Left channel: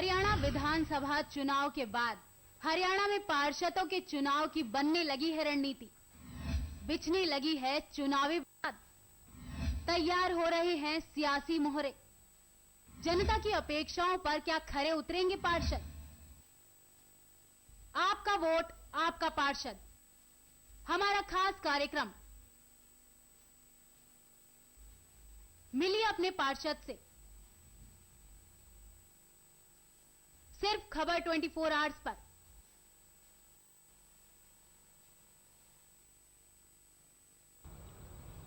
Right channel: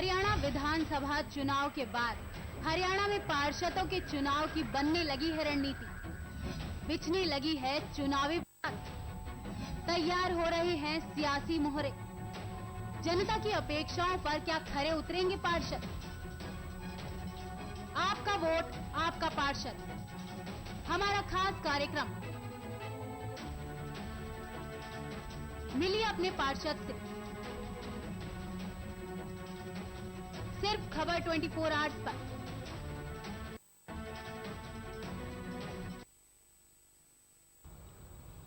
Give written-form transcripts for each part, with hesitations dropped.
हरियाणा विधानसभा चुनाव के बाद हरियाणा में पार्षदों के चुनाव की बनने लगी है रणनीति, बिछने लगी है चुनावी बात, तैयार हो रहे हैं सियासी मोहरे। जनता की अपेक्षाओं पर क्या खरे उतरेंगे पार्षद? आपका वोट आपका पार्षद, हमारा खास कार्यक्रम। मिलिए अपने पार्षद से। सिर्फ खबर 24 आवर्स पर।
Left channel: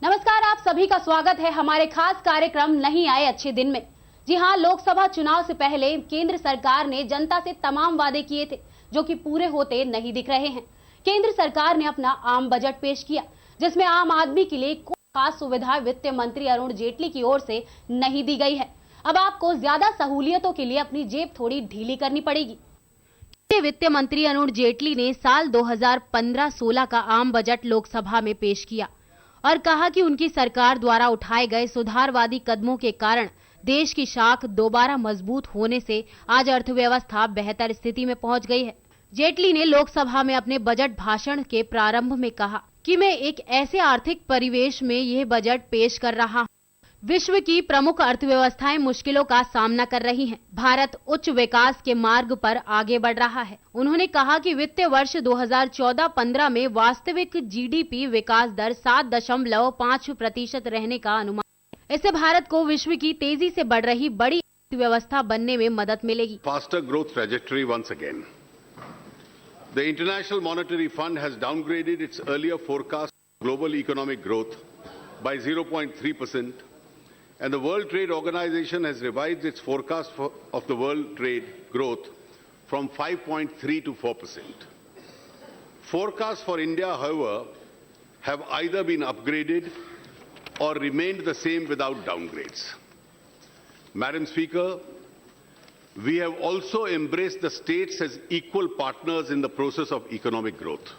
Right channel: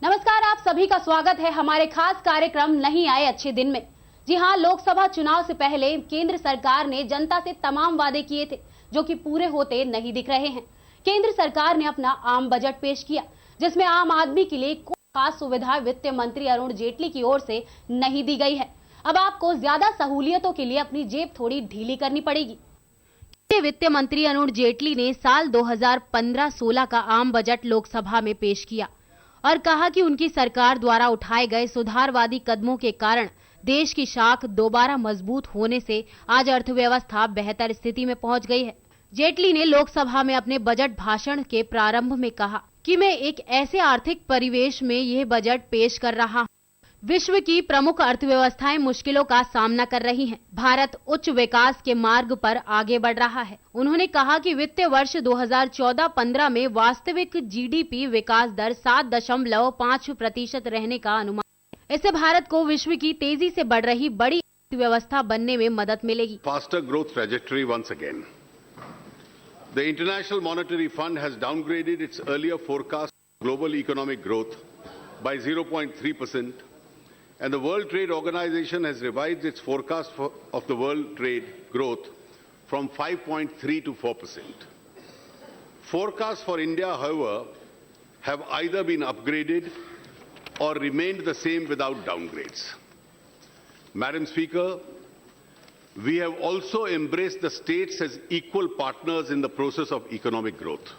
नमस्कार, आप सभी का स्वागत है हमारे खास कार्यक्रम नहीं आए अच्छे दिन में। जी हां, लोकसभा चुनाव से पहले केंद्र सरकार ने जनता से तमाम वादे किए थे जो कि पूरे होते नहीं दिख रहे हैं। केंद्र सरकार ने अपना आम बजट पेश किया जिसमें आम आदमी के लिए कोई खास सुविधा वित्त मंत्री अरुण जेटली की ओर से नहीं दी गई है। अब आपको ज्यादा सहूलियतों के लिए अपनी जेब थोड़ी ढीली करनी पड़ेगी। वित्त मंत्री अरुण जेटली ने साल 2015-16 का आम बजट लोकसभा में पेश किया और कहा कि उनकी सरकार द्वारा उठाए गए सुधारवादी कदमों के कारण देश की शाख दोबारा मजबूत होने से आज अर्थव्यवस्था बेहतर स्थिति में पहुंच गई है। जेटली ने लोकसभा में अपने बजट भाषण के प्रारंभ में कहा कि मैं एक ऐसे आर्थिक परिवेश में यह बजट पेश कर रहा हूं। विश्व की प्रमुख अर्थव्यवस्थाएं मुश्किलों का सामना कर रही हैं। भारत उच्च विकास के मार्ग पर आगे बढ़ रहा है। उन्होंने कहा कि वित्तीय वर्ष 2014-15 में वास्तविक जीडीपी विकास दर 7.5% रहने का अनुमान है। इससे भारत को विश्व की तेजी से बढ़ रही बड़ी अर्थव्यवस्था बनने में मदद मिलेगी। Faster growth trajectory once again. The International Monetary Fund has downgraded its earlier forecast of global economic growth by 0.3%. And the World Trade Organization has revised its forecast of the world trade growth from 5.3 to 4%. Forecasts for India, however, have either been upgraded or remained the same without downgrades. Madam Speaker, we have also embraced the states as equal partners in the process of economic growth.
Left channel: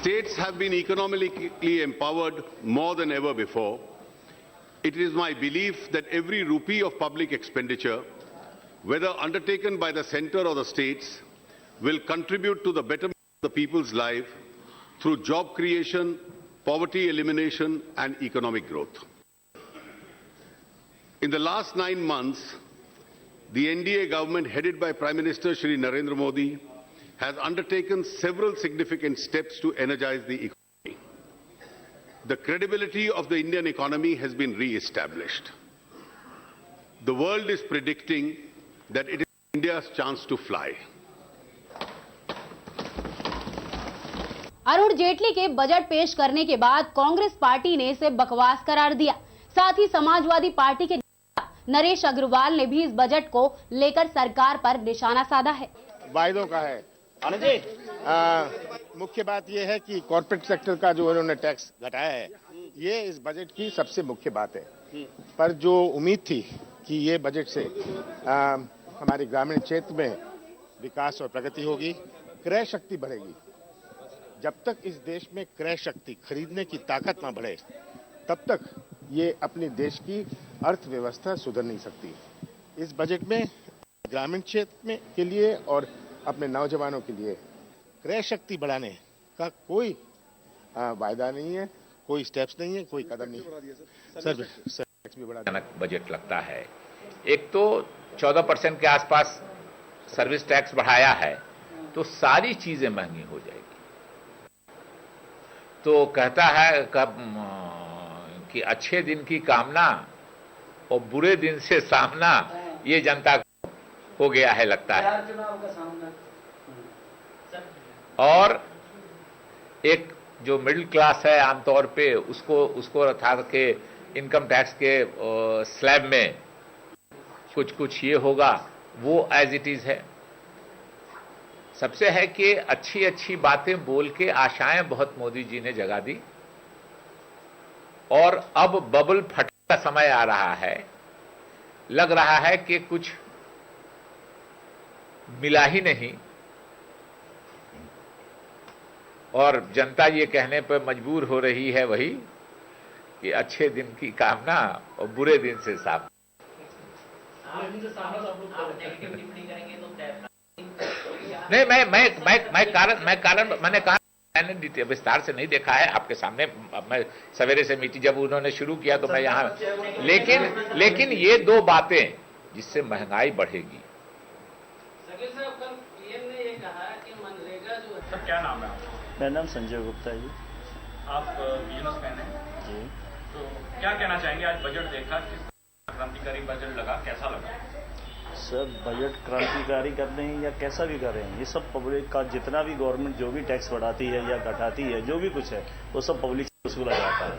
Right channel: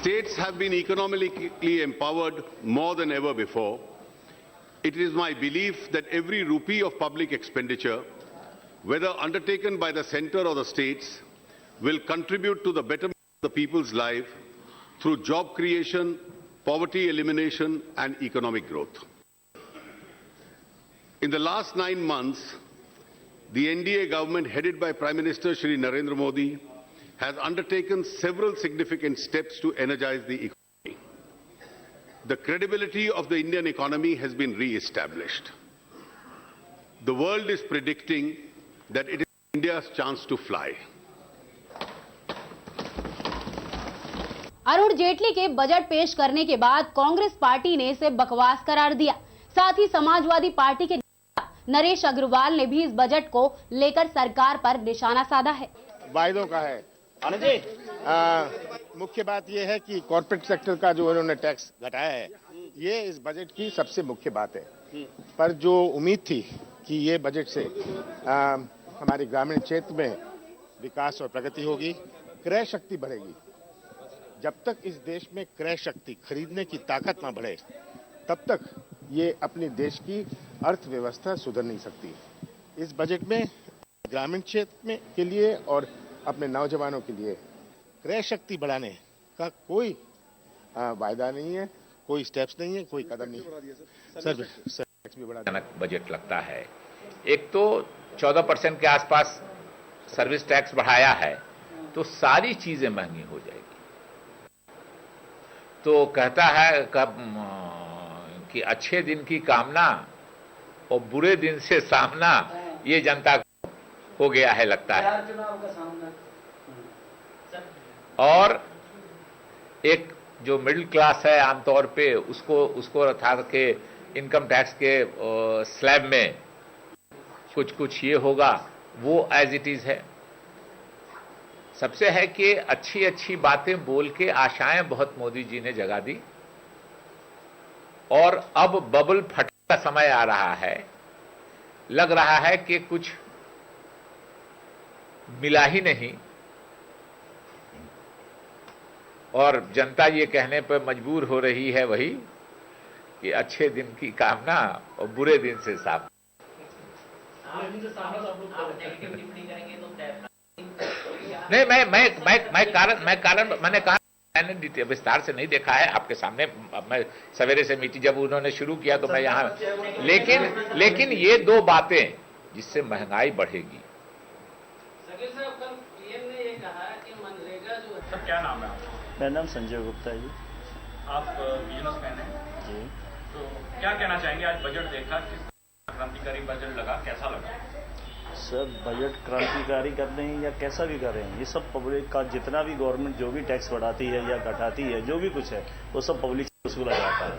States have been economically empowered more than ever before. It is my belief that every rupee of public expenditure, whether undertaken by the centre or the states, will contribute to the betterment of the people's life through job creation, poverty elimination and economic growth. In the last 9 months, the NDA government headed by Prime Minister Shri Narendra Modi has undertaken several significant steps to energize the economy. The credibility of the Indian economy has been re-established. The world is predicting that it is India's chance to fly. Arun Jaitley के budget पेश करने के बाद Congress party ने इसे बकवास करार दिया। साथ ही समाजवादी पार्टी के नरेश अग्रवाल ने भी इस बजट को लेकर सरकार पर निशाना साधा है। वायदों का है। मुख्य बात यह है कि कॉर्पोरेट सेक्टर का जो उन्होंने टैक्स घटाया है, ये इस बजट की सबसे मुख्य बात है। पर जो उम्मीद थी कि ये बजट से हमारे ग्रामीण क्षेत्र में विकास और प्रगति होगी, क्रय शक्ति बढ़ेगी। जब तक इस देश में क्रय शक्ति, खरीदने की ताकत ना बढ़े, तब तक ये अपने देश की अर्थव्यवस्था सुधर नहीं सकती। इस बजट में ग्रामीण क्षेत्र में के लिए और अपने नौजवानों के लिए क्रय शक्ति बढ़ाने का कोई वायदा नहीं है, कोई स्टेप्स नहीं है, कोई कदम नहीं है। सर टैक्स भी बढ़ा बजट लगता है। एक तो 14% के आसपास सर्विस टैक्स बढ़ाया है, तो सारी चीजें महंगी हो जाएगी। तो कहता है कि अच्छे दिन की कामना और बुरे दिन से सामना, ये जनता को हो गया है लगता है। और एक जो मिडिल क्लास है आमतौर पे उसको था कि इनकम टैक्स के स्लैब में कुछ ये होगा, वो एज इट इज है। सबसे है कि अच्छी अच्छी बातें बोल के आशाएं बहुत मोदी जी ने जगा दी और अब बबल फटने का समय आ रहा है। लग रहा है कि कुछ मिला ही नहीं और जनता ये कहने पर मजबूर हो रही है वही कि अच्छे दिन की कामना और बुरे दिन से साफ। नहीं, मैंने कहा मैंने विस्तार से नहीं देखा है, आपके सामने मैं सवेरे से मीटिंग जब उन्होंने शुरू किया तो मैं यहाँ, लेकिन ये दो बातें जिससे महंगाई बढ़ेगी। सर क्या नाम है आपका? मेरा नाम संजय गुप्ता जी। आप बिजनेसमैन हैं जी। तो क्या कहना चाहेंगे, आज बजट देखा, किस क्रांतिकारी बजट लगा, कैसा लगा? सर बजट क्रांतिकारी कर रहे हैं या कैसा भी कर रहे हैं, ये सब पब्लिक का जितना भी गवर्नमेंट जो भी टैक्स बढ़ाती है या घटाती है, जो भी कुछ है वो सब पब्लिक से वसूला जाता है।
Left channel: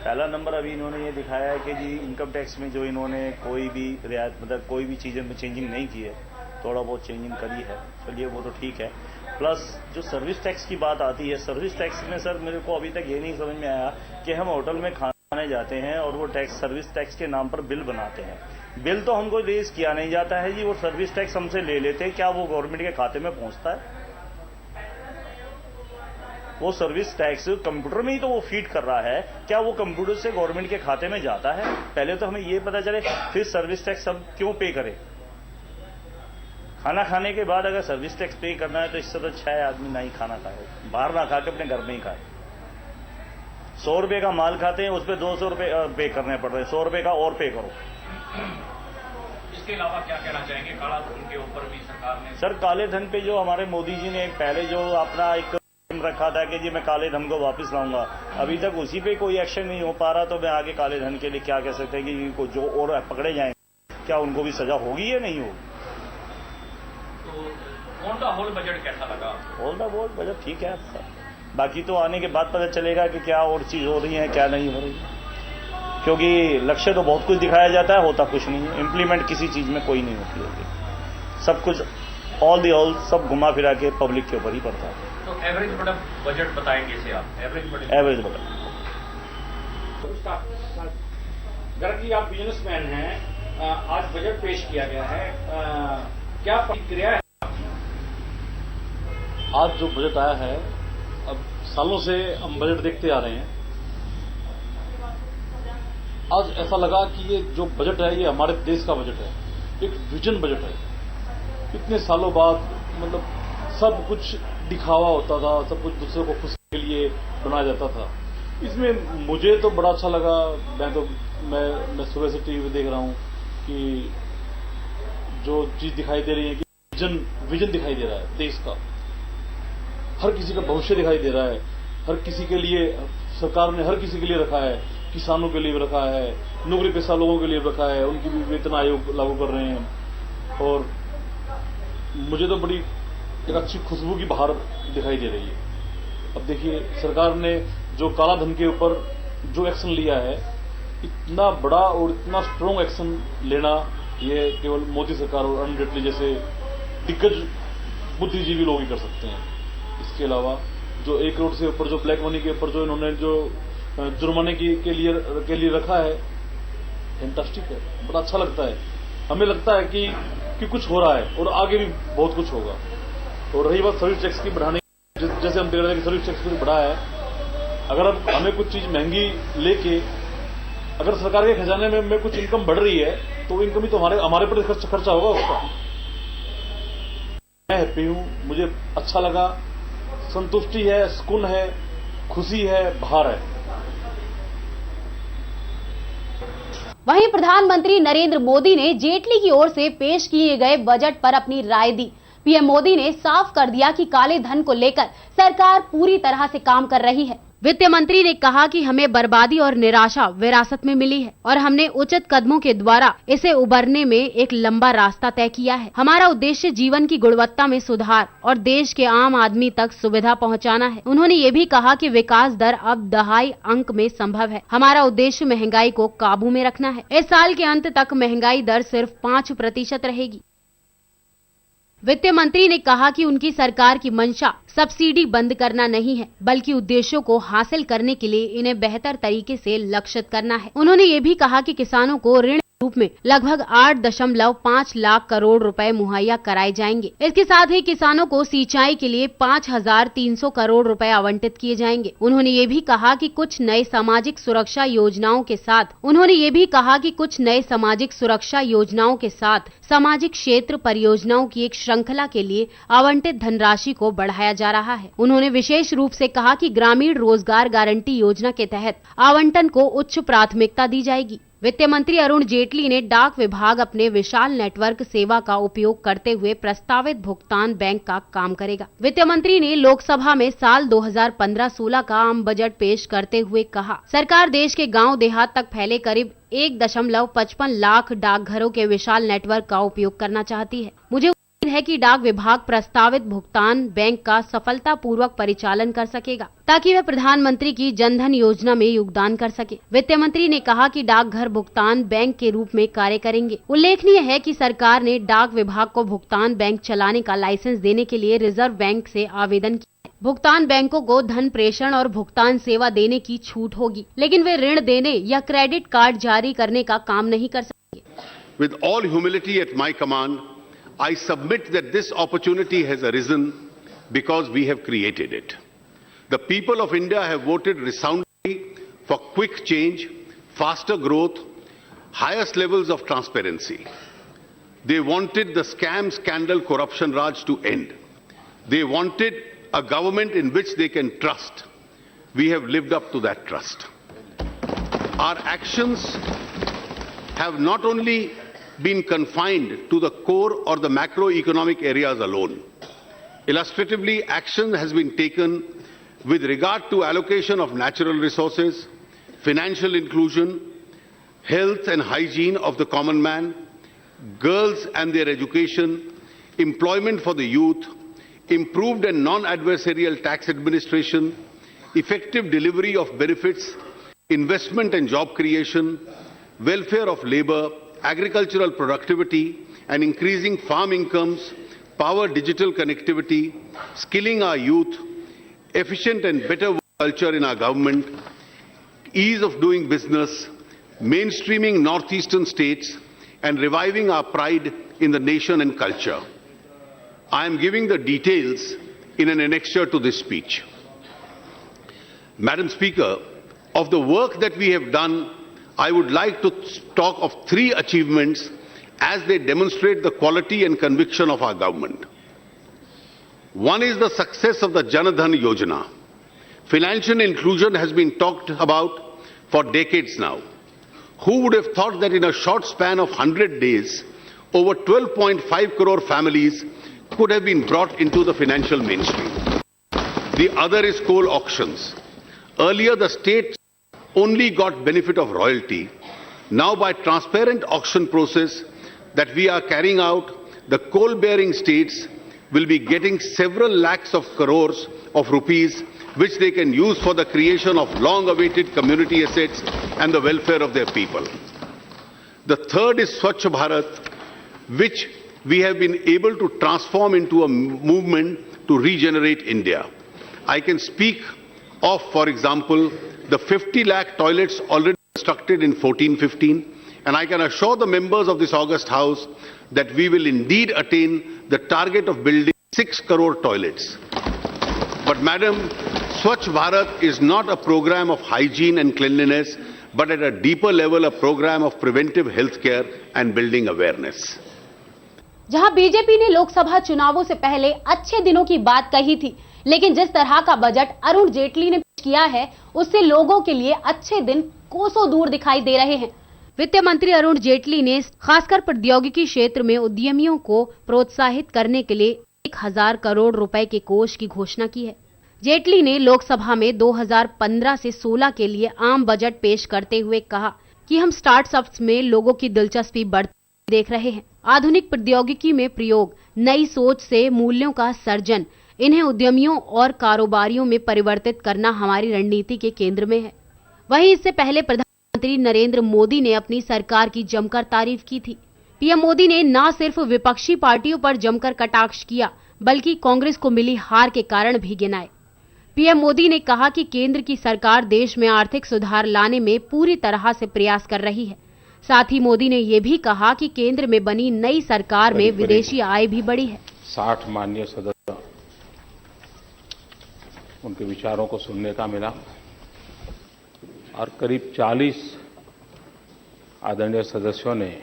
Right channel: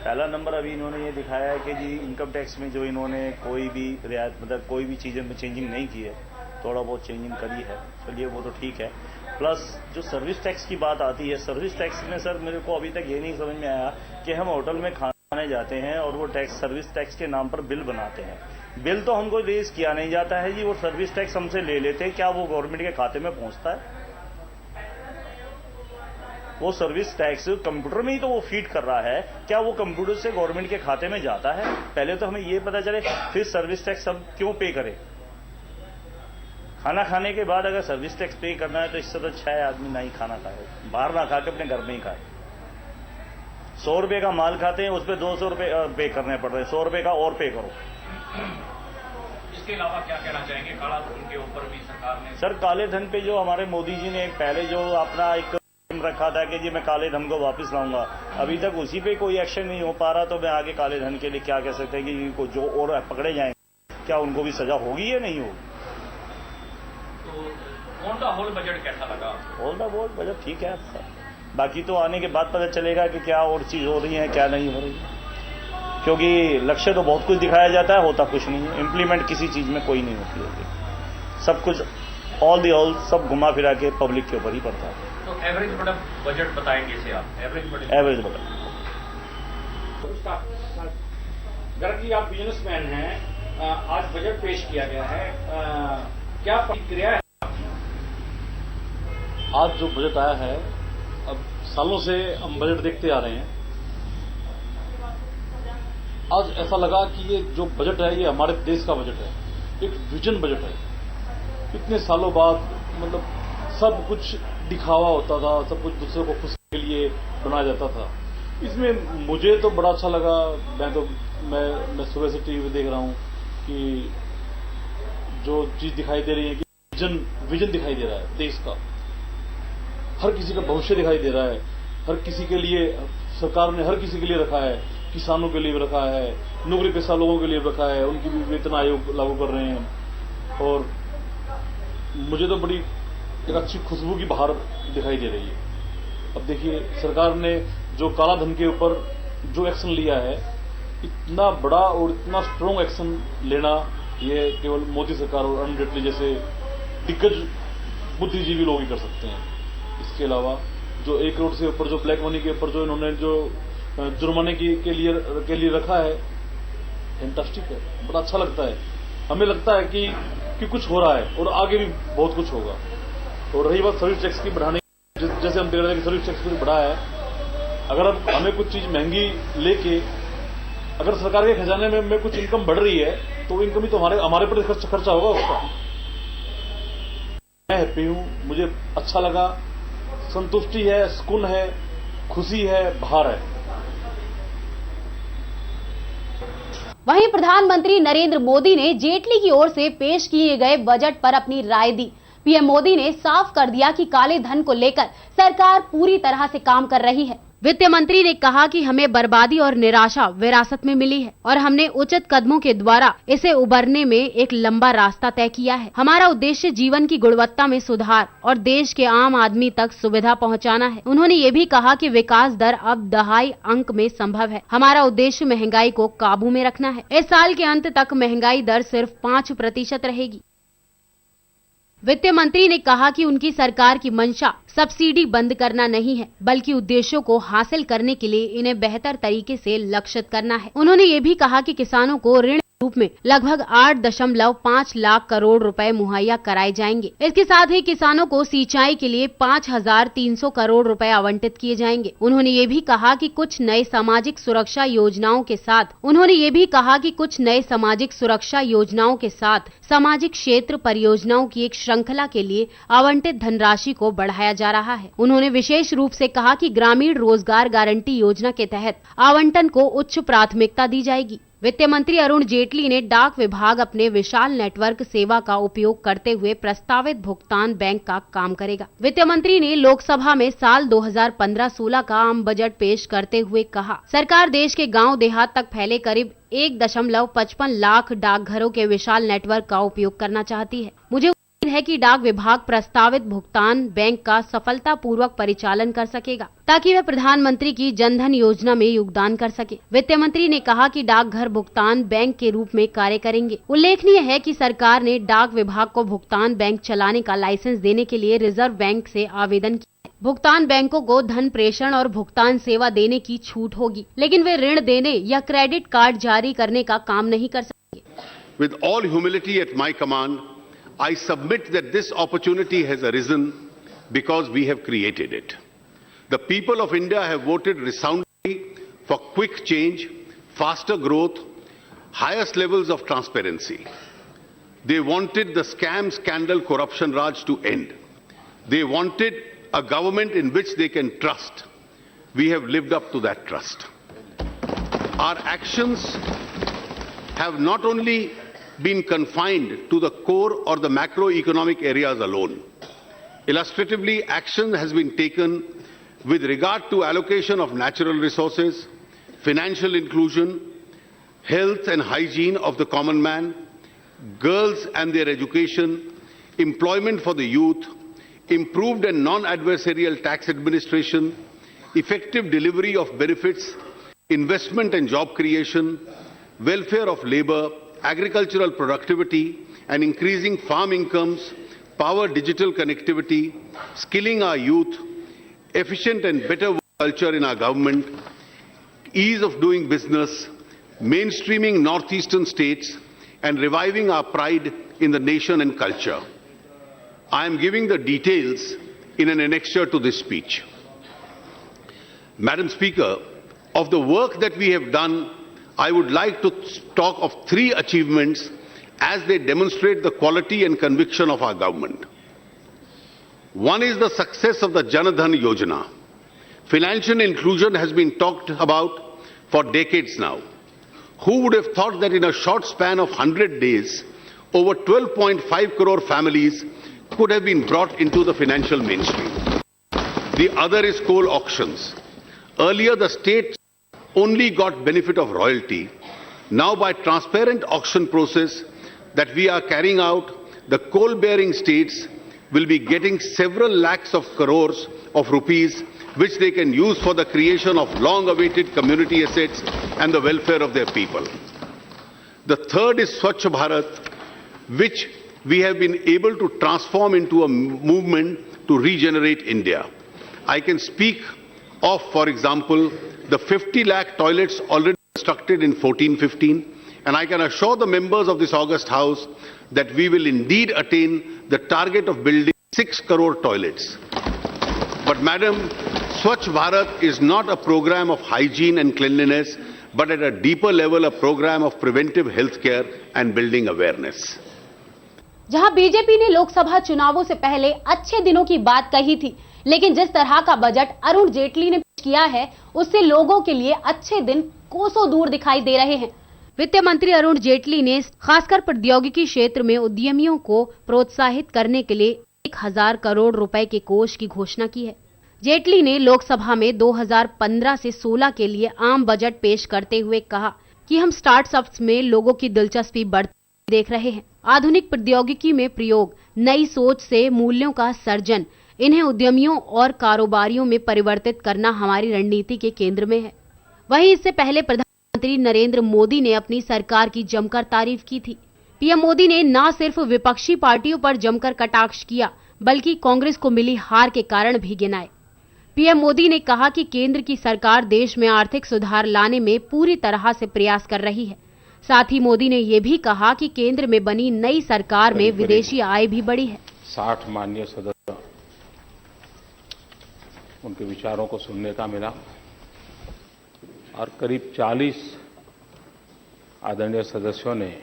पहला नंबर अभी इन्होंने ये दिखाया है कि जी इनकम टैक्स में जो इन्होंने कोई भी रियायत मतलब कोई भी चीज़ों में चेंजिंग नहीं की है, थोड़ा बहुत चेंजिंग करी है, चलिए वो तो ठीक है। प्लस जो सर्विस टैक्स की बात आती है, सर्विस टैक्स में सर मेरे को अभी तक ये नहीं समझ में आया कि हम होटल में खाने जाते हैं और वो टैक्स सर्विस टैक्स के नाम पर बिल बनाते हैं, बिल तो हमको रेज किया नहीं जाता है जी, वो सर्विस टैक्स हमसे ले लेते हैं, क्या वो गवर्नमेंट के खाते में पहुंचता है? वो सर्विस टैक्स कंप्यूटर में ही तो वो फीड कर रहा है, क्या वो कंप्यूटर से गवर्नमेंट के खाते में जाता है? पहले तो हमें ये पता चले, फिर सर्विस टैक्स हम क्यों पे करें? खाना खाने के बाद अगर सर्विस टैक्स पे करना है तो इससे तो अच्छा है आदमी ना ही खाना खाए, बाहर ना खा के अपने घर में ही खाए। 100 रुपए का माल खाते हैं, उस पर 200 रुपए पे करने पड़ रहे हैं, 100 रुपए का और पे करो। इसके अलावा क्या कहना चाहेंगे, काला धन के ऊपर भी सरकार ने? सर काले धन पे जो हमारे मोदी जी ने पहले जो अपना एक रखा था कि जी मैं काले धन को वापस लाऊंगा, अभी तक उसी पे कोई एक्शन नहीं हो पा रहा, तो मैं आगे काले धन के लिए क्या कह सकते हैं कि इनको जो और पकड़े जाएं, क्या उनको भी सजा होगी या नहीं होगी? तो ऑन द होल बजट कैसा लगा? ऑन द होल बजट ठीक है आपका, बाकी तो आने के बाद पता चलेगा कि क्या और चीज हो रही है क्या नहीं हो रही है, क्योंकि लक्ष्य तो बहुत कुछ दिखाया जाता है, होता कुछ नहीं है, इम्प्लीमेंट किसी चीज में कोई नहीं होती है, सब कुछ ऑल दी ऑल सब घुमा फिरा के पब्लिक के ऊपर ही पड़ता है। तो एवरेज बजट बताएंगे इसे आप, एवरेज बजट। गर्ग जी आप बिजनेसमैन हैं, आज बजट पेश किया गया है, क्या प्रतिक्रिया है? आज जो बजट आया है, अब सालों से हम बजट देखते आ रहे हैं, आज ऐसा लगा कि ये जो बजट है ये हमारे देश का बजट है, एक विजन बजट है। इतने सालों बाद मतलब सब कुछ दिखावा होता था, सब कुछ दूसरे को खुशी के लिए बनाया जाता था, इसमें मुझे तो बड़ा अच्छा लगा। मैं सुबह से टीवी पे देख रहा हूं कि जो चीज दिखाई दे रही है कि विजन दिखाई दे रहा है देश का, हर किसी का भविष्य दिखाई दे रहा है, हर किसी के लिए सरकार ने हर किसी के लिए रखा है, किसानों के लिए रखा है, नौकरी पेशा लोगों के लिए रखा है, उनकी भी वेतन आयोग लागू कर रहे हैं, और मुझे तो बड़ी एक अच्छी खुशबू की बहार दिखाई दे रही है। अब देखिए सरकार ने जो काला धन के ऊपर जो एक्शन लिया है, इतना बड़ा और इतना स्ट्रॉन्ग एक्शन लेना ये केवल मोदी सरकार और अरुण जेटली जैसे दिग्गज बुद्धिजीवी लोग ही कर सकते हैं। इसके अलावा जो 1 करोड़ से ऊपर जो ब्लैक मनी के ऊपर जो इन्होंने जो जुर्माने के लिए रखा है, फैंटास्टिक है, बड़ा अच्छा लगता है। हमें लगता है कि कुछ हो रहा है और आगे भी बहुत कुछ होगा। और रही बात सर्विस टैक्स की बढ़ाने, जैसे हम देख रहे हैं कि सर्विस टैक्स कुछ बढ़ा है, अगर अब हमें कुछ चीज महंगी लेके अगर सरकार के खजाने में कुछ इनकम बढ़ रही है तो इनकम ही तो हमारे पर खर्चा होगा उसका। मैं हैप्पी हूं, मुझे अच्छा लगा, संतुष्टि है, सुकून है, खुशी है, बहार है। वहीं प्रधानमंत्री नरेंद्र मोदी ने जेटली की ओर से पेश किए गए बजट पर अपनी राय दी। पीएम मोदी ने साफ कर दिया कि काले धन को लेकर सरकार पूरी तरह से काम कर रही है। वित्त मंत्री ने कहा कि हमें बर्बादी और निराशा विरासत में मिली है और हमने उचित कदमों के द्वारा इसे उबरने में एक लंबा रास्ता तय किया है। हमारा उद्देश्य जीवन की गुणवत्ता में सुधार और देश के आम आदमी तक सुविधा पहुंचाना है। उन्होंने ये भी कहा कि विकास दर अब दहाई अंक में संभव है। हमारा उद्देश्य महंगाई को काबू में रखना है। इस साल के अंत तक महंगाई दर सिर्फ 5% रहेगी। वित्त मंत्री ने कहा कि उनकी सरकार की मंशा सब्सिडी बंद करना नहीं है, बल्कि उद्देश्यों को हासिल करने के लिए इन्हें बेहतर तरीके से लक्षित करना है। उन्होंने ये भी कहा कि किसानों को ऋण रूप में लगभग 8.5 लाख करोड़ रुपए मुहैया कराए जाएंगे। इसके साथ ही किसानों को सिंचाई के लिए 5,300 करोड़ रुपए आवंटित किए जाएंगे। उन्होंने ये भी कहा कि कुछ नए सामाजिक सुरक्षा योजनाओं के साथ सामाजिक क्षेत्र परियोजनाओं की एक श्रृंखला के लिए आवंटित धनराशि को बढ़ाया जा रहा है। उन्होंने विशेष रूप से कहा कि ग्रामीण रोजगार गारंटी योजना के तहत आवंटन को उच्च प्राथमिकता दी जाएगी। वित्त मंत्री अरुण जेटली ने डाक विभाग अपने विशाल नेटवर्क सेवा का उपयोग करते हुए प्रस्तावित भुगतान बैंक का काम करेगा। वित्त मंत्री ने लोकसभा में साल 2015-16 का आम बजट पेश करते हुए कहा, सरकार देश के गांव देहात तक फैले करीब 1.55 लाख डाकघरों के विशाल नेटवर्क का उपयोग करना चाहती है। मुझे है कि डाक विभाग प्रस्तावित भुगतान बैंक का सफलतापूर्वक परिचालन कर सकेगा ताकि वह प्रधानमंत्री की जनधन योजना में योगदान कर सके। वित्त मंत्री ने कहा कि डाकघर भुगतान बैंक के रूप में कार्य करेंगे। उल्लेखनीय है कि सरकार ने डाक विभाग को भुगतान बैंक चलाने का लाइसेंस देने के लिए रिजर्व बैंक से आवेदन किया है। भुगतान बैंकों को धन प्रेषण और भुगतान सेवा देने की छूट होगी, लेकिन वे ऋण देने या क्रेडिट कार्ड जारी करने का काम नहीं कर सकेंगे। With all humility at my command, I submit that this opportunity has arisen because we have created it. The people of India have voted resoundingly for quick change, faster growth, highest levels of transparency. They wanted the scam, scandal, corruption raj to end. They wanted a government in which they can trust. We have lived up to that trust. Our actions have not only been confined to the core or the macroeconomic areas alone. Illustratively, action has been taken with regard to allocation of natural resources, financial inclusion, health and hygiene of the common man, girls and their education, employment for the youth, improved and non-adversarial tax administration, effective delivery of benefits, investment and job creation, welfare of labor, agricultural productivity and increasing farm incomes, power digital connectivity, skilling our youth, efficient and better work culture in our government, ease of doing business, mainstreaming northeastern states and reviving our pride in the nation and culture. I am giving the details in an annexure to this speech. Madam Speaker, of the work that we have done, I would like to talk of 3 achievements as they demonstrate the quality and conviction of our government. One is the success of the Jan Dhan Yojana. Financial inclusion has been talked about for decades now. Who would have thought that in a short span of 100 days, over 12.5 crore families could have been brought into the financial mainstream? The other is coal auctions. Earlier, the state only got benefit of royalty. Now, by transparent auction process that we are carrying out, the coal-bearing states will be getting several lakhs of crores of rupees which they can use for the creation of long-awaited community assets and the welfare of their people. The third is Swachh Bharat, which we have been able to transform into a movement to regenerate India. I can speak of, for example, the 50 lakh toilets already constructed in 14-15, and I can assure the members of this august house that we will indeed attain the target of building 6 crore toilets. But Madam, Swachh Bharat is not a program of hygiene and cleanliness, but at a deeper level a program of preventive health care and building awareness. जहां BJP ने लोकसभा चुनावों से पहले अच्छे दिनों की बात कही थी, लेकिन जिस तरह का बजट अरुण जेटली ने पेश किया है, उससे लोगों के लिए अच्छे दिन कोसों दूर दिखाई दे रहे हैं। वित्त मंत्री अरुण जेटली ने खासकर प्रौद्योगिकी क्षेत्र में उद्यमियों को प्रोत्साहित करने के लिए 1000 करोड़ रुपए के कोष की घोषणा की है। जेटली ने लोकसभा में 2015 से 16 के लिए आम बजट पेश करते हुए कहा कि हम स्टार्टअप्स में लोगों की दिलचस्पी बढ़ती देख रहे हैं। आधुनिक प्रौद्योगिकी में प्रयोग, नई सोच से मूल्यों का सर्जन, इन्हें उद्यमियों और कारोबारियों में परिवर्तित करना हमारी रणनीति के केंद्र में है। वहीं इससे पहले प्रधानमंत्री नरेंद्र मोदी ने अपनी सरकार की जमकर तारीफ की थी। पीएम मोदी ने न सिर्फ विपक्षी पार्टियों पर जमकर कटाक्ष किया, बल्कि कांग्रेस को मिली हार के कारण भी गिनाए। पीएम मोदी ने कहा कि केंद्र की सरकार देश में आर्थिक सुधार लाने में पूरी तरह से प्रयास कर रही है। साथ ही मोदी ने ये भी कहा कि केंद्र में बनी नई सरकार में विदेशी आय भी बढ़ी है। 60 माननीय सदस्य, उनके विचारों को सुनने का मिला और करीब 40 आदरणीय सदस्यों ने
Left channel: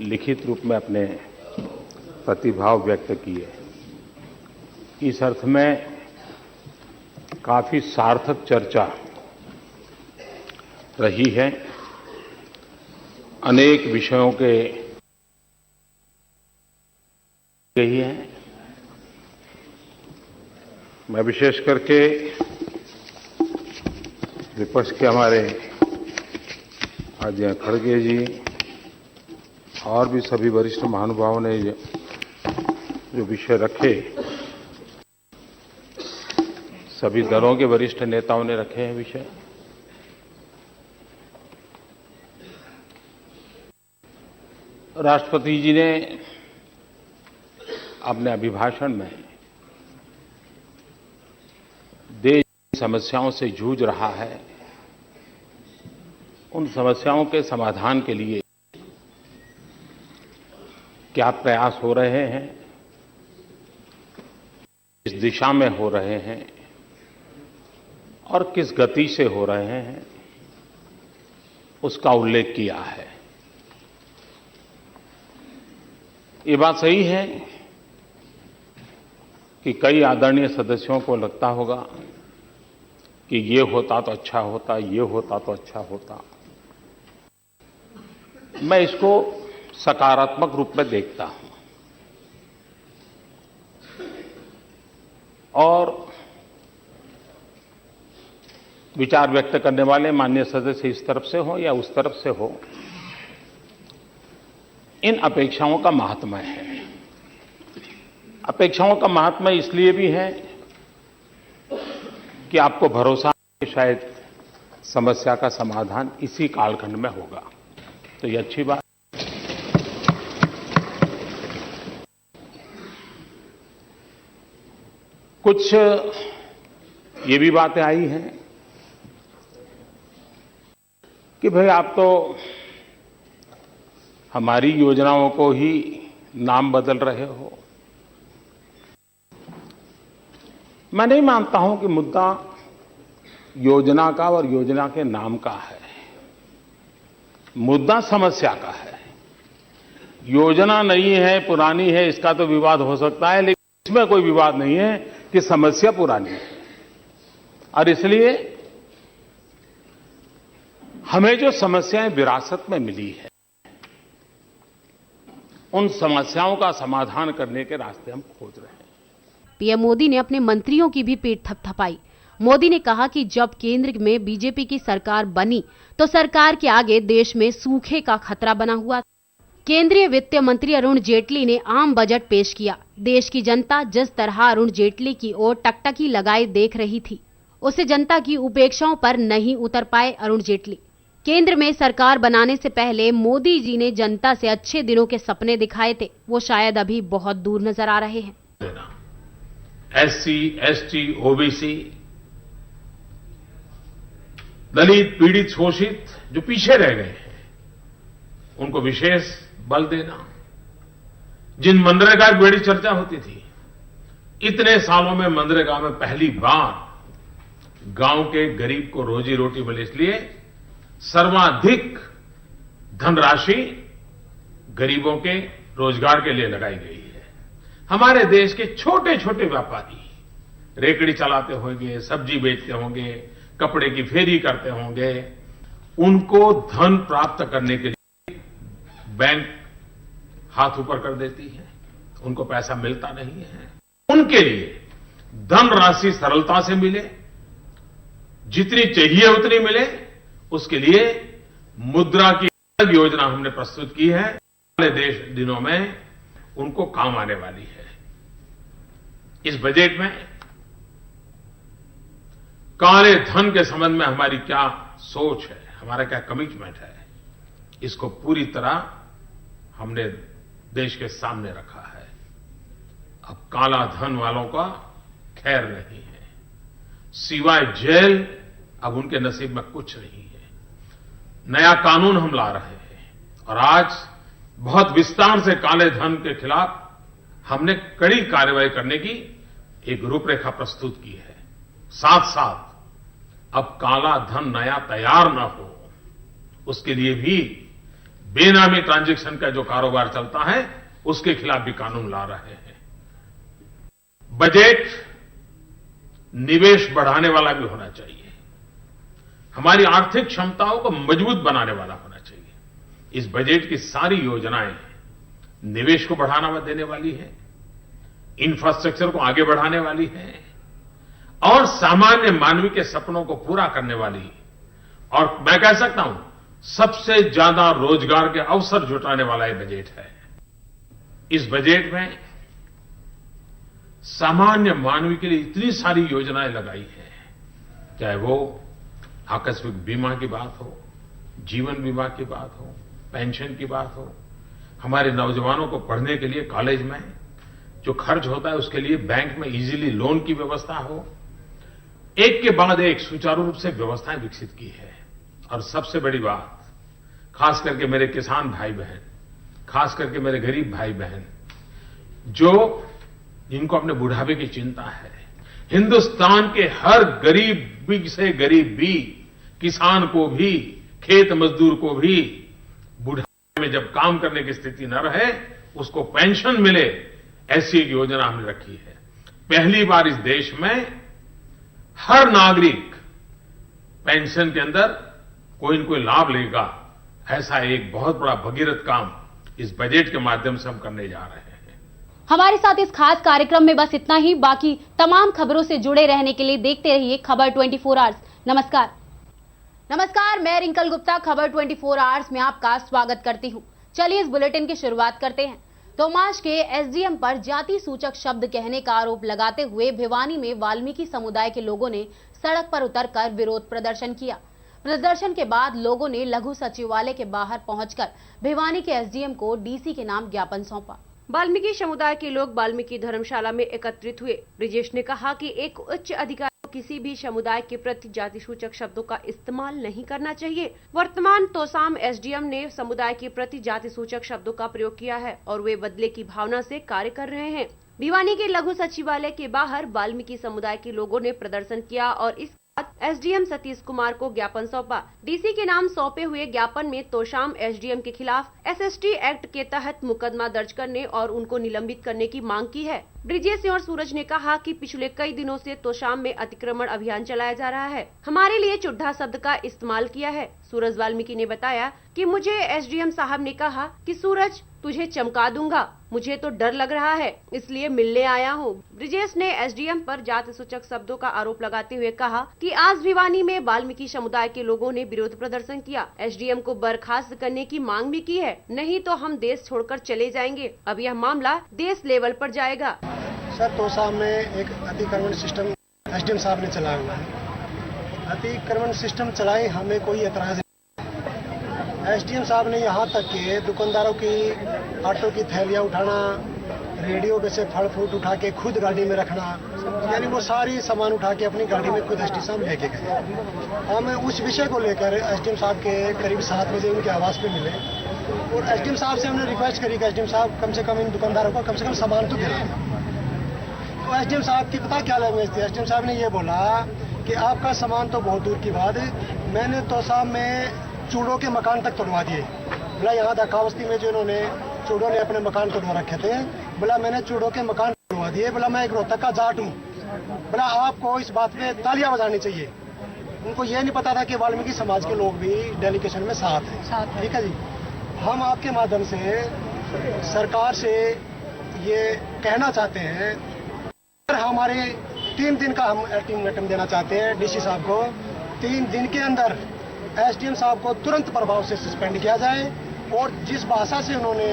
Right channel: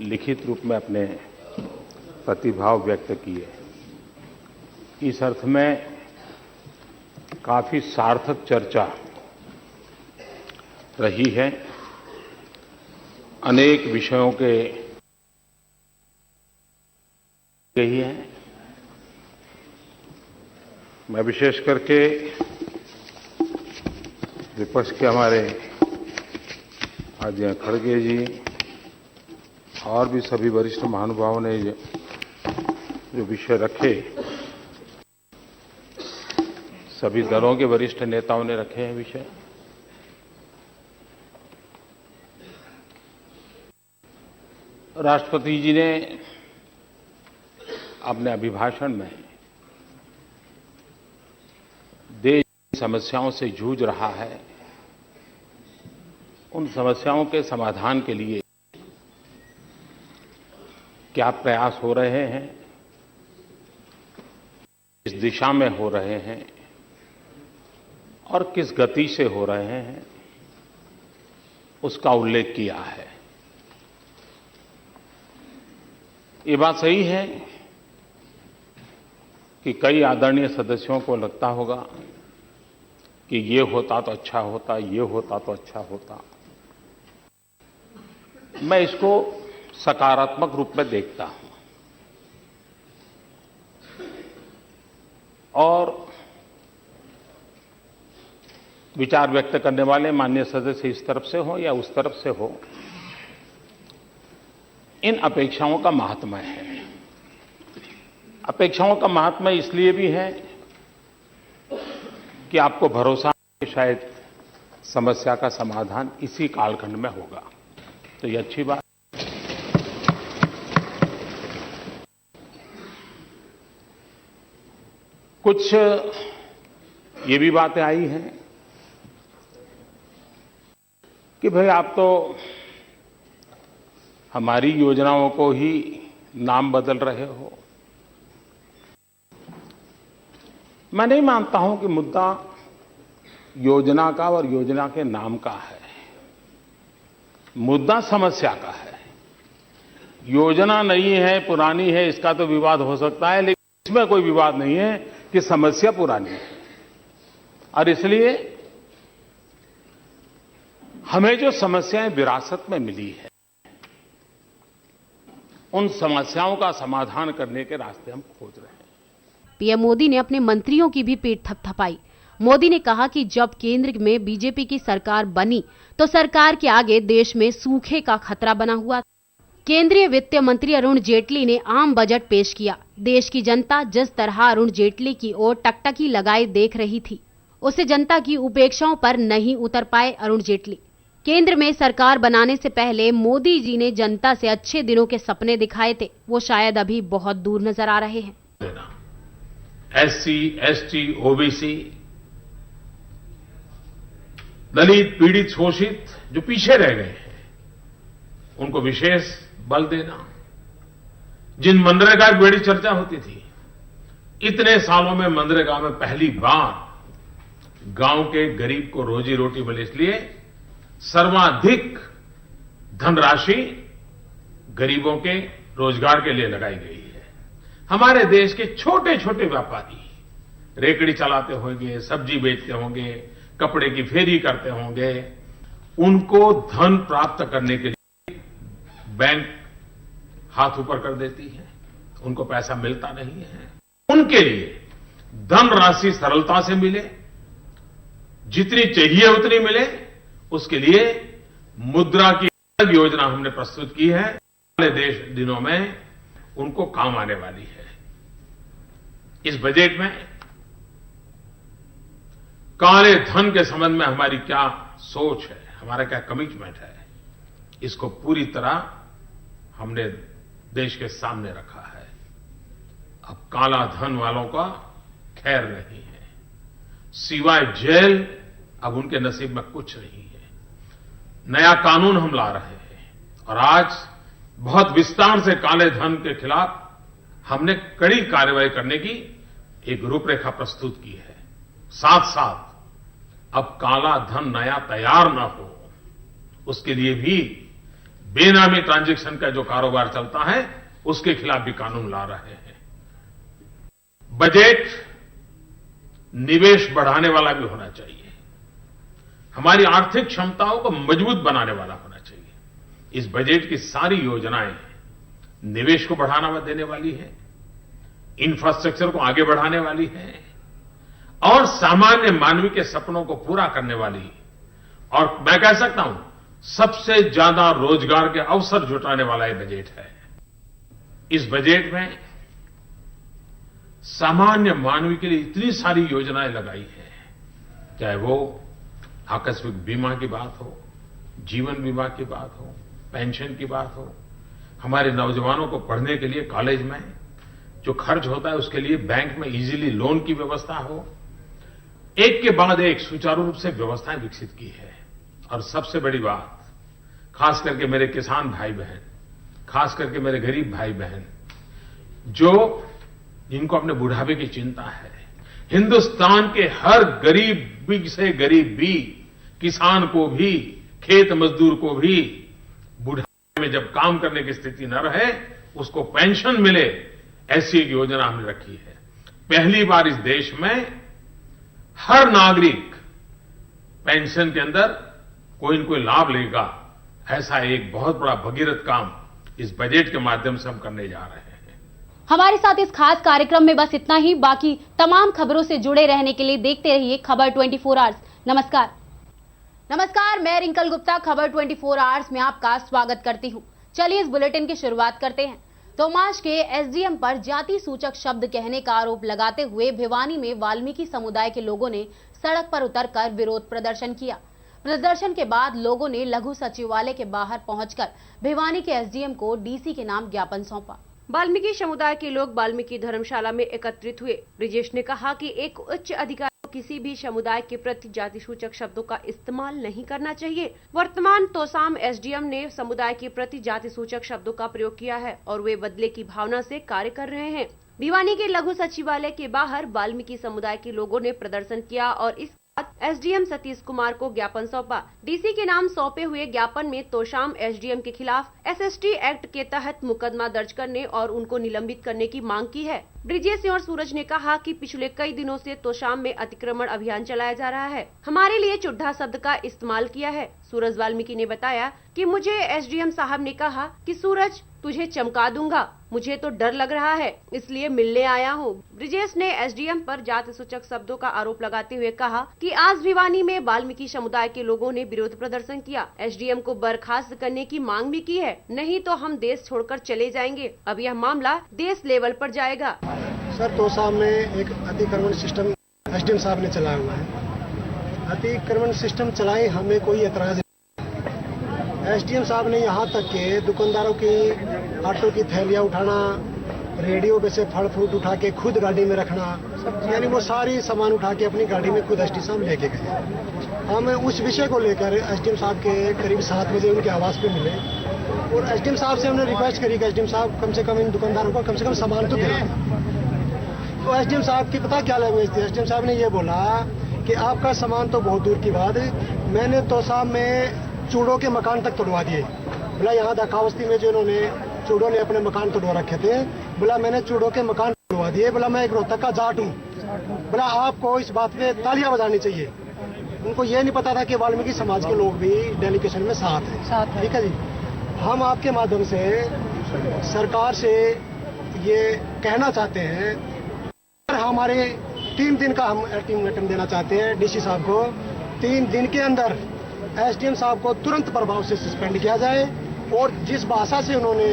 लिखित रूप में अपने प्रतिभाव व्यक्त किए। इस अर्थ में काफी सार्थक चर्चा रही है। अनेक विषयों के यही है। मैं विशेष करके विपक्ष के हमारे आदरणीय खड़गे जी और भी सभी वरिष्ठ महानुभावों ने जो विषय रखे, सभी दलों के वरिष्ठ नेताओं ने रखे हैं विषय। राष्ट्रपति जी ने अपने अभिभाषण में देश की समस्याओं से जूझ रहा है, उन समस्याओं के समाधान के लिए क्या प्रयास हो रहे हैं, किस दिशा में हो रहे हैं और किस गति से हो रहे हैं, उसका उल्लेख किया है। ये बात सही है कि कई आदरणीय सदस्यों को लगता होगा कि ये होता तो अच्छा होता, ये होता तो अच्छा होता। मैं इसको सकारात्मक रूप में देखता हूं और विचार व्यक्त करने वाले माननीय सदस्य इस तरफ से हो या उस तरफ से हो, इन अपेक्षाओं का महात्म्य है। अपेक्षाओं का महात्म्य इसलिए भी है कि आपको भरोसा है कि शायद समस्या का समाधान इसी कालखंड में होगा, तो ये अच्छी बात। कुछ ये भी बातें आई हैं कि भाई आप तो हमारी योजनाओं को ही नाम बदल रहे हो। मैं नहीं मानता हूं कि मुद्दा योजना का और योजना के नाम का है। मुद्दा समस्या का है। योजना नई है, पुरानी है, इसका तो विवाद हो सकता है, लेकिन इसमें कोई विवाद नहीं है कि समस्या पुरानी है। और इसलिए हमें जो समस्याएं विरासत में मिली है, उन समस्याओं का समाधान करने के रास्ते हम खोज रहे हैं। पीएम मोदी ने अपने मंत्रियों की भी पीठ थपथपाई। मोदी ने कहा कि जब केंद्र में बीजेपी की सरकार बनी तो सरकार के आगे देश में सूखे का खतरा बना हुआ। केंद्रीय वित्त मंत्री अरुण जेटली ने आम बजट पेश किया। देश की जनता जिस तरह अरुण जेटली की ओर टकटकी लगाए देख रही थी, उससे जनता की उपेक्षाओं पर नहीं उतर पाए अरुण जेटली। केंद्र में सरकार बनाने से पहले मोदी जी ने जनता से अच्छे दिनों के सपने दिखाए थे, वो शायद अभी बहुत दूर नजर आ रहे हैं। एससी, एसटी, ओबीसी, दलित, पीड़ित, शोषित जो पीछे रह गए हैं, उनको विशेष बल देना। जिन मनरेगा की बड़ी चर्चा होती थी, इतने सालों में मनरेगा में पहली बार गांव के गरीब को रोजी रोटी मिले, इसलिए सर्वाधिक धनराशि गरीबों के रोजगार के लिए लगाई गई है। हमारे देश के छोटे छोटे व्यापारी रेकड़ी चलाते होंगे, सब्जी बेचते होंगे, कपड़े की फेरी करते होंगे, उनको धन प्राप्त करने के लिए बैंक हाथ ऊपर कर देती है, उनको पैसा मिलता नहीं है। उनके लिए धनराशि सरलता से मिले, जितनी चाहिए उतनी मिले, उसके लिए मुद्रा की अलग योजना हमने प्रस्तुत की है। अगले दिनों में उनको काम आने वाली है। इस बजट में काले धन के संबंध में हमारी क्या सोच है, हमारा क्या कमिटमेंट है, इसको पूरी तरह हमने देश के सामने रखा है। अब काला धन वालों का खैर नहीं है, सिवाय जेल अब उनके नसीब में कुछ नहीं है। नया कानून हम ला रहे हैं और आज बहुत विस्तार से काले धन के खिलाफ हमने कड़ी कार्रवाई करने की एक रूपरेखा प्रस्तुत की है। साथ साथ अब काला धन नया तैयार न हो, उसके लिए भी बेनामी ट्रांजैक्शन का जो कारोबार चलता है उसके खिलाफ भी कानून ला रहे हैं। बजट निवेश बढ़ाने वाला भी होना चाहिए, हमारी आर्थिक क्षमताओं को मजबूत बनाने वाला होना चाहिए। इस बजट की सारी योजनाएं निवेश को बढ़ावा देने वाली है, इंफ्रास्ट्रक्चर को आगे बढ़ाने वाली है और सामान्य मानवीय के सपनों को पूरा करने वाली, और मैं कह सकता हूं सबसे ज्यादा रोजगार के अवसर जुटाने वाला ये बजट है। इस बजट में सामान्य मानवीय के लिए इतनी सारी योजनाएं लगाई है, चाहे वो आकस्मिक बीमा की बात हो, जीवन बीमा की बात हो, पेंशन की बात हो, हमारे नौजवानों को पढ़ने के लिए कॉलेज में जो खर्च होता है उसके लिए बैंक में इजीली लोन की व्यवस्था हो, एक के बाद एक सुचारू रूप से व्यवस्थाएं विकसित की है। और सबसे बड़ी बात, खास करके मेरे किसान भाई बहन, खास करके मेरे गरीब भाई बहन, जिनको अपने बुढ़ापे की चिंता है, हिंदुस्तान के हर गरीब से गरीब भी, किसान को भी, खेत मजदूर को भी बुढ़ापे में जब काम करने की स्थिति न रहे उसको पेंशन मिले, ऐसी एक योजना हमने रखी है। पहली बार इस देश में हर नागरिक पेंशन के अंदर कोई न कोई लाभ लेगा, ऐसा एक बहुत बड़ा भगीरथ काम इस बजट के माध्यम से हम करने जा रहे हैं। हमारे साथ इस खास कार्यक्रम में बस इतना ही। बाकी तमाम खबरों से जुड़े रहने के लिए देखते रहिए खबर 24 आवर्स। नमस्कार, मैं रिंकल गुप्ता खबर 24 आवर्स में आपका स्वागत करती हूं। चलिए इस बुलेटिन की शुरुआत करते हैं। तोमाश के एसडीएम पर जाति सूचक शब्द कहने का आरोप लगाते हुए भिवानी में वाल्मीकि समुदाय के लोगों ने सड़क पर उतरकर विरोध प्रदर्शन किया। प्रदर्शन के बाद लोगों ने लघु सचिवालय के बाहर पहुंचकर भिवानी के एसडीएम को डीसी के नाम ज्ञापन सौंपा। वाल्मीकि समुदाय के लोग वाल्मीकि धर्मशाला में एकत्रित हुए। ब्रिजेश ने कहा कि एक उच्च अधिकारी को किसी भी समुदाय के प्रति जाति सूचक शब्दों का इस्तेमाल नहीं करना चाहिए। वर्तमान तोसाम एसडीएम ने समुदाय के प्रति जाति सूचक शब्दों का प्रयोग किया है और वे बदले की भावना से कार्य कर रहे हैं। भिवानी के लघु सचिवालय के बाहर वाल्मीकि समुदाय के लोगों ने प्रदर्शन किया और इस एसडीएम सतीश कुमार को ज्ञापन सौंपा। डीसी के नाम सौंपे हुए ज्ञापन में तोशाम एसडीएम के खिलाफ एसएसटी एक्ट के तहत मुकदमा दर्ज करने और उनको निलंबित करने की मांग की है। ब्रिजेश और सूरज ने कहा कि पिछले कई दिनों से तोशाम में अतिक्रमण अभियान चलाया जा रहा है, हमारे लिए चुड्ढा शब्द का इस्तेमाल किया है। सूरज वाल्मीकि ने बताया कि मुझे एसडीएम साहब ने कहा कि सूरज तुझे चमका दूंगा, मुझे तो डर लग रहा है इसलिए मिलने आया हूँ। ब्रिजेश ने एसडीएम पर जाति सूचक शब्दों का आरोप लगाते हुए कहा कि आज भिवानी में वाल्मीकि समुदाय के लोगों ने विरोध प्रदर्शन किया, एसडीएम को बर्खास्त करने की मांग भी की है, नहीं तो हम देश छोड़कर चले जाएंगे। अब यह मामला देश लेवल पर जाएगा। सर, तोसाम में एक अतिक्रमण सिस्टम एसडीएम साहब ने चलाया हुआ है। अतिक्रमण सिस्टम चलाए, हमें कोई एतराज नहीं। एसडीएम साहब ने यहाँ तक के दुकानदारों की आटो की थैलियाँ उठाना, रेडियो में से फल फ्रूट उठा के खुद गाड़ी में रखना, यानी वो सारी सामान उठा के अपनी गाड़ी में खुद एसडीएम साहब लेके गए। हम उस विषय को लेकर एसडीएम साहब के करीब 7 बजे उनके आवास पे मिले और एसडीएम साहब से हमने रिक्वेस्ट करी कि एसडीएम साहब कम से कम इन दुकानदारों को कम से कम सामान तो दिला। तो एसडीएम साहब की पता क्या लैंग्वेज थी, एसडीएम साहब ने ये बोला कि आपका सामान तो बहुत दूर की बात है, मैंने तोसाम में चूड़ों के मकान तक तोड़वा दिए। बोला यहाँ दाखावस्ती में जो इन्होंने चूड़ों ने अपने मकान तोड़वा रखे थे, बोला मैंने चूड़ों के मकान तोड़वा दिए। बोला मैं एक रोहतक का जाट हूँ। बोला आपको इस बात पे तालियां बजानी चाहिए। उनको ये नहीं पता था कि वाल्मीकि समाज के लोग भी डेलीगेशन में साथ हैं। ठीक है जी, हम आपके माध्यम से सरकार से ये कहना चाहते हैं, हमारे 3 दिन का हम अल्टीमेटम देना चाहते हैं डीसी साहब को। 3 दिन के अंदर एसडीएम साहब को तुरंत प्रभाव से सस्पेंड किया जाए और जिस भाषा से उन्होंने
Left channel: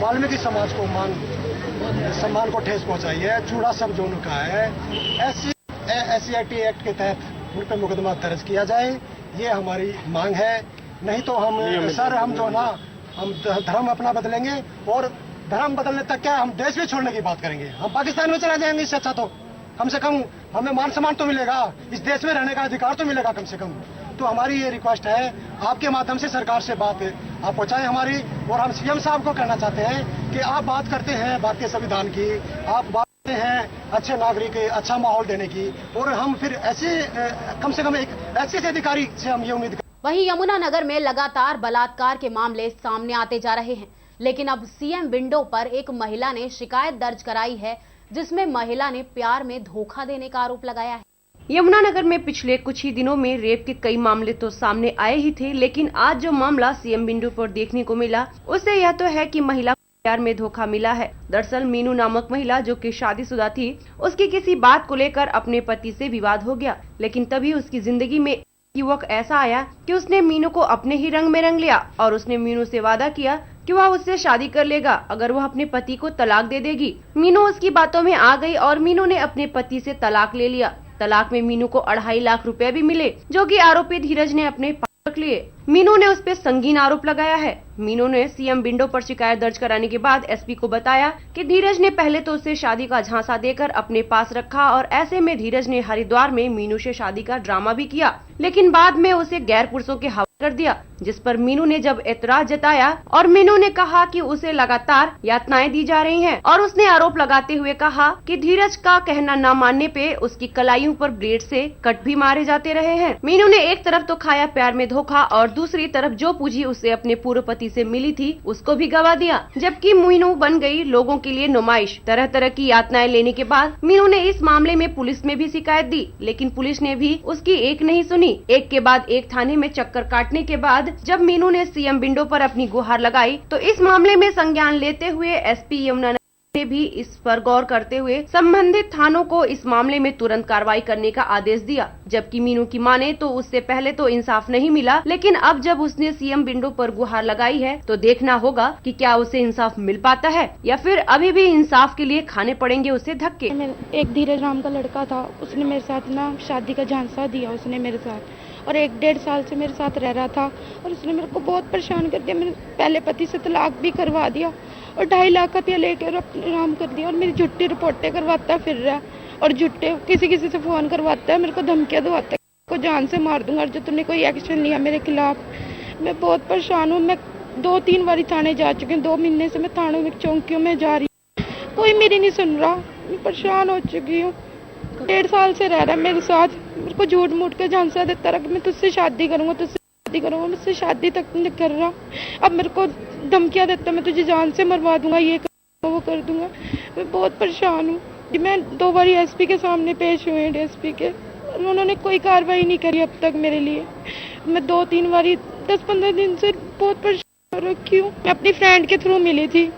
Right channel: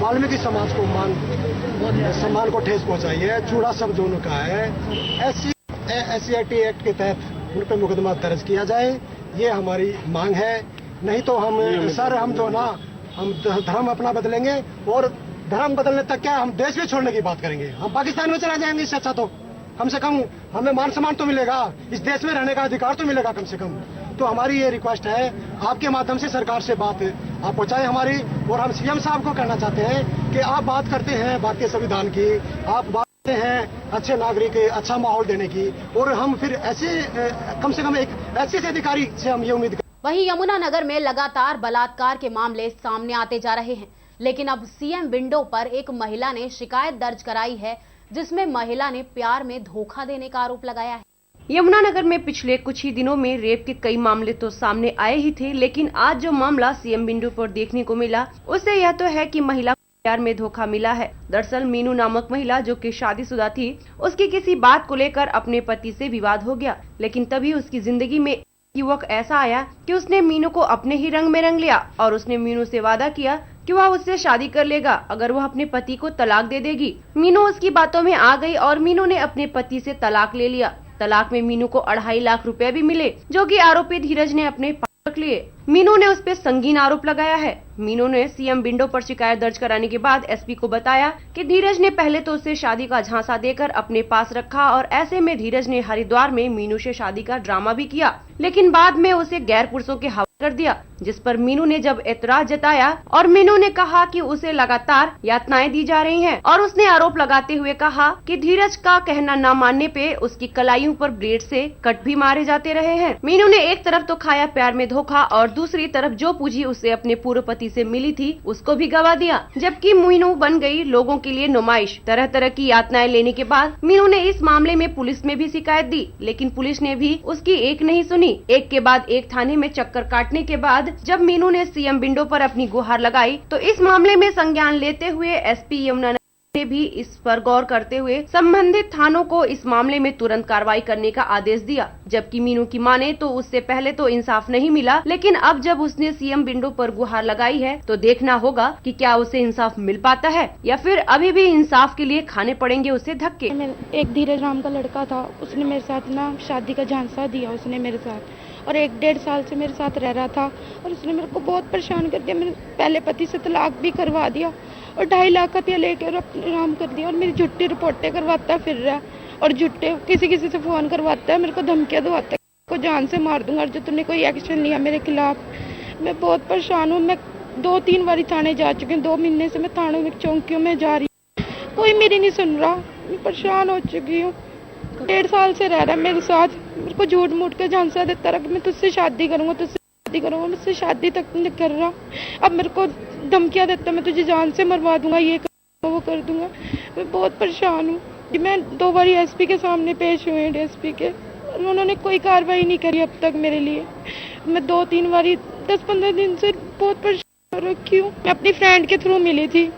वाल्मीकि समाज को सम्मान को ठेस पहुंचाई है, चूड़ा शब्द जो उनका है, SC/SCIT एक्ट के तहत उन पर मुकदमा दर्ज किया जाए, ये हमारी मांग है। नहीं तो हम सर हम जो ना हम धर्म अपना बदलेंगे और धर्म बदलने तक क्या हम देश भी छोड़ने की बात करेंगे। हम पाकिस्तान में चले जाएंगे, इससे अच्छा तो कम से कम हमें मान सम्मान तो मिलेगा, इस देश में रहने का अधिकार तो मिलेगा कम से कम। तो हमारी ये रिक्वेस्ट है, आपके माध्यम से सरकार से बात आप पहुंचाएं हमारी, और हम सीएम साहब को कहना चाहते हैं कि आप बात करते हैं भारतीय संविधान की, आप बात करते हैं अच्छे नागरिक अच्छा माहौल देने की, और हम फिर ऐसे कम से कम एक ऐसे अधिकारी से हम ये उम्मीद करते हैं। वहीं यमुनानगर में लगातार बलात्कार के मामले सामने आते जा रहे हैं, लेकिन अब सीएम विंडो पर एक महिला ने शिकायत दर्ज कराई है, जिसमें महिला ने प्यार में धोखा देने का आरोप लगाया है। यमुनानगर में पिछले कुछ ही दिनों में रेप के कई मामले तो सामने आए ही थे, लेकिन आज जो मामला सीएम विंडो पर देखने को मिला, उससे यह तो है कि महिला को प्यार में धोखा मिला है। दरअसल मीनू नामक महिला, जो कि शादीशुदा थी, उसकी किसी बात को लेकर अपने पति से विवाद हो गया, लेकिन तभी उसकी जिंदगी में युवक ऐसा आया कि उसने मीनू को अपने ही रंग में रंग लिया और उसने मीनू से वादा किया कि वह उससे शादी कर लेगा अगर वह अपने पति को तलाक दे देगी। मीनू उसकी बातों में आ गई और मीनू ने अपने पति से तलाक ले लिया। तलाक में मीनू को 2.5 लाख रुपए भी मिले, जो कि आरोपी धीरज ने अपने पास रख लिए। मीनू ने उस पर संगीन आरोप लगाया है। मीनू ने सीएम विंडो पर शिकायत दर्ज कराने के बाद एसपी को बताया कि धीरज ने पहले तो उसे शादी का झांसा देकर अपने पास रखा और ऐसे में धीरज ने हरिद्वार में मीनू से शादी का ड्रामा भी किया, लेकिन बाद में उसे गैर पुरुषों के हवाले कर दिया, जिस पर मीनू ने जब एतराज जताया और मीनू ने कहा कि उसे लगातार यातनाएं दी जा रही हैं और उसने आरोप लगाते हुए कहा कि धीरज का कहना न मानने पे उसकी कलाइयों पर ब्लेड से कट भी मारे जाते रहे हैं। मीनू ने एक तरफ तो खाया प्यार में धोखा और दूसरी तरफ जो पूंजी उसे अपने पूर्व पति से मिली थी उसको भी गवा दिया, जबकि मीनू बन गई लोगों के लिए नुमाइश। तरह तरह की यातनाएं लेने के बाद मीनू ने इस मामले में पुलिस में भी शिकायत दी, लेकिन पुलिस ने भी उसकी एक नहीं सुनी। एक के बाद एक थाने में चक्कर काटने के बाद जब मीनू ने सीएम विंडो पर अपनी गुहार लगाई तो इस मामले में संज्ञान लेते हुए एसपी यमुनानगर ने भी इस पर गौर करते हुए संबंधित थानों को इस मामले में तुरंत कार्रवाई करने का आदेश दिया। जबकि मीनू की माने तो उससे पहले तो इंसाफ नहीं मिला, लेकिन अब जब उसने सीएम विंडो पर गुहार लगाई है तो देखना होगा कि क्या उसे इंसाफ मिल पाता है या फिर अभी भी इंसाफ के लिए खाने पड़ेंगे उसे धक्के। एक धीरज नाम का लड़का था, उसने मेरे साथ ना शादी का झांसा दिया उसने मेरे साथ, और 1-1.5 साल से मेरे साथ रह रहा था और उसने मेरे को बहुत परेशान कर दिया। मेरे पहले पति से तलाक भी करवा दिया और 2.5 लाख का लेकर अपने नाम कर दिया और मेरी झूठी रिपोर्टें करवाता फिर रहा है और झूठे किसी से फोन करवाता है, मेरे को धमकियां दवाता है, को जान से मार दूंगा जो तुमने कोई एक्शन लिया मेरे खिलाफ। मैं बहुत परेशान हूँ। मैं 2-3 बार थाने जा चुकी हूँ, 2 महीने से मैं थानों में चौकियों में जा रही हूँ, कोई मेरी नहीं सुन रहा। मैं परेशान हो चुकी हूँ। 1.5 साल से रह रहा है मेरे साथ, मेरे को झूठ मूठ के झांसा देता रहा कि मैं तुझसे शादी करूंगा, मुझसे शादी तक नहीं कर रहा। अब मेरे को धमकियां देता, मैं तुझे जान से मरवा दूंगा, ये कर वो कर दूंगा। मैं बहुत परेशान हूँ। मैं 2 बार एसपी के सामने पेश हुए हैं, डीएसपी के, उन्होंने कोई कार्रवाई नहीं करी अब तक मेरे लिए। मैं 2-3 बार 10-15 दिन से बहुत परेशान रखी हूँ। मैं अपनी फ्रेंड के थ्रू मिली थी,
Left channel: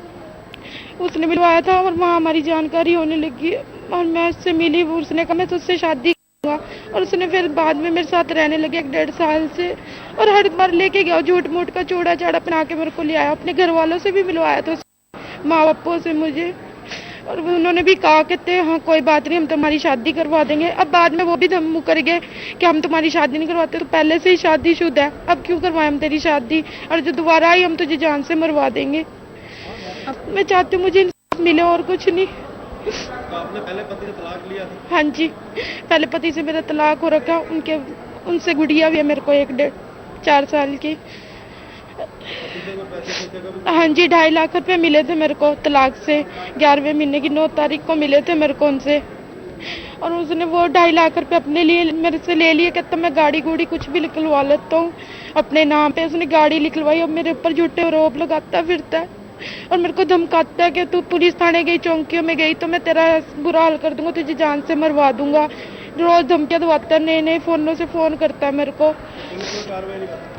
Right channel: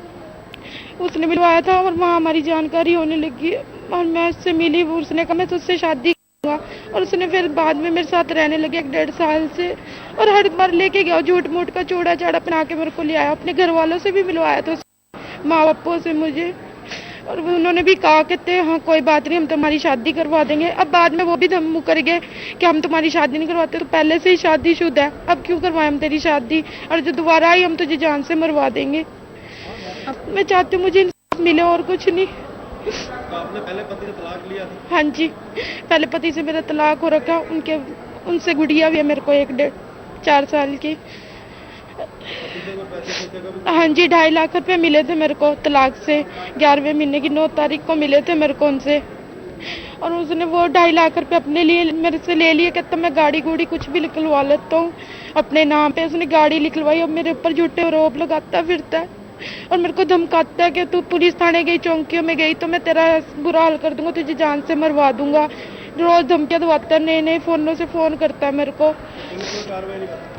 उसने मिलवाया था और वहाँ हमारी जानकारी होने लगी और मैं उससे मिली। उसने कहा मैं तुझसे शादी करूंगा और उसने फिर बाद में मेरे साथ रहने लगे 1-1.5 साल से और हर बार लेके गया झूठ मूठ का चूड़ा चाड़ा पहना के मेरे को ले आया। अपने घर वालों से भी मिलवाया था, माँ बापों से मुझे, और उन्होंने भी कहा कहते हाँ कोई बात नहीं हम तुम्हारी शादी करवा देंगे। अब बाद में वो भी धम कर गए कि हम तुम्हारी शादी नहीं करवाते, तो पहले से ही शादीशुदा है, अब क्यों करवाएं हम तेरी शादी, और जो दोबारा आई हम तुझे जान से मरवा देंगे। मैं चाहती हूँ मुझे इंसाफ मिले और कुछ नहीं। तो आपने पहले पति से तलाक लिया था? हाँ जी, पहले पति से मेरा तलाक हो रखा, उनसे गुड़िया भी है मेरे को 1-4 साल की। हाँ जी, 2.5 लाख रुपए मिले थे मेरे को तलाक से, 11वें महीने की 9 तारीख को मिले थे मेरे को उनसे, और उसने वो 2.5 लाख रुपए अपने लिए मेरे से ले लिए। कहता मैं गाड़ी गुड़ी कुछ भी निकलवा लेता हूँ अपने नाम पे। उसने गाड़ी निकलवाई और मेरे ऊपर झूठे आरोप लगाता फिरता है और मेरे को धमकाता है कि तू पुलिस थाने गई, चौकियों में गई तो मैं तेरा बुरा हाल कर दूंगा, तुझे जान से मरवा दूंगा। रोज धमकियां दवाता है, नए फोनों से फोन करता है मेरे को।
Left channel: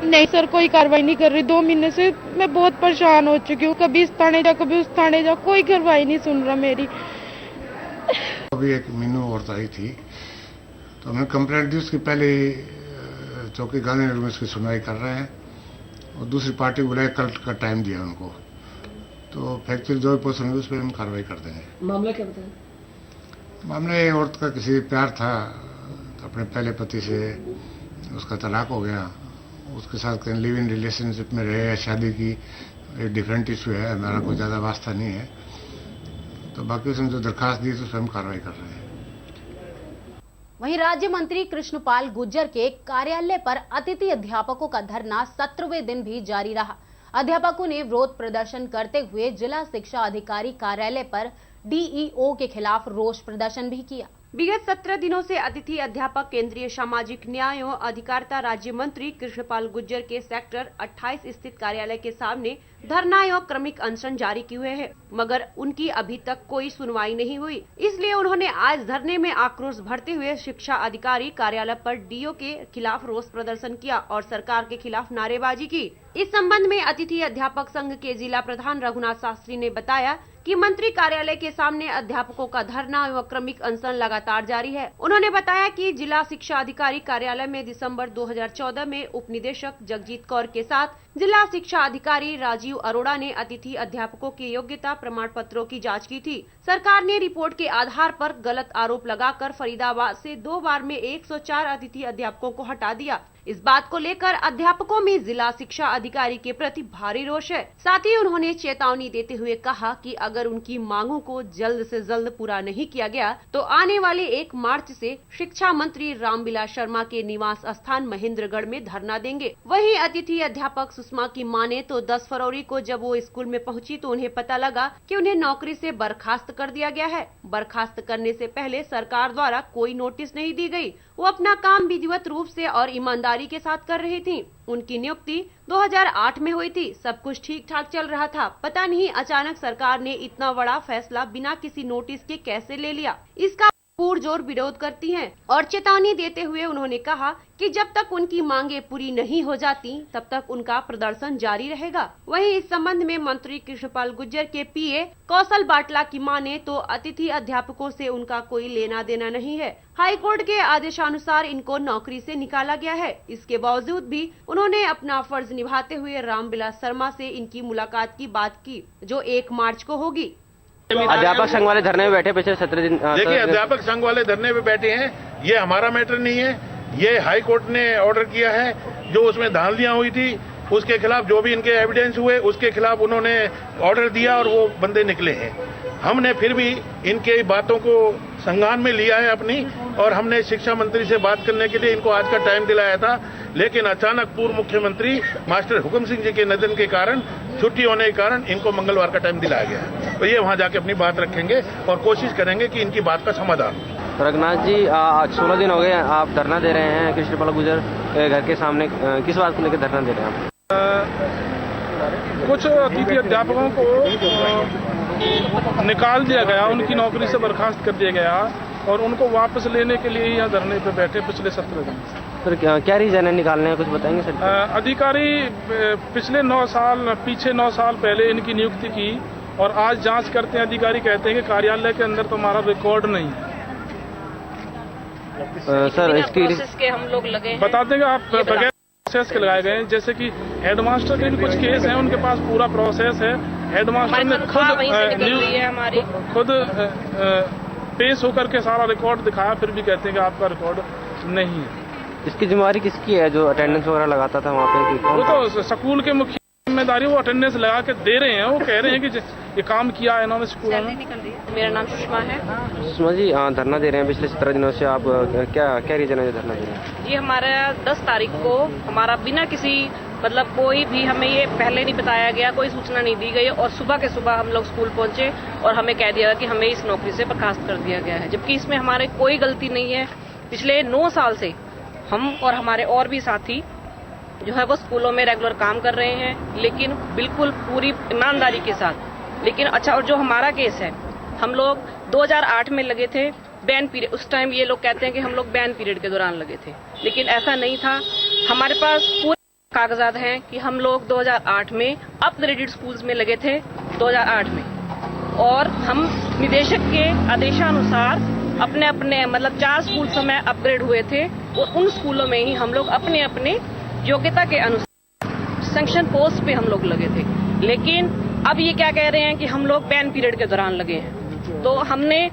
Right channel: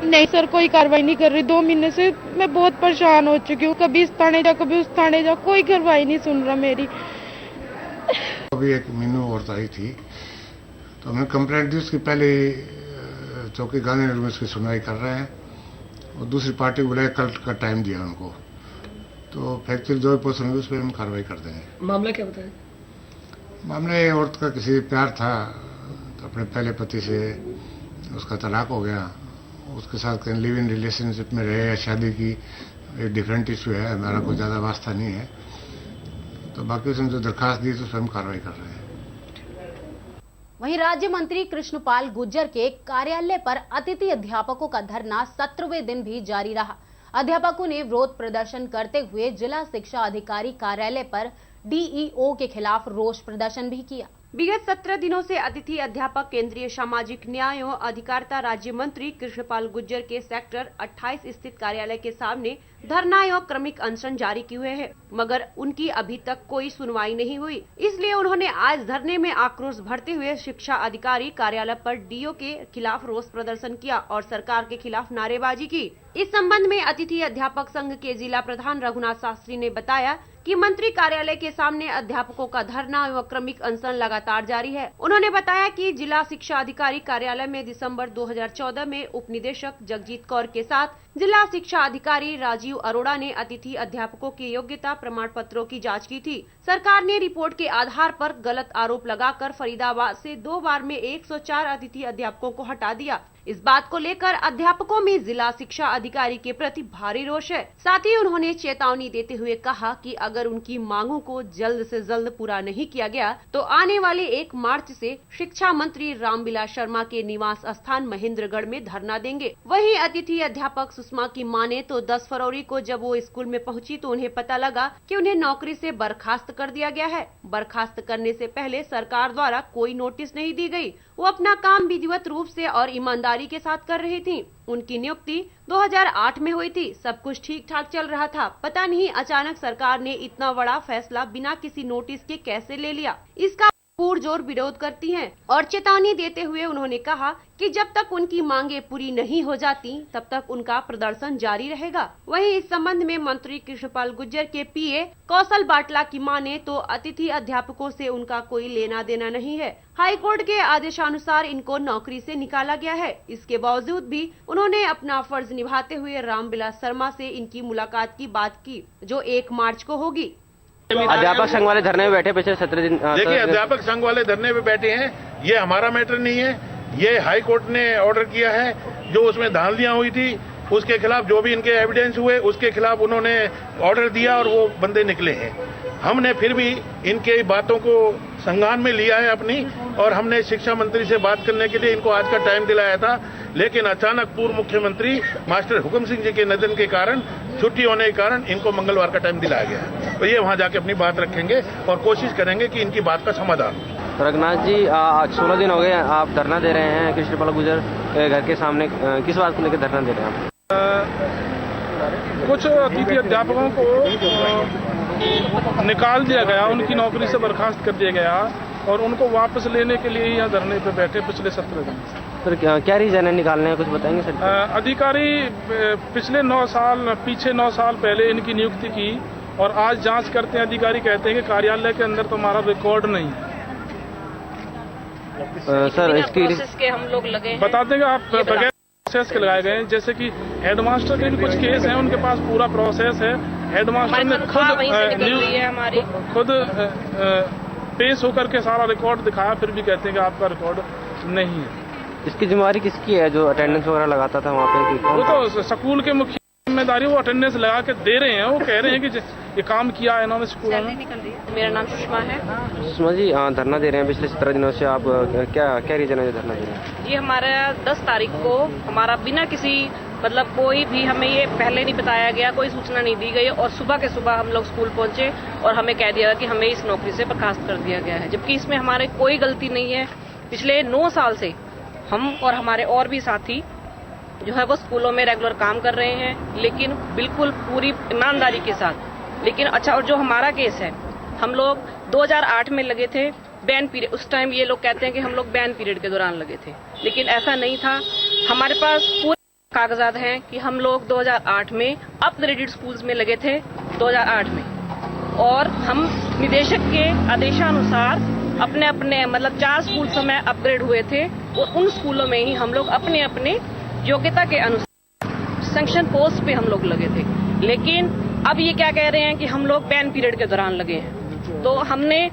नहीं सर, कोई कार्रवाई नहीं कर रही। 2 महीने से मैं बहुत परेशान हो चुकी हूँ, कभी इस थाने जा कभी उस थाने जा, कोई कार्रवाई नहीं सुन रहा मेरी। अभी एक मीनू औरत आई थी तो हमने कंप्लेंट दी, उसकी पहले चौकी गांधीनगर में उसकी सुनवाई कर रहे हैं और दूसरी पार्टी को बुलाया, कल का टाइम दिया उनको, तो फैक्चुअल जो भी पोजीशन होगी उस पर हम कार्रवाई कर देंगे। मामला क्या बताएं? मामला ये औरत का किसी प्यार था अपने पहले पति से, उसका तलाक हो गया, उसके साथ कहीं लिव इन रिलेशनशिप में रहे, शादी की, एक डिफरेंट इशू है, हमारा कोई ज़्यादा वास्ता नहीं है। तो बाकी उसने जो दरखास्त दी तो उस पर हम कार्रवाई कर रहे हैं। वहीं राज्य मंत्री कृष्णपाल गुर्जर के कार्यालय पर अतिथि अध्यापकों का धरना 17वें दिन भी जारी रहा। अध्यापकों ने विरोध प्रदर्शन करते हुए जिला शिक्षा अधिकारी कार्यालय पर डीईओ के खिलाफ रोष प्रदर्शन भी किया। विगत 17 दिनों से अतिथि अध्यापक केंद्रीय सामाजिक न्याय एवं अधिकारिता राज्य मंत्री कृष्णपाल गुर्जर के सेक्टर 28 स्थित कार्यालय के सामने धरना एवं क्रमिक अनशन जारी किए हुए हैं, मगर उनकी अभी तक कोई सुनवाई नहीं हुई। इसलिए उन्होंने आज धरने में आक्रोश भरते हुए शिक्षा अधिकारी कार्यालय पर डीओ के खिलाफ रोष प्रदर्शन किया और सरकार के खिलाफ नारेबाजी की। इस संबंध में अतिथि अध्यापक संघ के जिला प्रधान रघुनाथ शास्त्री ने बताया कि मंत्री कार्यालय के सामने अध्यापकों का धरना एवं क्रमिक अनशन लगातार जारी है। उन्होंने बताया कि जिला शिक्षा अधिकारी कार्यालय में दिसंबर 2014 में उप निदेशक जगजीत कौर के साथ जिला शिक्षा अधिकारी राजीव अरोड़ा ने अतिथि अध्यापकों की योग्यता प्रमाण पत्रों की जांच की थी। सरकार ने रिपोर्ट के आधार पर गलत आरोप लगाकर फरीदाबाद से 2 बार में 104 अतिथि अध्यापकों को हटा दिया। इस बात को लेकर अध्यापकों में जिला शिक्षा अधिकारी के प्रति भारी रोष है। साथ ही उन्होंने चेतावनी देते हुए कहा कि अगर उनकी मांगों को जल्द से जल्द पूरा नहीं किया गया तो आने वाले 1 मार्च से शिक्षा मंत्री रामविलास शर्मा के निवास स्थान महेंद्रगढ़ में धरना देंगे। वहीं अतिथि अध्यापक सुषमा की माने तो 10 फरवरी को जब वो स्कूल में पहुंची तो उन्हें पता लगा कि उन्हें नौकरी से बर्खास्त कर दिया गया है। बर्खास्त करने से पहले सरकार द्वारा कोई नोटिस नहीं दी गई। वो अपना काम विधिवत रूप से और ईमानदारी के साथ कर रही थी। उनकी नियुक्ति 2008 में हुई थी। सब कुछ ठीक ठाक चल रहा था। पता नहीं अचानक सरकार ने इतना बड़ा फैसला बिना किसी नोटिस के कैसे ले लिया। इसका पुरजोर विरोध करती हैं और चेतावनी देते हुए उन्होंने कहा कि जब तक उनकी मांगे पूरी नहीं हो जाती तब तक उनका प्रदर्शन जारी रहेगा। वहीं इस संबंध में मंत्री कृष्णपाल गुर्जर के पीए कौशल बाटला की माने तो अतिथि अध्यापकों से उनका कोई लेना देना नहीं है। हाई कोर्ट के आदेशानुसार इनको नौकरी से निकाला गया है। इसके बावजूद भी उन्होंने अपना फर्ज निभाते हुए रामविलास शर्मा से इनकी मुलाकात की बात की, जो 1 मार्च को होगी। अध्यापक संघ वाले धरने में बैठे पिछले 17 दिन। देखिए, अध्यापक संघ वाले धरने में बैठे हैं, ये हमारा मैटर नहीं है। ये हाई कोर्ट ने ऑर्डर किया है। जो उसमें धांधलियां हुई थी उसके खिलाफ जो भी इनके एविडेंस हुए उसके खिलाफ उन्होंने ऑर्डर दिया और वो बंदे निकले हैं। हमने फिर भी इनके बातों को संज्ञान में लिया है अपनी, और हमने शिक्षा मंत्री से बात करने के लिए इनको आज का टाइम दिलाया था, लेकिन अचानक पूर्व मुख्यमंत्री मास्टर हुकुम सिंह जी के निधन के कारण, छुट्टी होने के कारण इनको मंगलवार का टाइम दिलाया गया है। तो ये वहां जाके अपनी बात रखेंगे और कोशिश करेंगे कि इनकी बात का समाधान। रघुनाथ जी, 16 दिन हो गए आप धरना दे रहे हैं कृष्णपाल गुर्जर घर के सामने, किस बात को लेकर धरना दे रहे हैं आप? कुछ अतिथि अध्यापकों को निकाल दिया गया, उनकी नौकरी से बर्खास्त कर दिया गया और उनको वापस लेने के लिए यहाँ धरने पे बैठे पिछले 17 दिन। सर क्या रीजन है निकालने का, कुछ बताएंगे सर? अधिकारी पिछले 9 साल पीछे 9 साल पहले इनकी नियुक्ति की और आज जांच करते हैं अधिकारी कहते हैं कि कार्यालय के अंदर तुम्हारा रिकॉर्ड नहीं है। सर इसकी के हम लोग लगे बता देंगे आप बगैर प्रोसेस के लगाए गए हैं। जैसे कि हेडमास्टर के भी कुछ केस हैं, उनके पास पूरा प्रोसेस है। हेडमास्टर ने खुद पेश होकर के सारा रिकॉर्ड दिखाया, फिर भी कहते हैं कि आपका रिकॉर्ड नहीं है। इसकी जिम्मेवारी किसकी है जो अटेंडेंस वगैरह लगाता था वहाँ पे? वो तो स्कूल के मुख्य जिम्मेदारी, वो अटेंडेंस लगा के दे रहे हैं। वो कह रहे हैं कि ये काम किया है इन्होंने स्कूल में। मेरा नाम सुषमा है। सुषमा जी, धरना दे रहे हैं पिछले 17 दिनों से, आप क्या रीजन है धरना दे रहे हैं? जी, हमारा 10 तारीख को हमारा बिना किसी कोई भी हमें ये पहले नहीं बताया गया, कोई सूचना नहीं दी गई और सुबह के सुबह हम लोग स्कूल पहुंचे और हमें कह दिया कि हमें इस नौकरी से बर्खास्त कर दिया गया है, जबकि इसमें हमारे कोई गलती नहीं है। पिछले 9 साल से हम और हमारे और भी साथी जो है वो स्कूलों में रेगुलर काम कर रहे हैं, लेकिन बिल्कुल पूरी ईमानदारी के साथ। लेकिन अच्छा, और जो हमारा केस है, हम लोग 2008 में लगे थे बैन पीरियड। उस टाइम ये लोग कहते हैं कि हम लोग बैन पीरियड के दौरान लगे थे, लेकिन ऐसा नहीं था। हमारे पास पूरे कागजात हैं कि हम लोग 2008 में अपग्रेडेड स्कूल्स में लगे थे 2008 में, और हम निदेशक के आदेशानुसार अपने 4 स्कूल समय अपग्रेड हुए थे और उन स्कूलों में ही हम लोग अपने अपने योग्यता के अनुसार सैंक्शन पोस्ट पे हम लोग लगे थे। लेकिन अब ये क्या कह रहे हैं कि हम लोग बैन पीरियड के दौरान लगे हैं। तो हमने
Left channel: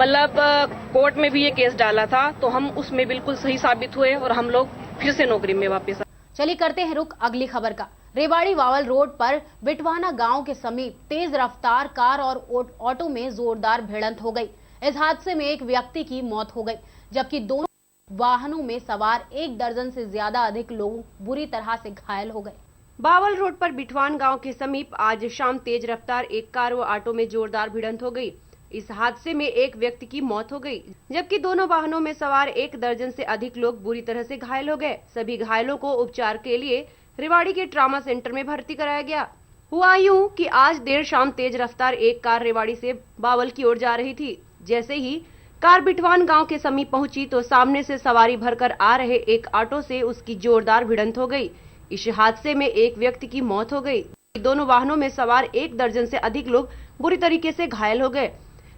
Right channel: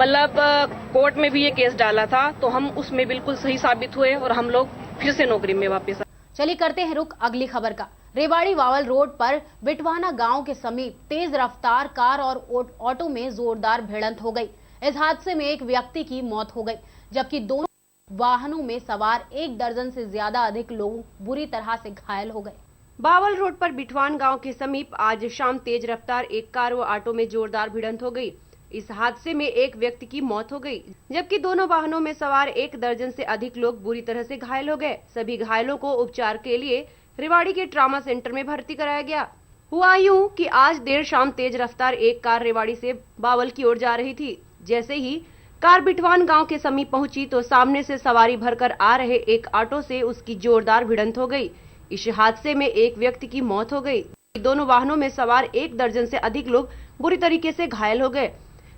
कोर्ट में भी ये केस डाला था, तो हम उसमें बिल्कुल सही साबित हुए और हम लोग फिर से नौकरी में वापस। चलिए करते हैं रुक अगली खबर का। रेवाड़ी वावल रोड पर बिटवाना गांव के समीप तेज रफ्तार कार और ऑटो में जोरदार भिड़ंत हो गई। इस हादसे में एक व्यक्ति की मौत हो गई, जबकि दोनों वाहनों में सवार 1 दर्जन से ज्यादा अधिक लोग बुरी तरह से घायल हो गए। बावल रोड पर बिठवान गांव के समीप आज शाम तेज रफ्तार एक कार व ऑटो में जोरदार भिड़ंत हो गई। इस हादसे में एक व्यक्ति की मौत हो गई, जबकि दोनों वाहनों में सवार 1 दर्जन से अधिक लोग बुरी तरह से घायल हो गए। सभी घायलों को उपचार के लिए रेवाड़ी के ट्रॉमा सेंटर में भर्ती कराया गया। हुआ यूं कि आज देर शाम तेज रफ्तार एक कार रेवाड़ी से बावल की ओर जा रही थी। जैसे ही कार बिठवान गांव के समीप पहुंची तो सामने से सवारी भरकर आ रहे एक ऑटो से उसकी जोरदार भिड़ंत हो गई। इस हादसे में एक व्यक्ति की मौत हो गई। दोनों वाहनों में सवार 1 दर्जन से अधिक लोग बुरी तरीके से घायल हो गए।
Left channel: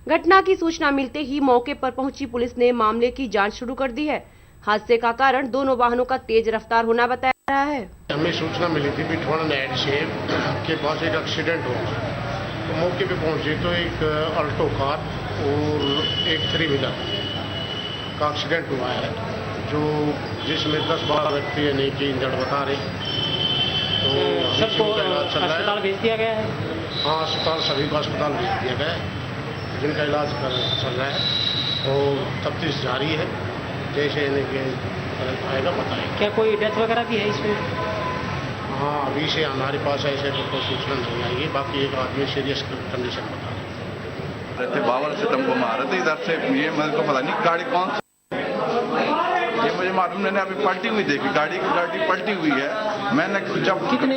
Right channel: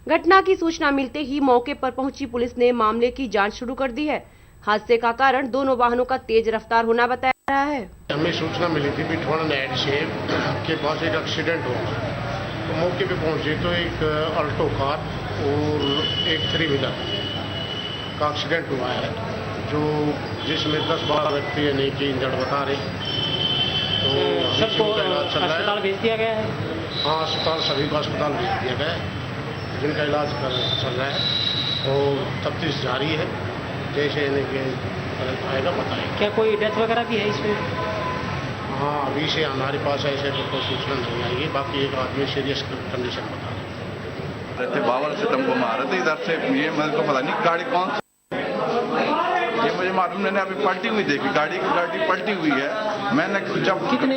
घटना की सूचना मिलते ही मौके पर पहुंची पुलिस ने मामले की जांच शुरू कर दी है। हादसे का कारण दोनों वाहनों का तेज रफ्तार होना बताया रहा है। हमें सूचना मिली थी बिठवान नेट से के पास एक एक्सीडेंट हुआ, तो मौके पे पहुंचे तो एक अल्टो कार और एक 3 व्हीलर का एक्सीडेंट हुआ है, जो जिसमें 10-12 व्यक्ति यानी कि इंजर्ड बता रहे। तो सबको अस्पताल भेज दिया गया है। हाँ, अस्पताल सभी को अस्पताल भेज दिया गया है, जिनका इलाज चल रहा है और तफ्तीश जारी है। जैसे आएगा बताएंगे। क्या कोई डेथ वगैरह भी है इसमें? हाँ, अभी से हमारे पास ऐसे कोई सूचना नहीं आई है। बाकी एक आदमी सीरियस कंडीशन बता रहे थे। बावल से टेम्पो में आ रहे थे इधर से, ये मेरे को पता नहीं गाड़ी कौन सी, ये मुझे मालूम। मैंने अभी पलटी हुई देखी, गाड़ी पलटी हुई है। मैंने जब कितने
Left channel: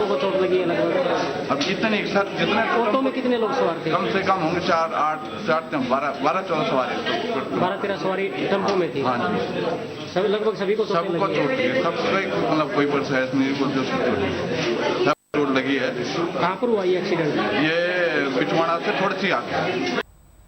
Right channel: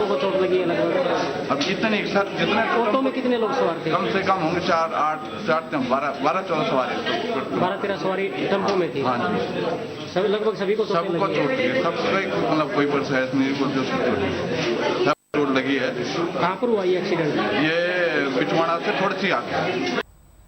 लोगों को चोट लगी है लगभग? अब कितने सर, जितने ऑटो में कितने लोग सवार थे? कम से कम होंगे 12-14 सवारी, 12-13 सवारी टेम्पो में थी। हाँ जी, सभी लगभग सभी को सबको चोट लगी है। सबको मतलब कोई प्रोसेस नहीं, जो सब चोट लगी है। कहाँ पर हुआ ये एक्सीडेंट? ये बिठवाना से थोड़ी सी आगे।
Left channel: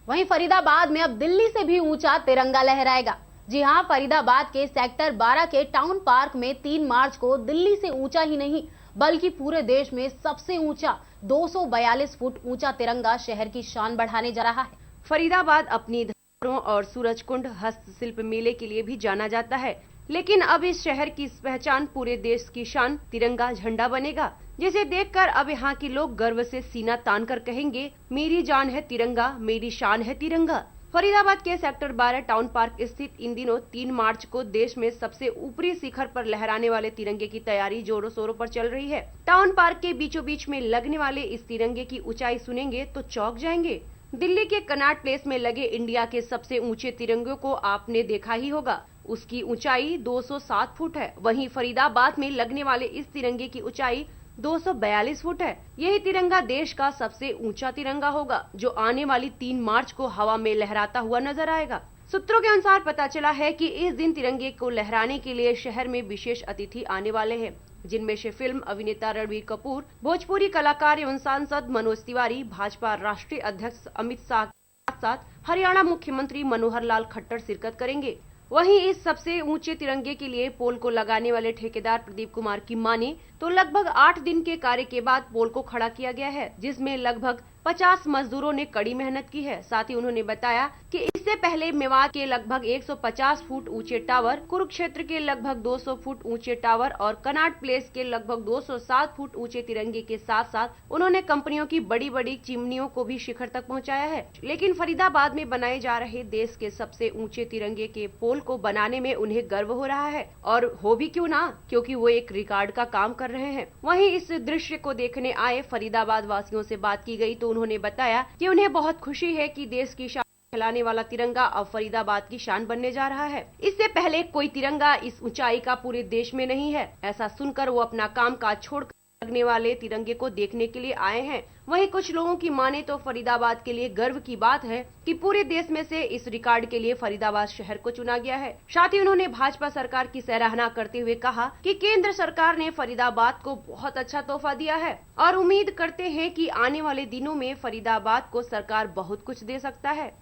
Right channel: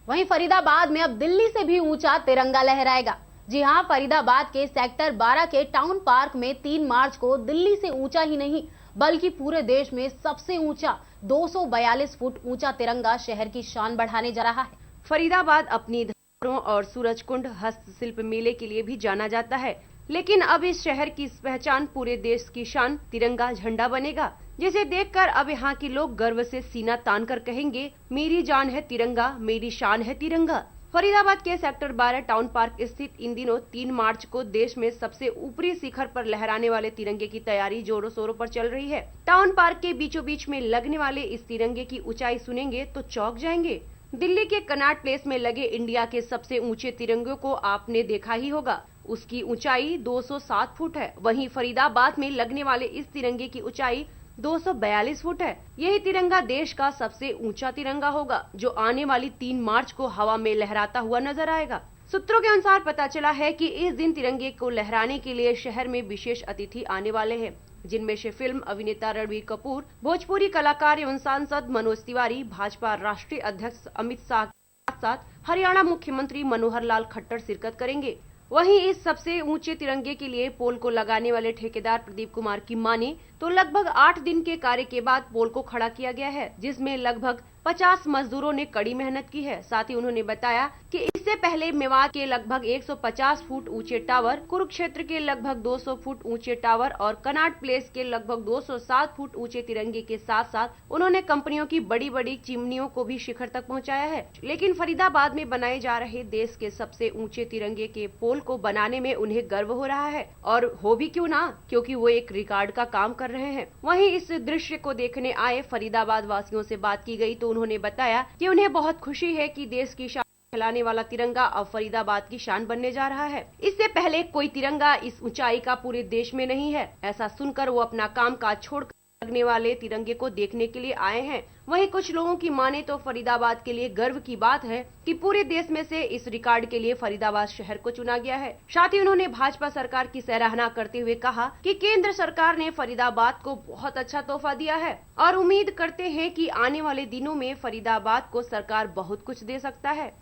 वहीं फरीदाबाद में अब दिल्ली से भी ऊंचा तिरंगा लहराएगा। जी हां, फरीदाबाद के सेक्टर 12 के टाउन पार्क में 3 मार्च को दिल्ली से ऊंचा ही नहीं बल्कि पूरे देश में सबसे ऊंचा 242 फुट ऊंचा तिरंगा शहर की शान बढ़ाने जा रहा है। फरीदाबाद अपनी धरोहरों और सूरजकुंड हस्तशिल्प मेले के लिए भी जाना जाता है, लेकिन अब इस शहर की पहचान पूरे देश की शान तिरंगा झंडा बनेगा, जिसे देखकर अब यहाँ के लोग गर्व से सीना तान कर कहेंगे, मेरी जान है तिरंगा, मेरी शान है तिरंगा। फरीदाबाद के सेक्टर 12 टाउन पार्क स्थित इन दिनों 3 मार्च को देश में सबसे ऊपरी शिखर पर लहराने वाले तिरंगे की तैयारी जोरों शोरों पर चल रही है। टाउन पार्क के बीचों बीच में लगने वाले इस तिरंगे की ऊंचाई सुनेंगे तो चौंक जाएंगे। दिल्ली के कनॉट प्लेस में लगे इंडिया के सबसे ऊंचे तिरंगे को आपने देखा ही होगा। उसकी ऊंचाई 207 फुट है। वहीं फरीदाबाद में लगने वाले इस तिरंगे की ऊंचाई 242 फुट है। यही तिरंगा देश का सबसे ऊंचा तिरंगा होगा, जो आने वाली 3 मार्च को हवा में लहराता हुआ नजर आएगा। सूत्रों के अनुसार पता चला है कि इस दिन तिरंगे को लहराने के लिए शहर में विशेष अतिथि आने वाले हैं, जिनमें से फिल्म अभिनेता रणबीर कपूर, भोजपुरी कलाकार एवं सांसद मनोज तिवारी, भाजपा राष्ट्रीय अध्यक्ष अमित शाह के साथ साथ हरियाणा मुख्यमंत्री मनोहर लाल खट्टर शिरकत करेंगे। वहीं इस सबसे ऊंचे तिरंगे के लिए पोल को लगाने वाले ठेकेदार प्रदीप कुमार की माने तो लगभग 8 दिन के कार्य के बाद पोल को खड़ा किया गया है, जिसमें लगभग 50 मजदूरों ने कड़ी मेहनत की है। साथ ही उन्होंने बताया कि इससे पहले मेवात के लगभग 150 फुट ऊंचे टावर, कुरुक्षेत्र के लगभग 200 फुट ऊंचे टावर और कनॉट प्लेस के लगभग 207 फुट ऊंचे तिरंगे के साथ साथ उन्होंने कंपनियों की बड़ी बड़ी चिमनियों को भी शिखर तक पहुंचाया है। लेकिन फरीदाबाद में बनाए जा रहे देश के सबसे ऊंचे तिरंगे के पोल को बनाने में उन्हें गर्व हो रहा है, और हो भी क्यों ना, क्योंकि वो एक रिकॉर्ड का काम कर रहे हैं। वहीं इस दृश्य को देखने आए फरीदाबाद वासियों से बात की गई तो उन्होंने बताया कि उन्हें बहुत खुशी है कि देश की शान फैलाने वाला तिरंगा अब फरीदाबाद की शान बनने जा रहा है। इससे पहले कोई तिरंगा इस ऊंचाई का पूरे देश में नहीं है। ऐसा सुनकर वो अपना काम काज छोड़कर लगने वाले तिरंगे को देखने के लिए आए हैं। वहीं कुछ लोगों की माने तो फरीदाबाद के लिए गर्व की बात है कि पूरे देश में से इस रिकॉर्ड के लिए फरीदाबाद शहर को चुना गया है। साथ ही उन्होंने भाजपा सरकार की सराहना करते हुए कहा कि केंद्र सरकार ने फरीदाबाद को बहुत अच्छा तोहफा दिया है और उम्मीद करते हैं कि आने वाले दिनों में फरीदाबाद को सरकार बहुत कुछ दे सकता है।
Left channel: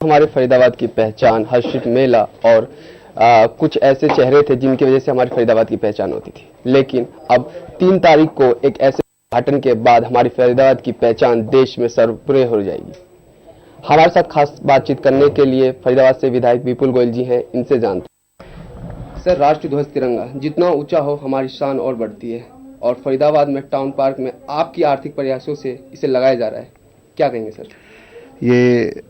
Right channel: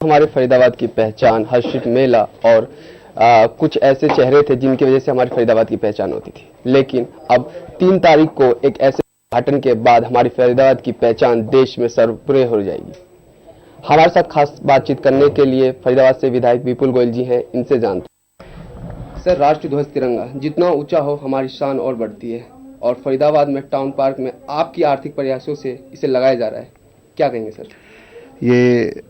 हमारे फरीदाबाद की पहचान हर्षित मेला और कुछ ऐसे चेहरे थे जिनकी वजह से हमारी फरीदाबाद की पहचान होती थी, लेकिन अब 3 तारीख को एक ऐसे उद्घाटन के बाद हमारी फरीदाबाद की पहचान देश में सर्वप्रिय हो जाएगी। हमारे साथ खास बातचीत करने के लिए फरीदाबाद से विधायक विपुल गोयल जी हैं, इनसे जानते हैं। सर, राष्ट्रीय ध्वज तिरंगा जितना ऊंचा हो हमारी शान और बढ़ती है, और फरीदाबाद में टाउन पार्क में आपकी आर्थिक प्रयासों से इसे लगाया जा रहा है, क्या कहेंगे सर? ये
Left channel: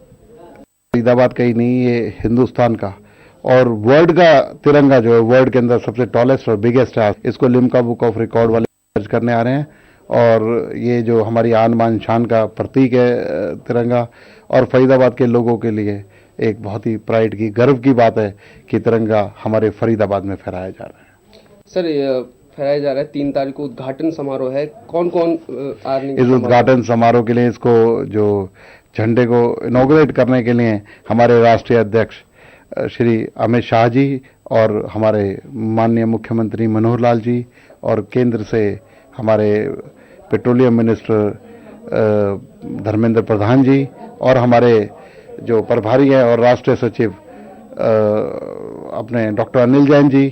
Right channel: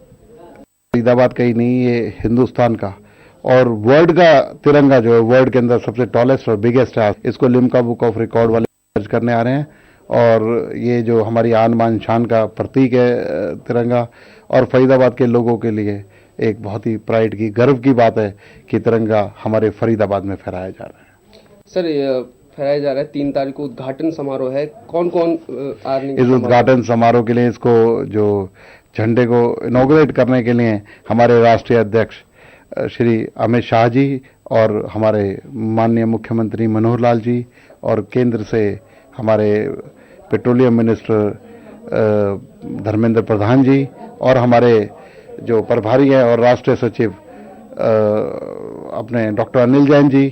फरीदाबाद का ही नहीं, ये हिंदुस्तान का और वर्ल्ड का तिरंगा जो है, वर्ल्ड के अंदर सबसे टॉलेस्ट और बिगेस्ट है, इसको लिम्का बुक ऑफ रिकॉर्ड वाले दर्ज करने आ रहे हैं। और ये जो हमारी आन बान शान का प्रतीक है तिरंगा, और फरीदाबाद के लोगों के लिए एक बहुत ही प्राइड की, गर्व की बात है कि तिरंगा हमारे फरीदाबाद में फहराया जा रहा है। सर फहराया जा रहा है, 3 तारीख को उद्घाटन समारोह है, कौन कौन आ रहे हैं इस उद्घाटन समारोह के लिए? इसको जो झंडे को इनॉग्रेट करने के लिए हमारे राष्ट्रीय अध्यक्ष श्री अमित शाह जी और हमारे माननीय मुख्यमंत्री मनोहर लाल जी और केंद्र से हमारे पेट्रोलियम मिनिस्टर धर्मेंद्र प्रधान जी और हमारे जो प्रभारी हैं और राष्ट्रीय सचिव अपने डॉक्टर अनिल जैन जी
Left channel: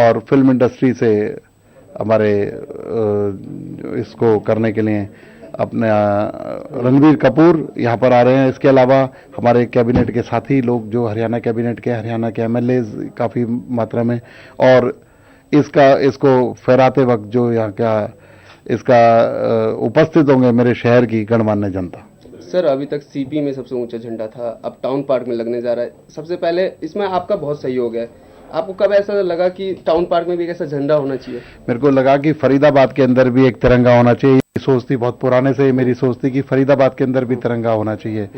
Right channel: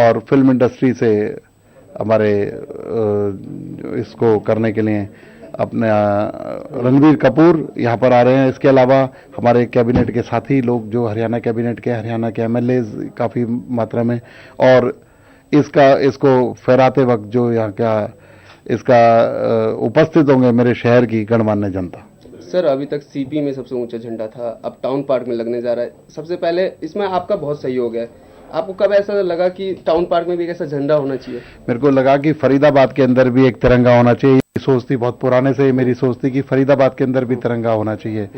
और फिल्म इंडस्ट्री से हमारे इसको करने के लिए अपने रणबीर कपूर यहाँ पर आ रहे हैं। इसके अलावा हमारे कैबिनेट के साथी लोग जो हरियाणा कैबिनेट के, हरियाणा के एमएलएज काफ़ी मात्रा में, और इसको फहराते वक्त जो यहाँ का इसका उपस्थित होंगे मेरे शहर की गणमान्य जनता। सर अभी तक सीपी में सबसे ऊंचा झंडा था, अब टाउन पार्क में लगने जा रहा है। सबसे पहले इसमें आपका बहुत सहयोग है, आपको कब ऐसा लगा कि टाउन पार्क में भी एक ऐसा झंडा होना चाहिए? मेरे को लगा कि फरीदाबाद के अंदर भी एक तिरंगा होना चाहिए। सोच थी, बहुत पुराने से मेरी सोच थी कि फरीदाबाद के अंदर भी तिरंगा होना चाहिए।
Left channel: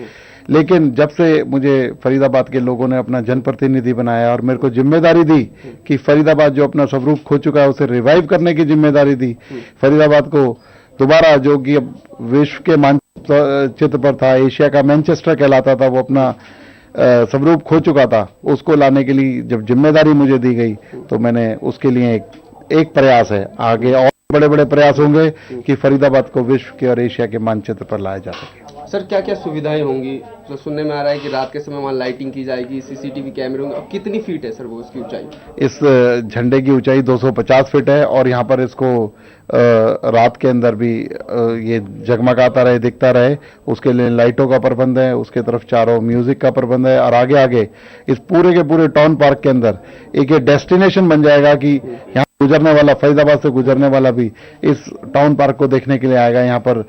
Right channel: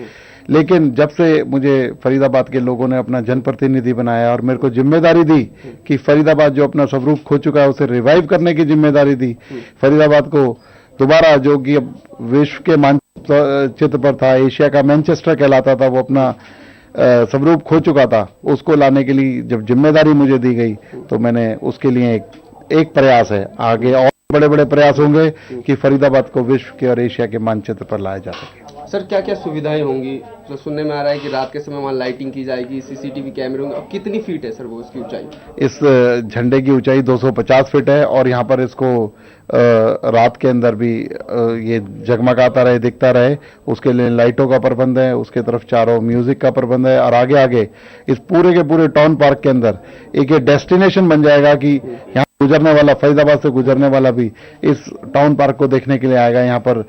लेकिन जब से मुझे फरीदाबाद के लोगों ने अपना जनप्रतिनिधि बनाया और मेरे को जिम्मेदारी दी कि फरीदाबाद जो अपना स्वरूप खो चुका है उसे रिवाइव करने की जिम्मेदारी दी, फरीदाबाद को दोबारा, जो कि अब विश्व के मानचित्र पर था, एशिया का मैनचेस्टर कहलाता था, वो अपना स्वरूप खो चुका था, उसको लाने के लिए जब जिम्मेदारी मुझे दी गई तो मैंने उसके लिए एक प्रयास है, आगे और बड़े बड़े प्रयास होंगे कि फरीदाबाद को विश्व के और एशिया के मानचित्र पर लाया जा सके। सर क्या क्या सुविधाएं होंगी? तो सुनने में आ रहा है कि रात के समय वहाँ लाइटिंग की जाएगी, सीसीटीवी कैमरे होंगे। अब कितनी फीट है सर वो उसकी ऊंचाई? इस झंडे की ऊंचाई 250 फीट है और यहाँ पर इसको रात के अंदर भी ये जगमगाता रहे, दिखता रहे, उसके लिए लाइटों का प्रबंध है, उसके तरफ चारों म्यूजिक का प्रबंध है और आगे आगे इस पूरे के पूरे टाउन पार्क के अंदर एक ये डेस्टिनेशन बन जाएगा कि यहाँ गुजरने वाला, फरीदाबाद से गुजरने वाला भी इस टाउन पार्क को देखने के लिए आएगा। यहाँ पर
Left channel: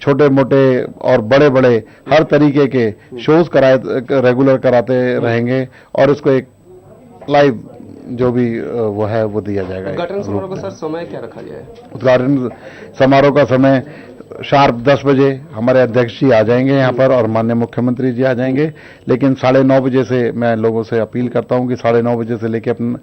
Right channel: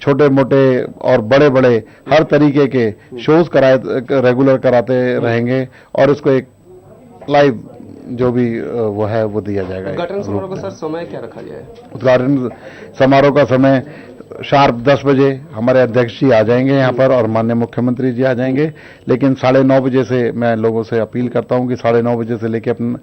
छोटे मोटे और बड़े बड़े हर तरीके के शोज रेगुलर कराते रहेंगे और इसको एक लाइव जो भी वो है वो दिया जाएगा। उद्घाटन समारोह का सर समय क्या रखा गया है? उद्घाटन समारोह का समय शार्प 10 बजे हमारे अध्यक्ष जी आ जाएंगे यहाँ पर और माननीय मुख्यमंत्री जी आ जाएंगे, लेकिन 9:30 बजे से मैं लोगों से अपील करता हूँ कि 9:30 बजे से लेकर अपना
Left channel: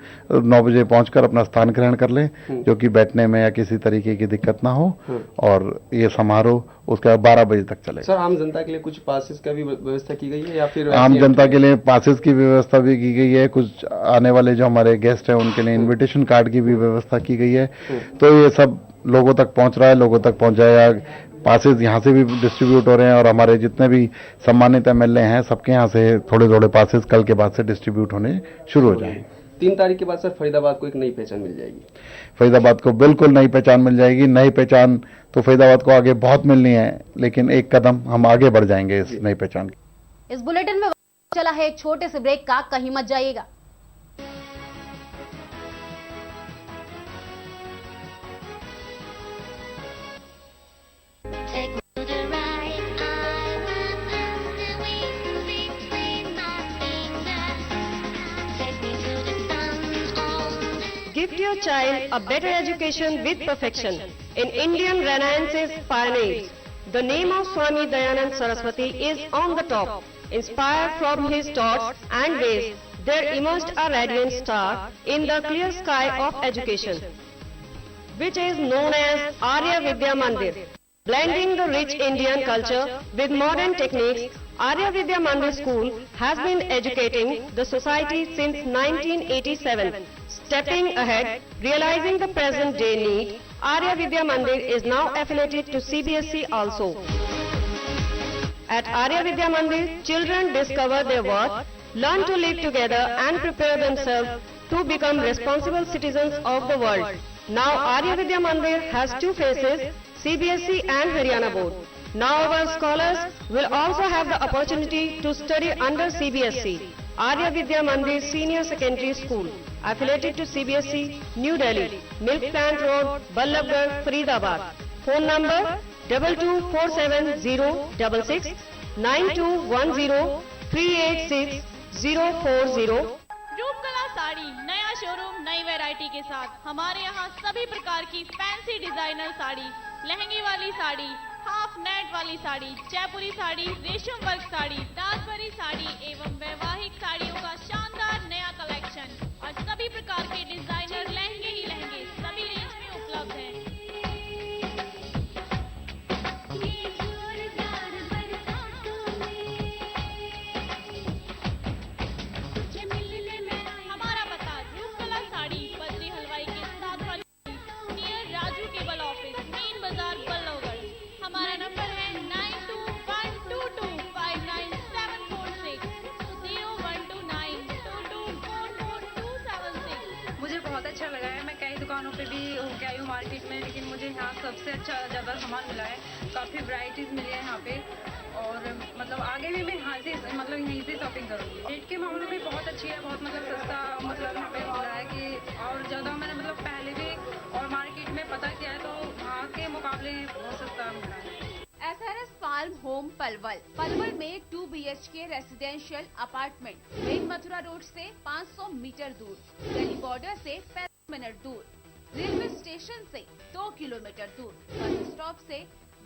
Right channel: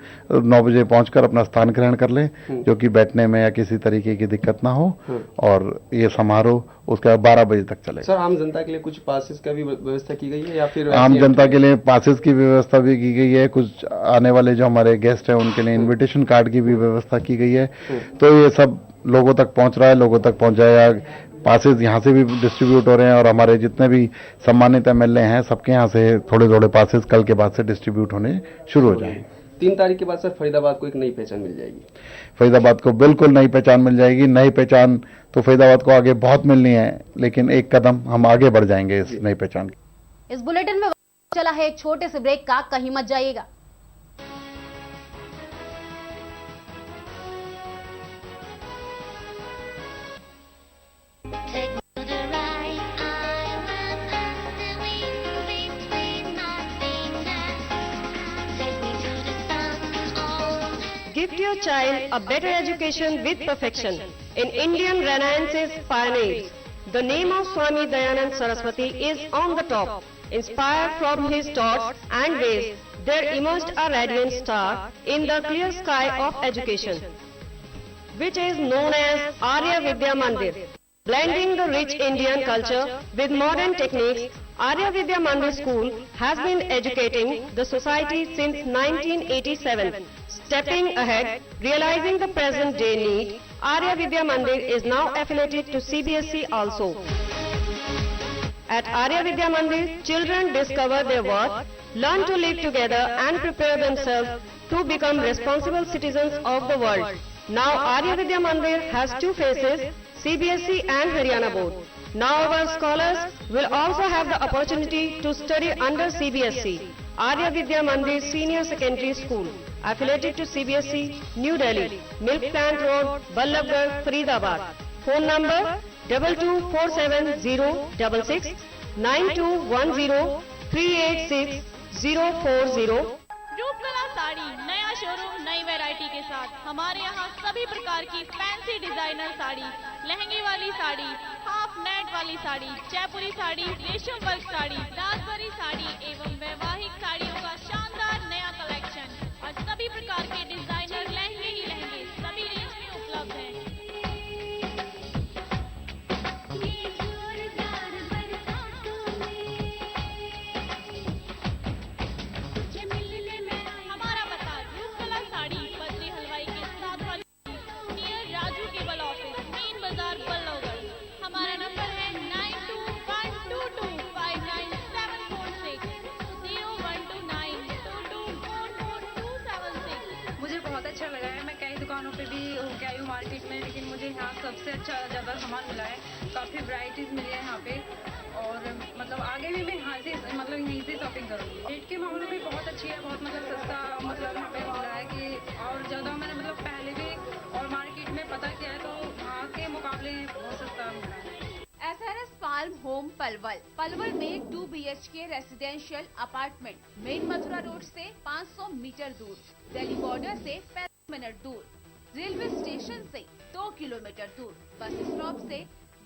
9 बजे पहुंचकर अपना स्थान ग्रहण कर लें, जो कि बैठने में या किसी तरीके की दिक्कत ना हो, और ये समारोह उसके 12 बजे तक चलेगा। सर आम जनता के लिए कुछ पासेस का भी व्यवस्था की गई है या फिर? आम जनता के लिए पासेस की व्यवस्था भी की गई है, कुछ आने वाले जो हमारे गेस्ट हैं उनके लिए इन्विटेशन कार्ड की भी व्यवस्था की गई है। तो ये सब लोगों तक पहुंच रहा है, लोगों तक पहुंचाया। पासेस यहाँ से भी डिस्ट्रीब्यूट हो रहे हैं और हमारे जितने भी सम्मानित एमएलए हैं सबके यहाँ से थोड़े थोड़े पासेस कल के बाद से डिस्ट्रीब्यूट होने शुरू हो जाएंगे। 3 तारीख के बाद सर फरीदाबाद को एक नई पहचान मिल जाएगी। फरीदाबाद को बिल्कुल नई पहचान मिल जाएगी। नई पहचान तो फरीदाबाद को आगे बहुत मिलनी है, लेकिन एक कदम हम आगे बढ़ जाएंगे इस नई पहचान की। इस बुलेटिन में चला है एक छोटे से ब्रेक का, कहीं मत जाइएगा। Gift your child a better education with perfection in Indian Renaissance's pioneers. The name of Swami Dayanand Saraswati is on the top. Inspired from his thoughts and ways, there emerged a radiant star in the clear sky of education, which is known as Arya Vidya Mandir. Blending the rich Indian culture with modern techniques, Arya Vidya Mandir School has been educating the society since 1987. Stepping ahead, realizing the present day need, Arya Vidya Mandir is now affiliated to CBSE also. At Arya Vidya Mandir, children discover their worth, learn to live together and prepare themselves to become responsible citizens of the world. Now Arya Vidya Mandir has 2 phases, CBSE and Haryana board. Now our scholars will also have the opportunity to study under CBSE. Arya Vidya Mandir Senior Secondary School, affiliated to CBSE, New Delhi, Milk Plant Road, Ballabgarh, Faridabad. Phone number 22470666 9210 386040। Roopkala sari नया showroom नई variety के साथ। हमारे यहाँ सभी प्रकार की fancy designer sari, लहंगे वाली साड़ी, हाफ नेट वाली साड़ी, जयपुरी साड़ी, रेशम वर्क साड़ी, दासवरी साड़ी एवं वैवाहिक साड़ियों का शानदार नया कलेक्शन और सभी प्रकार के डिजाइनर लहंगे ही लहंगे सभी रेंज में उपलब्ध हैं। हमारा पता रूपकला साड़ी बद्री हलवाई के साथ वाली near Raju cable office, main बाजार, बल्लभगढ़। हमारा नंबर है 9212259746 01292244276। मुझे बहुत अच्छा लगा है। मैं कई दुकानों पे भी होके आई हूँ मार्केट में, लेकिन मुझे यहाँ सबसे अच्छा ज़्यादा सामान मिला है। काफ़ी वैरायटीज मिली है यहाँ पे और मतलब आगे भी मैं यहाँ से यहीं से शॉपिंग करूँगी। रेट के मामले में बहुत अच्छी है, बहुत सस्ता यहाँ पे मिल रहा है कि और ज़्यादा मैंने पहले भी और मार्केट में पता किया है तो वहाँ के मुकाबले बहुत सस्ता मिल रहा है। SRS फार्म होम पलवल में 2 BHK residential apartment main Mathura road से 500 मीटर दूर, दिल्ली बॉर्डर से 35 मिनट दूर, रेलवे स्टेशन से 2 किलोमीटर दूर, बस स्टॉप से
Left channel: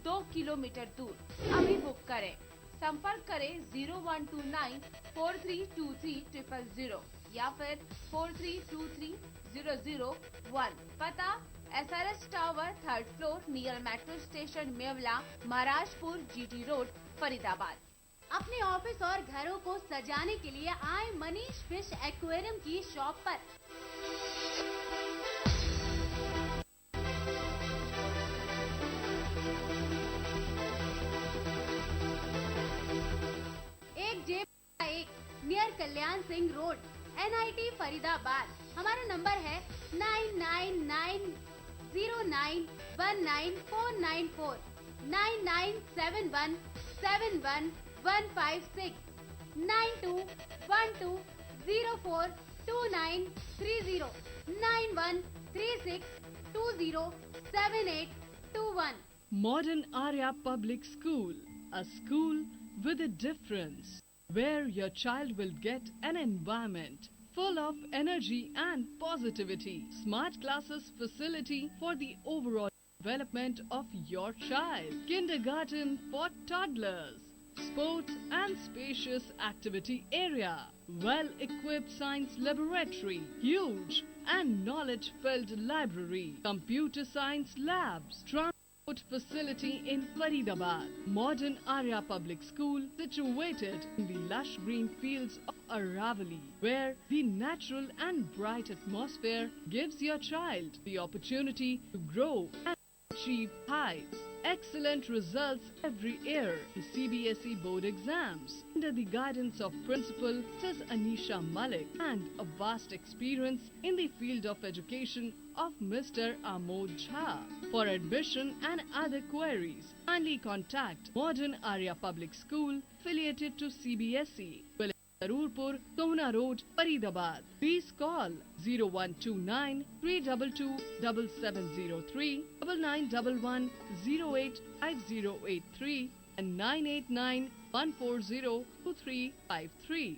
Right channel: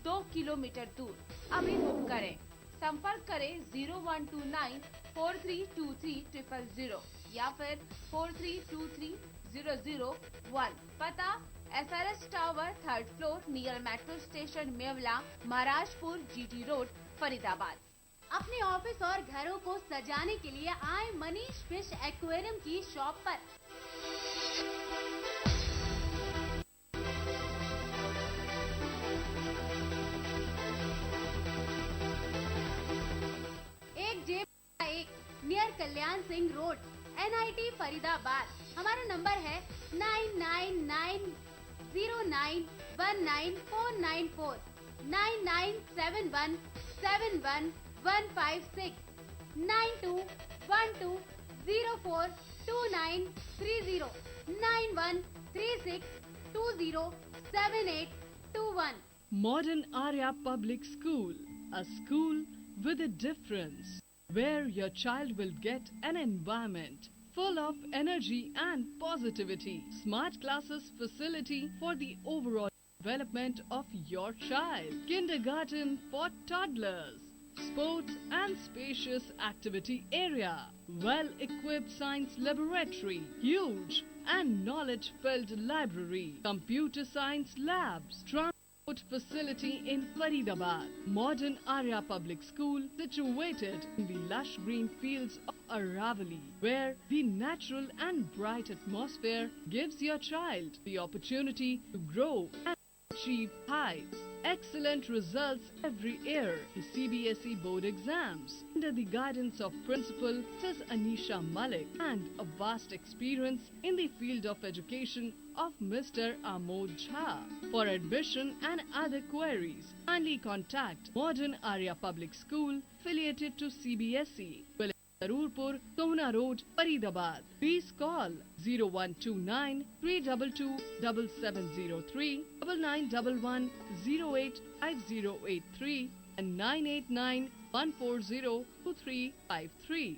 2 किलोमीटर दूर। अभी बुक करें, संपर्क करें 0129432300 या फिर 43230001। पता SRS tower 3rd floor near metro station Mewla, Maharajpur, GT road, Faridabad. अपने ऑफिस और घरों को सजाने के लिए आए मनीष फिश एक्वेरियम की शॉप पर। एक जेब एक near Kalyan Singh road, NIT Faridabad. हमारा नंबर है 9990919494 9971711156 9212042930 9136207821। Modern Arya Public School, a school with a difference, where your child will get an environment full of energy and positivity. Smart classes facility for the overall development of your child. Kindergarten for toddlers. Sports and spacious activity area. Well-equipped science laboratory. Huge and knowledge-filled library. Computer science labs. Transport facility in Faridabad. Modern Arya Public School situated in the lush green fields of Aravali, where the natural and bright atmosphere gives your child the opportunity to grow and achieve heights. Excellent results every year. The CBSE board exams under the guidance of Principal Ms. Anisha Malik and a vast experience in the field of education of Mr. Amod Jha. For admission and other queries, kindly contact Modern Arya Public School affiliated to CBSE. Sarurpur, Tona Road, Faridabad. Please call 0129 322 7703, 9911 085083 and 989 140 2353.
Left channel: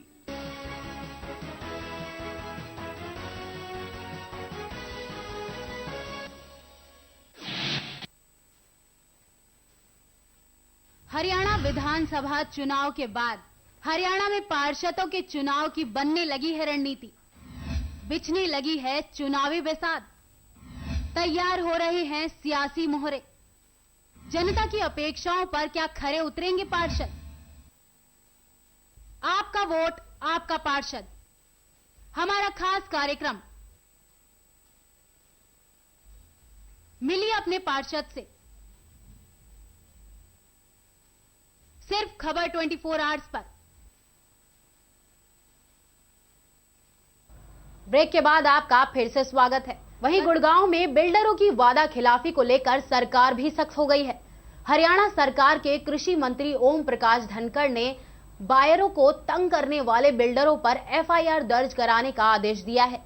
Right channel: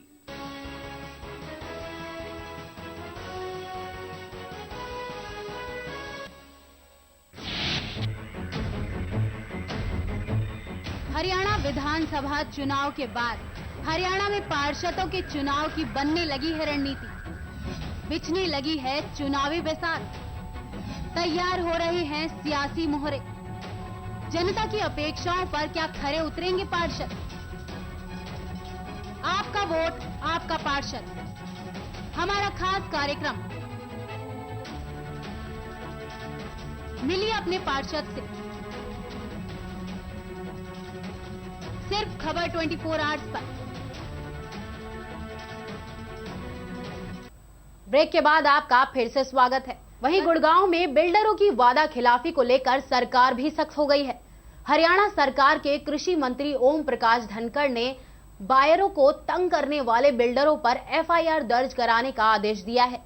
Haryana विधानसभा चुनाव के बाद हरियाणा में पार्षदों के चुनाव की बनने लगी है रणनीति, बिछने लगी है चुनावी बेसात, तैयार हो रहे हैं सियासी मोहरे। जनता की अपेक्षाओं पर क्या खरे उतरेंगे पार्षद? आपका वोट आपका पार्षद, हमारा खास कार्यक्रम। मिलिए अपने पार्षद से। सिर्फ खबर 24 आवर्स पर। ब्रेक के बाद आपका फिर से स्वागत है। वहीं गुड़गांव में बिल्डरों की वादा खिलाफी को लेकर सरकार भी सख्त हो गई है। हरियाणा सरकार के कृषि मंत्री ओम प्रकाश धनखड़ ने बायरों को तंग करने वाले बिल्डरों पर FIR दर्ज कराने का आदेश दिया है।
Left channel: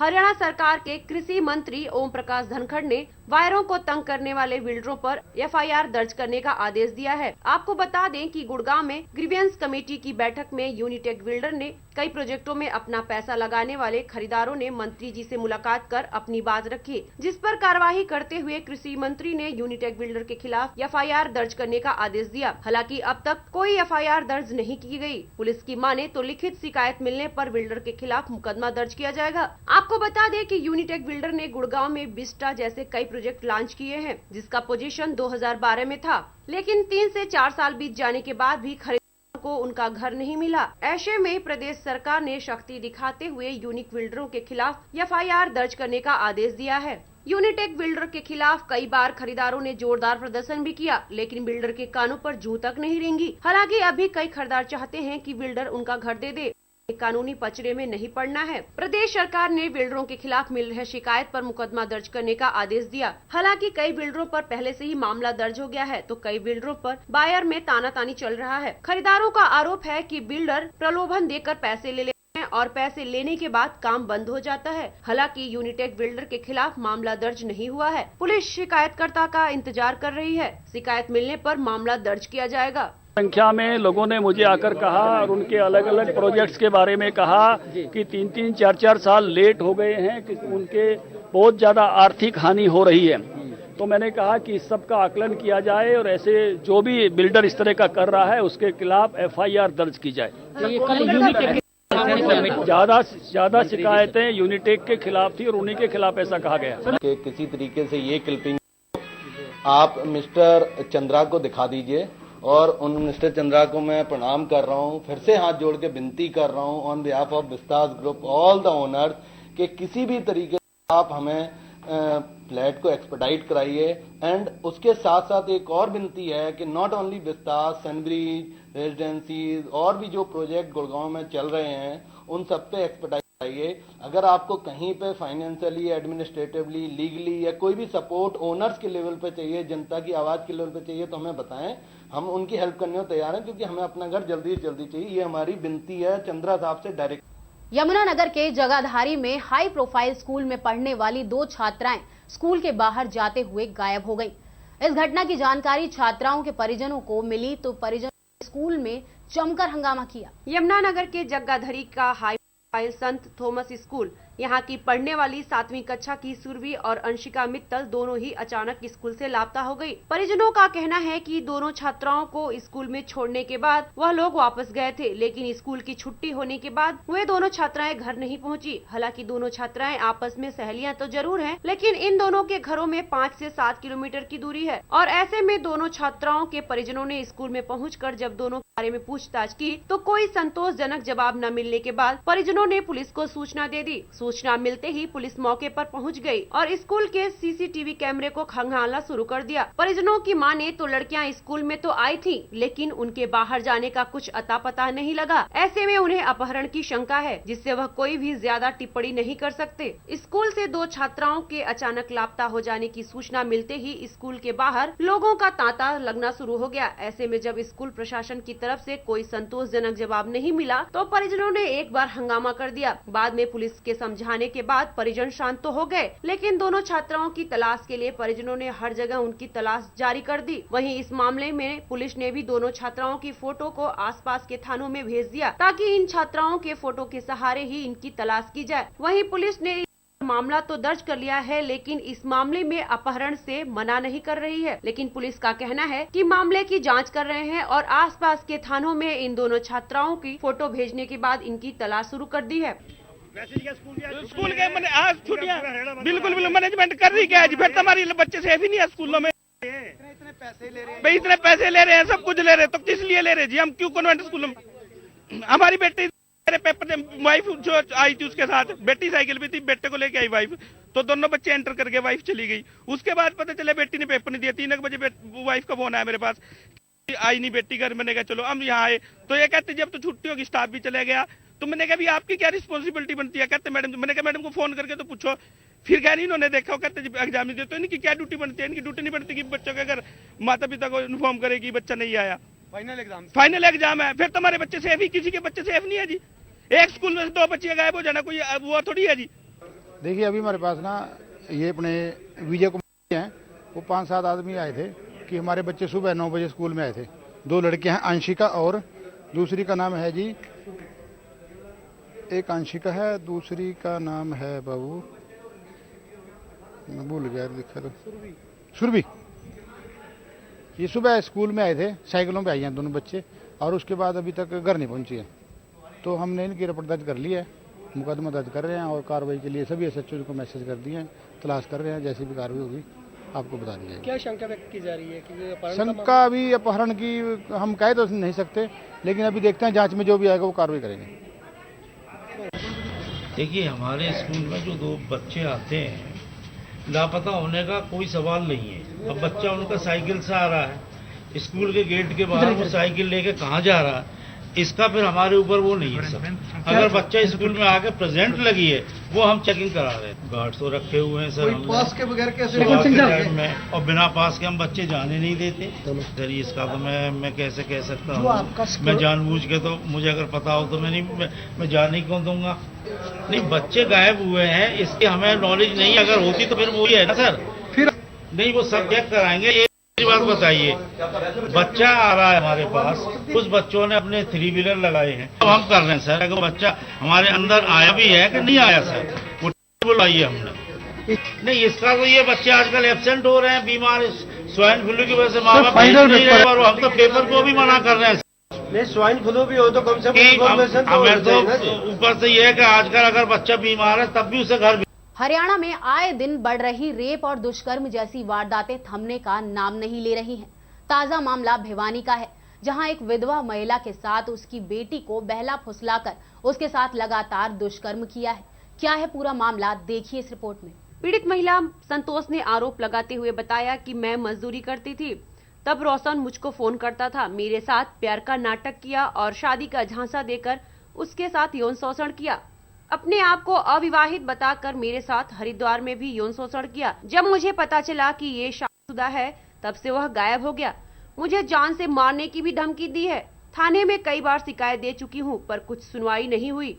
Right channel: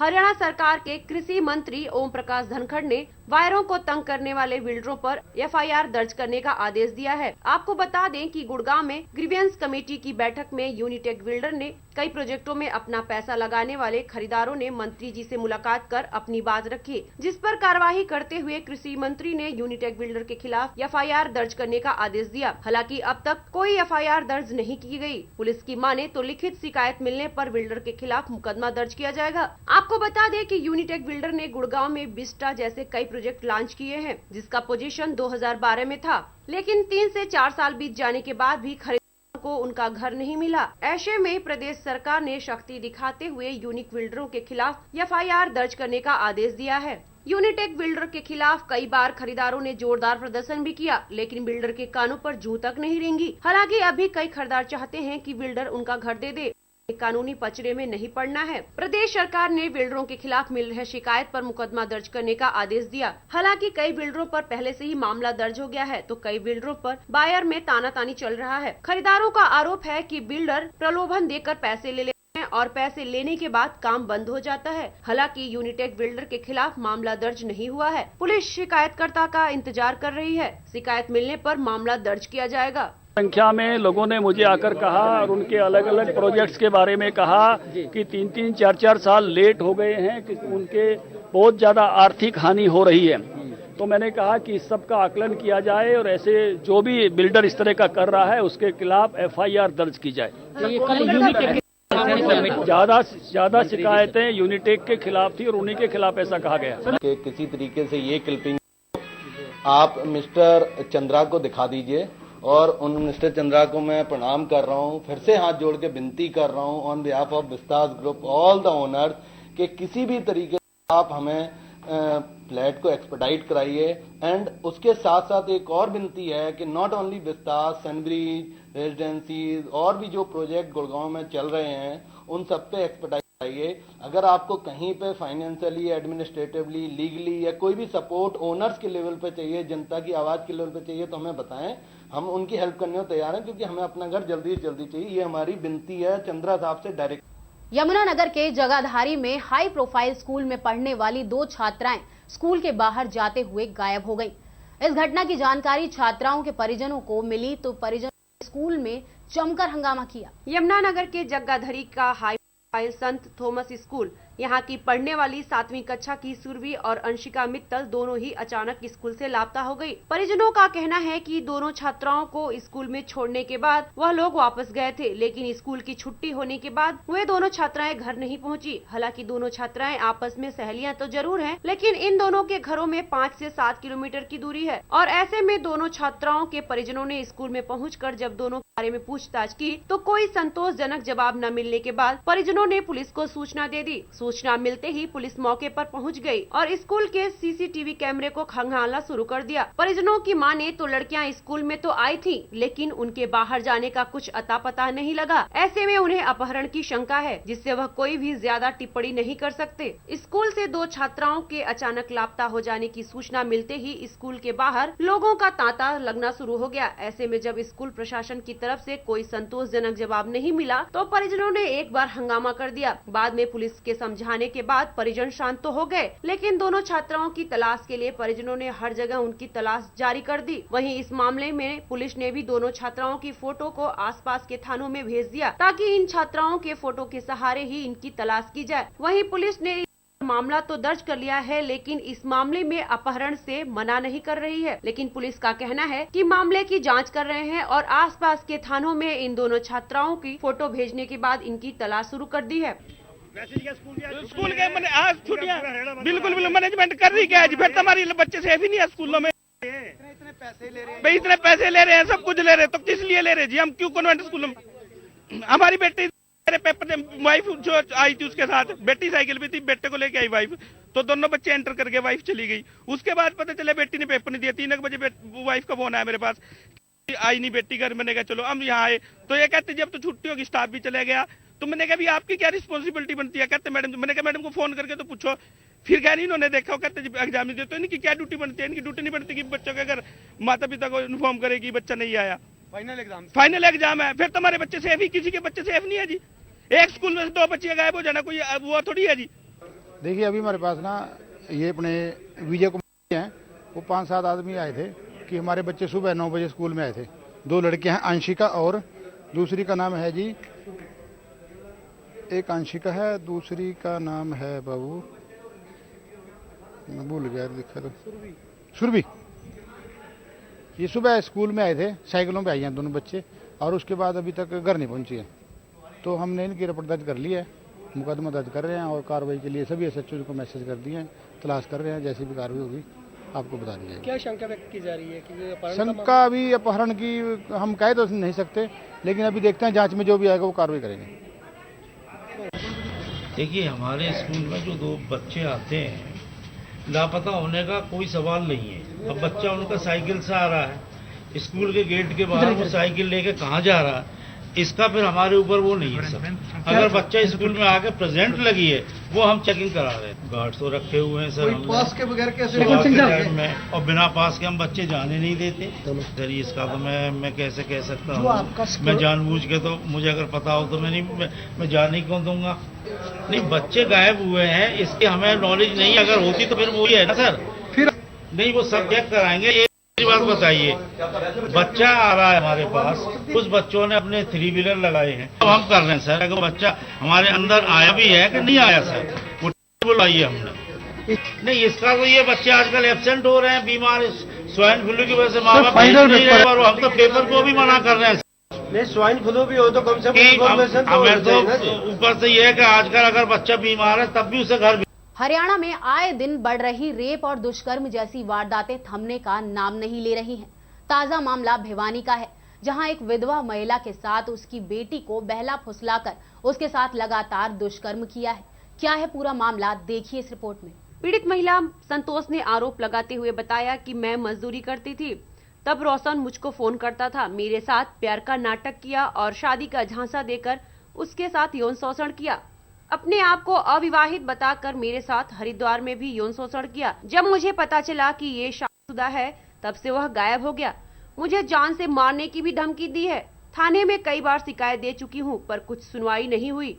हरियाणा सरकार के कृषि मंत्री ओम प्रकाश धनखड़ ने वायरों को तंग करने वाले बिल्डरों पर FIR दर्ज करने का आदेश दिया है। आपको बता दें कि गुड़गांव में ग्रीवेंस कमेटी की बैठक में यूनिटेक बिल्डर ने कई प्रोजेक्टों में अपना पैसा लगाने वाले खरीदारों ने मंत्री जी से मुलाकात कर अपनी बात रखी, जिस पर कार्यवाही करते हुए कृषि मंत्री ने यूनिटेक बिल्डर के खिलाफ FIR दर्ज करने का आदेश दिया। हालांकि अब तक कोई FIR दर्ज नहीं की गई। पुलिस की माने तो लिखित शिकायत मिलने पर बिल्डर के खिलाफ मुकदमा दर्ज किया जाएगा। आपको बता दें कि यूनिटेक बिल्डर ने गुड़गांव में बिस्टा जैसे कई प्रोजेक्ट लॉन्च किए हैं, जिसका पोजीशन 2012 में था, लेकिन 3 से 4 साल बीत जाने के बाद भी खरीदारों को उनका घर नहीं मिला। ऐसे में प्रदेश सरकार ने शक्ति दिखाते हुए यूनिक बिल्डरों के खिलाफ FIR दर्ज करने का आदेश दिया है। यूनिटेक बिल्डर के खिलाफ कई बार खरीदारों ने जोरदार प्रदर्शन भी किया, लेकिन बिल्डर के कानों पर जूं तक नहीं रेंगी। हालांकि अभी कई खरीदार चाहते हैं कि बिल्डर उनका घर दे दे, कानूनी पचड़े में नहीं पड़ना है। प्रदेश सरकार ने बिल्डरों के खिलाफ मिल रहे शिकायत पर मुकदमा दर्ज करने का आदेश दिया। हालांकि कई बिल्डरों पर पहले से ही मामला दर्ज हो गया है, तो कई बिल्डरों पर बायर में तानातानी चल रहा है। खरीदारों का आरोप है कि बिल्डर प्रलोभन देकर पैसे ले लेते हैं और पैसे लेने के बाद काम बंद हो जाता है। हालांकि यूनिटेक बिल्डर के खिलाफ मामला दर्ज नहीं हुआ है। पुलिस शिकायतकर्ता का इंतजार कर रही है। शिकायत मिलने पर मामला दर्ज किया जाएगा। संख्या में लोगों ने मुझे आकर कहा और उनके अलग अलग प्रोजेक्ट्स के बारे में कहा कि 3-3, 4-4 साल लेट हो गए हैं, कि उनके बहुत ज्यादा आर्थिक हानि हो रही है। तो मैंने कहा कि इस सब का आकलन किया जाए और ऐसे जो भी बिल्डर इस तरह का कर रहा है उसके खिलाफ FIR दर्ज की जाए। ज्यादा शिकायतें यूनिटेक के खिलाफ थी और उन्हीं के खिलाफ ऐसा कहा गया कि किसी तरीके से ये क्लिपिंग आप मिस्टर चंद्रा को दिखा दीजिए, और उन मिस्टर चंद्रा को मैं प्रणाम कर रहा हूं, फिर से हाथ जोड़ के विनती कर रहा हूं on behalf of Vistas group all the owners कि किसी भी तरीके से आप हमें फ्लैट को एक्सपेडाइट कराइए। एंड उसके साथ साथ एक और विनती है कि नॉट ओनली विस्तास, सनब्रिज, रेजिडेंसीज और भी जो प्रोजेक्ट गुड़गांव में चल रहे हैं उन सब पे एक्सपेडाइट कराइए। अगर आपको कहीं पे फाइनेंशियली, एडमिनिस्ट्रेटिवली, लीगली या कोई भी सपोर्ट ओनर्स के लेवल पे चाहिए, जनता की आवाज के लेवल पे चाहिए, तो हमें बताएं, हम उनकी हेल्प करने को तैयार हैं, क्योंकि हमें अपना घर जल्दी से जल्दी चाहिए। ये हमारी विनती है चंद्रा साहब से डायरेक्ट। यमुनानगर के जगाधारी में हाई प्रोफाइल स्कूल में पढ़ने वाली 2 छात्राएं स्कूल के बाहर जाते हुए गायब हो गईं। इस घटना की जानकारी छात्राओं के परिजनों को मिली तो परिजनों ने स्कूल में जमकर हंगामा किया। यमुनानगर के जगाधरी का हाई प्रोफाइल संत थॉमस स्कूल, यहाँ की पढ़ने वाली 7वीं कक्षा की सुरभि और अंशिका मित्तल दोनों ही अचानक स्कूल से लापता हो गई। परिजनों का कहना है कि दोनों छात्राओं को स्कूल में छोड़ने के बाद वह लोग वापस गए थे, लेकिन स्कूल की छुट्टी होने के बाद वे दोनों छात्राएं घर नहीं पहुंची। हालांकि दोनों छात्राएं आपस में सहेलियां तो जरूर हैं, लेकिन इन दोनों के घरों में 5 से 7 किलोमीटर की दूरी है और ऐसे में दोनों छात्राओं के परिजनों ने स्कूल में पहुँचकर जब दोनों के बारे में पूछताछ की तो कोई संतोषजनक जवाब न मिलने के बाद परिजनों ने पुलिस को सूचना दे दी। सूचना मिलते ही पुलिस मौके पर पहुंच गई और स्कूल के CCTV कैमरे को खंगालना शुरू कर दिया। परिजनों की माने तो लड़कियां स्कूल में तो आई थीं, लेकिन उनके बाहर जाने का कुछ अता पता नहीं लगा। ऐसे में उन्हें अपहरण की शंका है, जिससे वह कोई भी ज्यादा टिप्पणी नहीं कर सकते। स्कूल से 2 छात्राओं के अचानक लापता हो जाने की सूचना मिलते ही स्कूल के बाहर लोगों का तांता लगना शुरू हो गया। ऐसे में जब स्कूल प्रशासन की तरफ से कोई संतोषजनक जवाब नहीं मिला तो परिजनों ने एक बार हंगामा कर दिया। बाद में पुलिस के समझाने के बाद परिजन शांत तो हो गए, लेकिन दोनों छात्राओं की तलाश के लिए परिजनों ने हर जगह उनकी तलाश जारी कर दी। वहीं इस मामले में पुलिस ने भी दोनों छात्राओं की फोटो को आसपास के थानों में भेज दिया ताकि इन छात्राओं के फोटो के सहारे ही इनकी तलाश की जाए। वहीं पुलिस ने मामला तो दर्ज कर लिया है, लेकिन इस मामले में अपहरण से मना नहीं कर रही है। लेकिन पुलिस का कहना है कि मामले की जांच कर रहे हैं और आसपास के थानों में इन दोनों छात्राओं की फोटो भेजने के बाद इनकी तलाश शुरू कर दी है। स्कूल के आज छुट्टियां बिल्कुल मैनेजमेंट कर रही क्या है, फिर तुम्हारे बच्चे सेफ ही नहीं है स्कूलों में। भाई इतने पैसे ले रहे हैं, सब कुछ ले रहे हैं, तो किस लिए ले रहे जी? हम क्यों कॉन्वेंट स्कूलों में? हमारी बेटी मेरे पेपर वाइफ जो आई थी उसके साथ, बेटी साइकिल भी थी, बेटे को लेके आई वाइफ, तो दोनों बच्चे एंटर करके वाइफ चली गई। उसके बाद पता चला बेटी ने पेपर नहीं दिया। 3 बजे वाइफ का फोन आया मेरे पास, आई नहीं बेटी घर। मैंने कहा चलो हम यहाँ आए, तो ये कहते जब तो छुट्टी होगी स्टाफ भी चले गया। तो मैंने कहा आपकी क्या रिस्पॉन्सिबिलिटी बनती है? कहते मैडम, मैंने कहा मैडम को फोन करके तो पूछो। फिर कह नहीं इन्होंने देखा, कहते एग्जाम नहीं देते, इनकी क्या ड्यूटी बनती है? इनकी ड्यूटी नहीं बनती कि बच्चों के अगर माता पिता को इन्फॉर्म करे कि बच्चा नहीं आया। फाइनल एग्जाम है, फिर तुम्हारे बच्चे सेफ ही, किसी के बच्चे सेफ नहीं है जी। एक स्कूल में 2 बच्चे गायब हो जाना कोई वो थोड़ी है जी। देखिए अभी हमारे पास ना ये अपने विजय कुमार हैं, वो 5-7 आदमी आए थे कि हमारे बच्चे सुबह 9 बजे स्कूल में आए थे। 2 लड़के हैं, अंशिका और दूसरी का नाम है जी, एक अंशिका है, दूसरी का नाम है बाबू, मैं भूल गया, लिखा तो सुरभि। ये सुबह स्कूल में आए थे, साइकिलों पे आई हैं दोनों बच्चे, और उसके बाद अभी तक घर नहीं पहुंची है। तो हमने इनकी रिपोर्ट दर्ज कर ली है, मुकदमा दर्ज कर रहे हैं और कार्रवाई के लिए सभी एसएचओ को मैसेज कर दिए हैं, तलाश कर रहे हैं, जैसी भी कार्रवाई होगी आपको बता दिया जाएगा। क्या शंका व्यक्त की जा रही है कि अपहरण का शंका अभी अपहरण की हम कह तो नहीं सकते, लेकिन अभी देखते हैं, जांच में जो भी आएगा वो कार्रवाई करेंगे। देखिए, हमारे स्कूल में जो 2 बच्चे आते हैं, लापता होने का कोई सवाल नहीं है। अब बच्चा उनका साइकिल से आ रहा है, स्कूल के गेट के बाहर वो साइकिल लेके कहाँ जा रहा है, इसका फिर हमारे ऊपर वो नहीं है सर। अगर बच्चा स्कूल में आके प्रेजेंट लगी है, वो हम चेकिंग करा रहे हैं। गार्ड्स तो रखे हुए हैं सर, पास के बगैर कैसे टाइम में, और बिना पास के हम बच्चे जाने नहीं देते सर। इसका तो मैं कैसे कह सकता हूँ, मैं जानबूझ के, तो मुझे अगर पता हो तो मैं जाने क्यों दूंगा। नहीं, बच्चे गायब हुए हैं इसकी हमें नॉलेज नहीं, अगर होती तो फिर वो ही है ना सर। फिर नहीं, वो सब चेक कराएंगे। बात बताइए, बच्चा आ रहा है हमारे पास, कुछ बच्चों ने अपने 3 व्हीलर लगाए हैं, तो हम कर रहे हैं सर। अगर बच्चा हमारे अंदर आया भी है कि नहीं आया सर, वो बुलाइए हमने। नहीं, इसका तो ये बच्चे आजकल एब्सेंट हो रहे हैं, बीमार स्वाइन फ्लू की वजह से माँ बाप भेज नहीं रहे, और हम तो पेपर को भी मना कर रहे हैं। नहीं, स्वाइन फ्लू भी हो तो कम से कम हमें तो ऊपर से ये है कि आजकल अगर बच्चा बीमार है तब भी उसे घर। हरियाणा में आए दिन बढ़ रही रेप और दुष्कर्म जैसी वारदातें थमने का नाम नहीं ले रही हैं। ताजा मामला भिवानी का है, जहां एक विधवा महिला के साथ उसकी बेटी को बहला फुसलाकर उसके साथ लगातार दुष्कर्म किया है। क्या है पूरा मामला, देखिए इस रिपोर्ट में। पीड़ित महिला संतोष ने आरोप लगाते हुए बताया कि मैं मजदूरी करती थी, तब रोशन मुझको फोन करता था, मेरे साथ प्यार का नाटक किया और शादी का झांसा देकर उसके साथ यौन शोषण किया। अपने आप को अविवाहित बताकर मेरे साथ हरिद्वार में भी यौन शोषण किया। जब मुझे पता चला कि ये शादीशुदा है, तब से वह गायब हो गया। मुझे जान से मारने की भी धमकी दी है। थाने में कई बार शिकायत दे चुकी हूँ, पर कुछ सुनवाई नहीं हुई।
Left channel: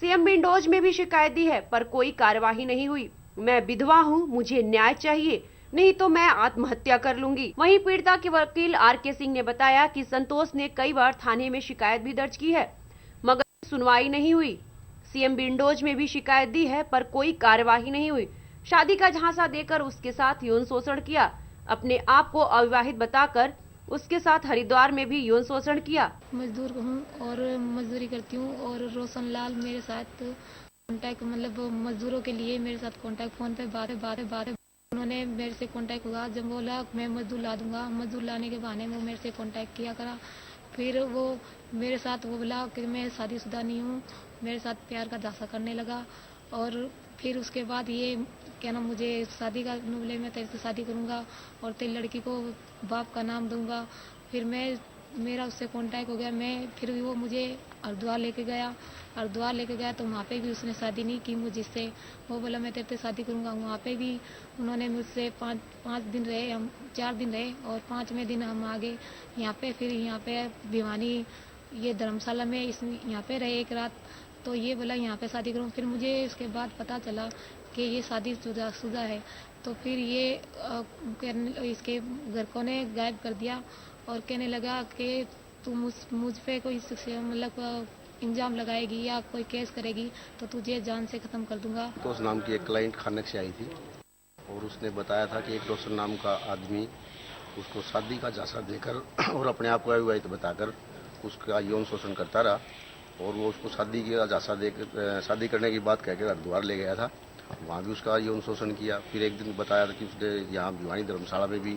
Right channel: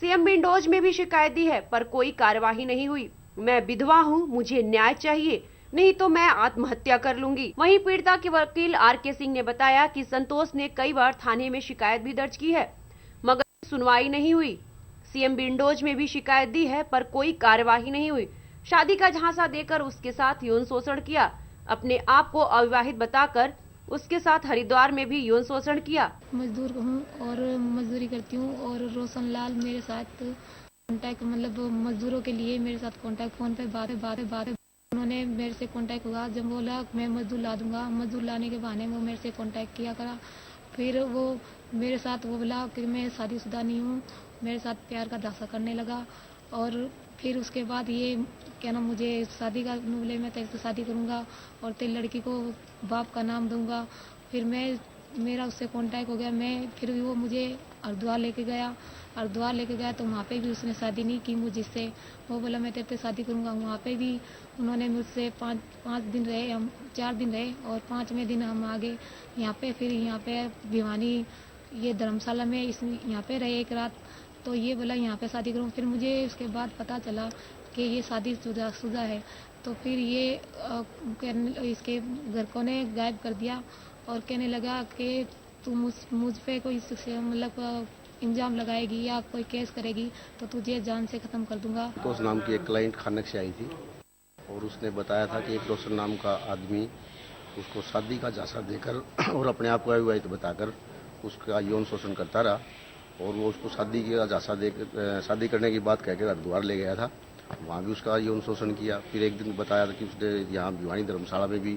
सीएम विंडोज में भी शिकायत दी है, पर कोई कार्यवाही नहीं हुई। मैं विधवा हूँ, मुझे न्याय चाहिए, नहीं तो मैं आत्महत्या कर लूंगी। वहीं पीड़िता के वकील आर.के. सिंह ने बताया कि संतोष ने कई बार थाने में शिकायत भी दर्ज की है, मगर सुनवाई नहीं हुई। सीएम विंडोज में भी शिकायत दी है, पर कोई कार्यवाही नहीं हुई। शादी का झांसा देकर उसके साथ यौन शोषण किया। अपने आप को अविवाहित बताकर उसके साथ हरिद्वार में भी यौन शोषण किया। मजदूर हूँ और मजदूरी करती हूँ, और रोशन लाल मेरे साथ कांटेक्ट, मतलब मजदूरों के लिए मेरे साथ कांटेक्ट, फोन पे बातें उन्होंने मेरे से कांटेक्ट हुआ। जब बोला मैं मजदूर ला दूंगा, मजदूर लाने के बहाने वो मेरे से कांटेक्ट किया करा। फिर वो मेरे साथ वो बोला कि मैं शादीशुदा नहीं हूँ, मेरे साथ प्यार का झांसा करने लगा। और फिर उसके बाद ये क्या नाम, मुझे शादी का बोले, मैं तेरे से शादी करूँगा और तेरी लड़की को बाप का नाम दूंगा। फिर मेरा उससे कांटेक्ट हो गया। फिर वो मुझे हरिद्वार लेके गया तो वहाँ पे भी उसने शादी नहीं की मुझसे। वो बोला मैं तेरे से शादी करूँगा। वहाँ पे भी उन्होंने मुझसे 5 दिन रहे, हम 4 दिन रहे, और 5वें दिन हम आ गए यहाँ पे। फिर यहाँ पे भिवानी ये धर्मशाला में यहाँ पे रहे एक रात। तो ये बोला यहाँ पे शादी करूँ। फिर मुझे इसके बाद पता चला कि ये शादीशुदा है। तो फिर ये इसके घर को ने गायब कर दिया और कहने लगा कि तू मुझ पे कोई मतलब इंजाम लगाएगी या कोई केस करेगी तो तुझे जान से खत्म कर दूंगा। तो उस नाम की एक क्लाइंट खाने से आई थी और उसने बताया था कि एक रोशन नाम का आदमी उसको शादी का झांसा देकर और अपने आप को अविवाहित बताकर उसका यौन शोषण करता रहा, और वो उसको शादी का झांसा देकर शादी करने की बात कहकर हरिद्वार ले गया था। वहाँ भी उसका यौन शोषण किया। फिर एक दिन बताया था कि उसने यहाँ भिवानी धर्मशाला में भी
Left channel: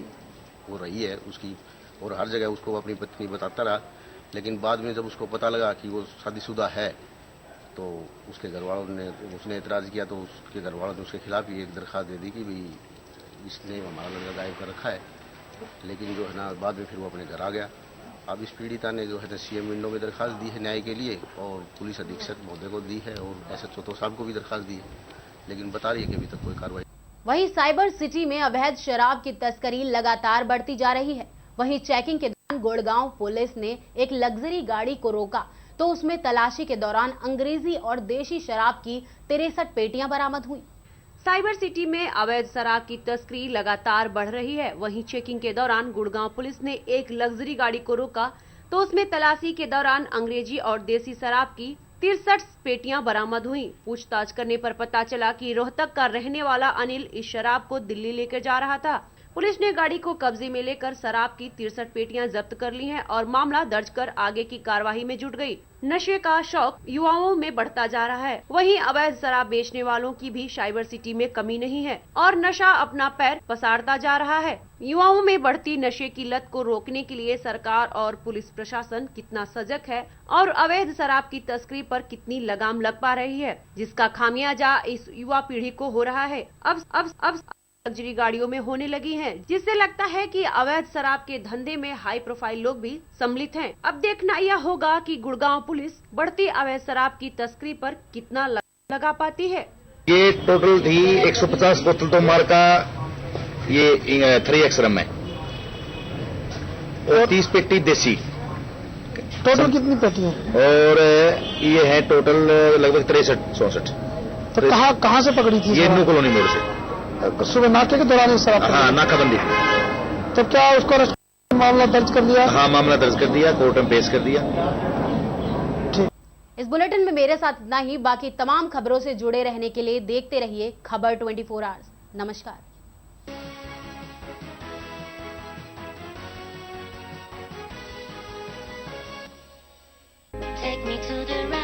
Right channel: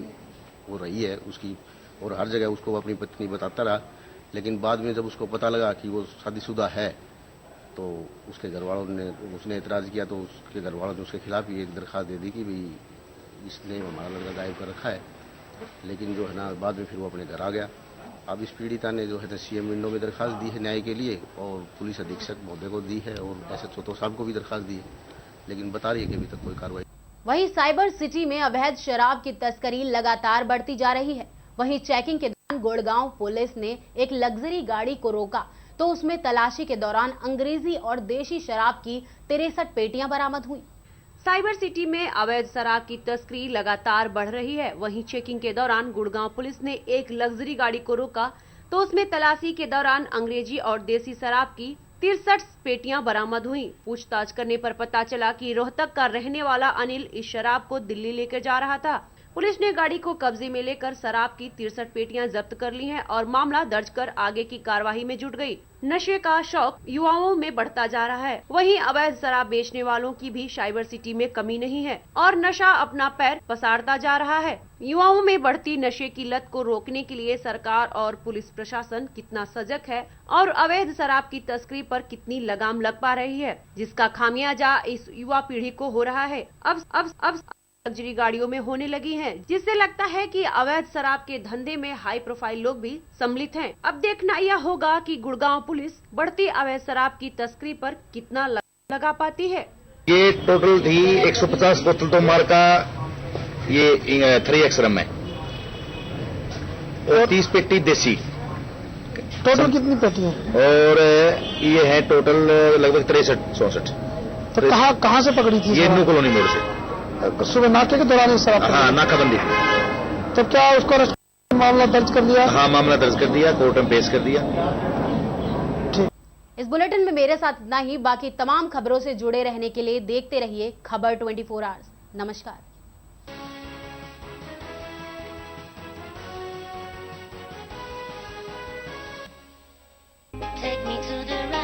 वो रही है उसकी, और हर जगह उसको अपनी पत्नी बताता रहा। लेकिन बाद में जब उसको पता लगा कि वो शादीशुदा है तो उसके घर वालों ने उसने एतराज़ किया, तो उसके घर वालों ने उसके खिलाफ ही एक दरख्वास्त दे दी कि भाई इसने हमारा लड़का गायब कर रखा है। लेकिन जो है ना, बाद में फिर वो अपने घर आ गया। अब इस पीड़िता ने जो है ना सीएम विंडो में दरख्वास्त दी है न्याय के लिए, और पुलिस अधीक्षक महोदय को दी है, और एसएचओ तो साहब को भी दरख्वास्त दी है, लेकिन बता रही है कि अभी तक कोई कार्रवाई। वहीं साइबर सिटी में अवैध शराब की तस्करी लगातार बढ़ती जा रही है। वहीं चेकिंग के दौरान गुड़गांव पुलिस ने एक लग्जरी गाड़ी को रोका तो उसमें तलाशी के दौरान अंग्रेजी और देशी शराब की 63 पेटियां बरामद हुई। साइबर सिटी में अवैध शराब की तस्करी लगातार बढ़ रही है। वहीं चेकिंग के दौरान गुड़गांव पुलिस ने एक लग्जरी गाड़ी को रोका तो उसमें तलाशी के दौरान अंग्रेजी और देसी शराब की 63 पेटियां बरामद हुई। पूछताछ करने पर पता चला कि रोहतक का रहने वाला अनिल इस शराब को दिल्ली लेकर जा रहा था। पुलिस ने गाड़ी को कब्जे में लेकर शराब की 63 पेटियां जब्त कर ली हैं और मामला दर्ज कर आगे की कार्रवाई में जुट गई। नशे का शौक युवाओं में बढ़ता जा रहा है। वहीं अवैध शराब बेचने वालों की भी साइबर सिटी में कमी नहीं है और नशा अपना पैर पसारता जा रहा है। युवाओं में बढ़ती नशे की लत को रोकने के लिए सरकार और पुलिस प्रशासन कितना सजग है और अवैध शराब की तस्करी पर कितनी लगाम लग पा रही है, जिसका खामियाजा इस युवा पीढ़ी को हो रहा है। अब लग्जरी गाड़ियों में होने लगी हैं, जिससे लगता है कि अवैध शराब के धंधे में हाई प्रोफाइल लोग भी सम्मिलित हैं। अब देखना यह होगा कि गुड़गांव पुलिस बढ़ती अवैध शराब की तस्करी पर कितना लगा पाती है। ये टोटल थी 150 बोतल तो मार का ये 3X रम है और 30 पेटी देसी। टोटल कितनी पेटी है? और ये है टोटल लगभग 63-64। तो कहाँ से पकड़ी थी? ये न्यू कॉलोनी मोड़ से सुबह नाके के दौरान शराब। हाँ, नाकाबंदी। तो क्या उसको मामला दर्ज कर दिया? हाँ, मामला दर्ज कर दिया, कोर्ट में पेश कर दिया। इस बुलेटिन में मेरे साथ इतना ही। बाकी तमाम खबरों से जुड़े रहने के लिए देखते रहिए खबर 24 आवर्स। नमस्कार। Take me to the right.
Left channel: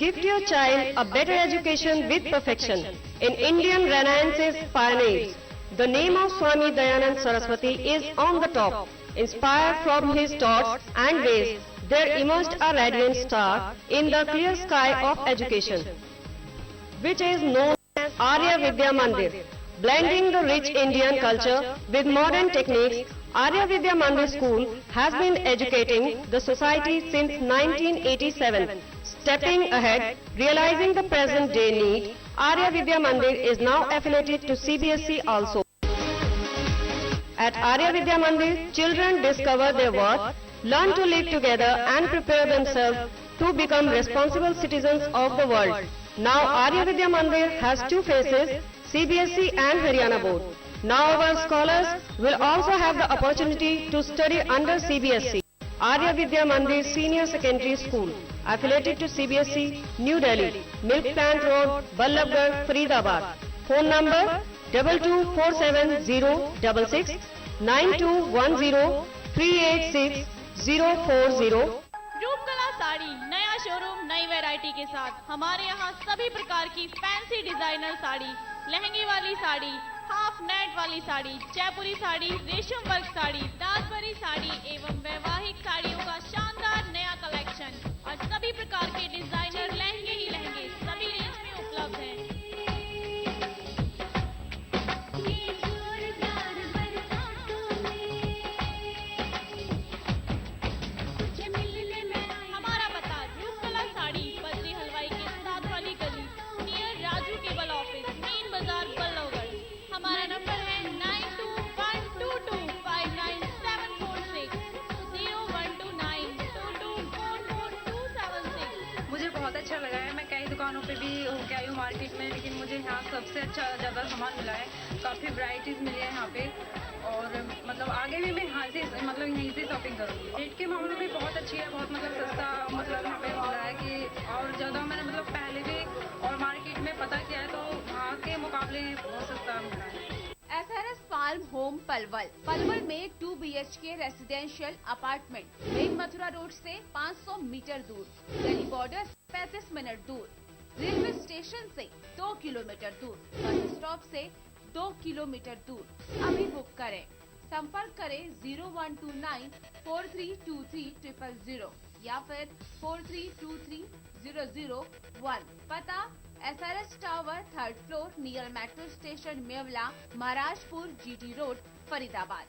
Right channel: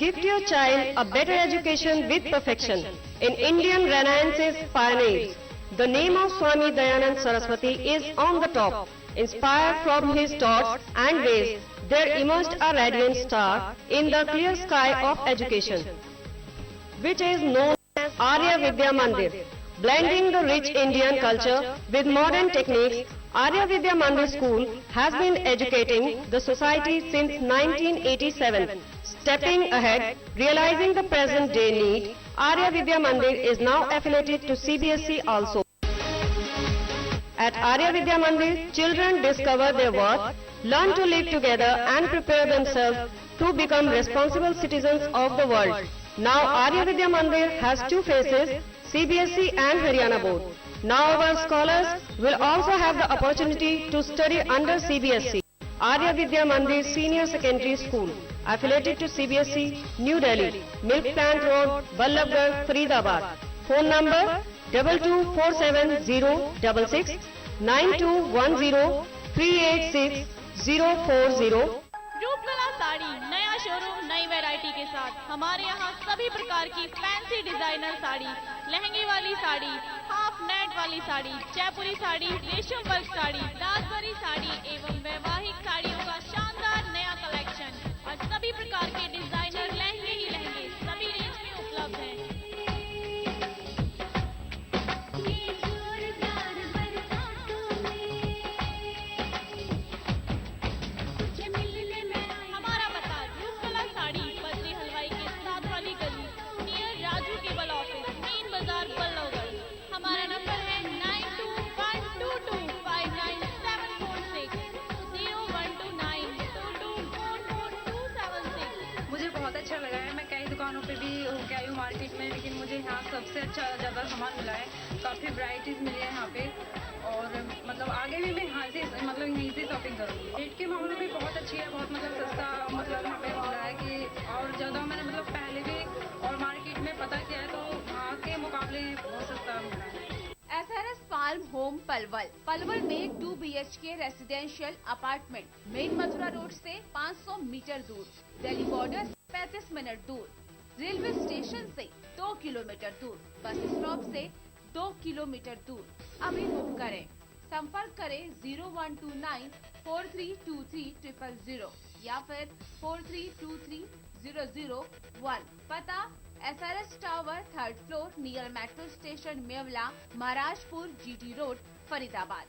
Gift your child a better education with perfection in Indian Renaissance's pioneers. The name of Swami Dayanand Saraswati is on the top. Inspired from his thoughts and ways, there emerged a radiant star in the clear sky of education, which is known as Arya Vidya Mandir. Blending the rich Indian culture with modern techniques, Arya Vidya Mandir School has been educating the society since 1987. Stepping ahead, realizing the present day need, Arya Vidya Mandir is now affiliated to CBSE also. At Arya Vidya Mandir, children discover their worth, learn to live together and prepare themselves to become responsible citizens of the world. Now Arya Vidya Mandir has two faces, CBSE and Haryana board. Now our scholars will also have the opportunity to study under CBSE. Arya Vidya Mandir Senior Secondary School, affiliated to CBSE, New Delhi, Milk Plant Road, Ballabgarh, Faridabad. Phone number 224706 9210 386 040. Roopkala sari नया showroom नई variety के साथ। हमारे यहाँ सभी प्रकार की fancy designer sari, लहंगे वाली साड़ी, हाफ नेट वाली साड़ी, जयपुरी साड़ी, रेशम वर्क साड़ी, दासबरी साड़ी एवं वैवाहिक साड़ियों का शानदार नया कलेक्शन और सभी प्रकार के डिजाइनर लहंगे ही लहंगे सभी रेंज में उपलब्ध हैं। हमारा पता रूपकला साड़ी, बद्री हलवाई के साथ वाली गली, near Raju cable office, main बाजार, बल्लभगढ़। हमारा नंबर है 9212259746 012922444276। मुझे बहुत अच्छा लगा है। मैं कई दुकानों पे भी होके आई हूँ मार्केट में, लेकिन मुझे यहाँ सबसे अच्छा ज़्यादा सामान मिला है। काफ़ी वैरायटीज़ मिली है यहाँ पे और मतलब आगे भी मैं यहाँ से यहीं से शॉपिंग करूँगी। रेट के मामले में बहुत अच्छी है, बहुत सस्ता यहाँ पे मिल रहा है कि और ज़्यादा मैंने पहले भी और मार्केट में पता किया है तो वहाँ के मुकाबले बहुत सस्ता मिल रहा है। SRS फार्म होम पलवल में 2 BHK residential apartment, main Mathura road से 500 मीटर दूर, दिल्ली बॉर्डर 35 मिनट दूर, रेलवे स्टेशन से 2 किलोमीटर दूर, बस स्टॉप से 2 किलोमीटर दूर। अभी बुक करें। संपर्क करें 0129432300 या फिर 43230001। पता SRS tower 3rd floor near metro station Mewla, Maharajpur, GT road, Faridabad.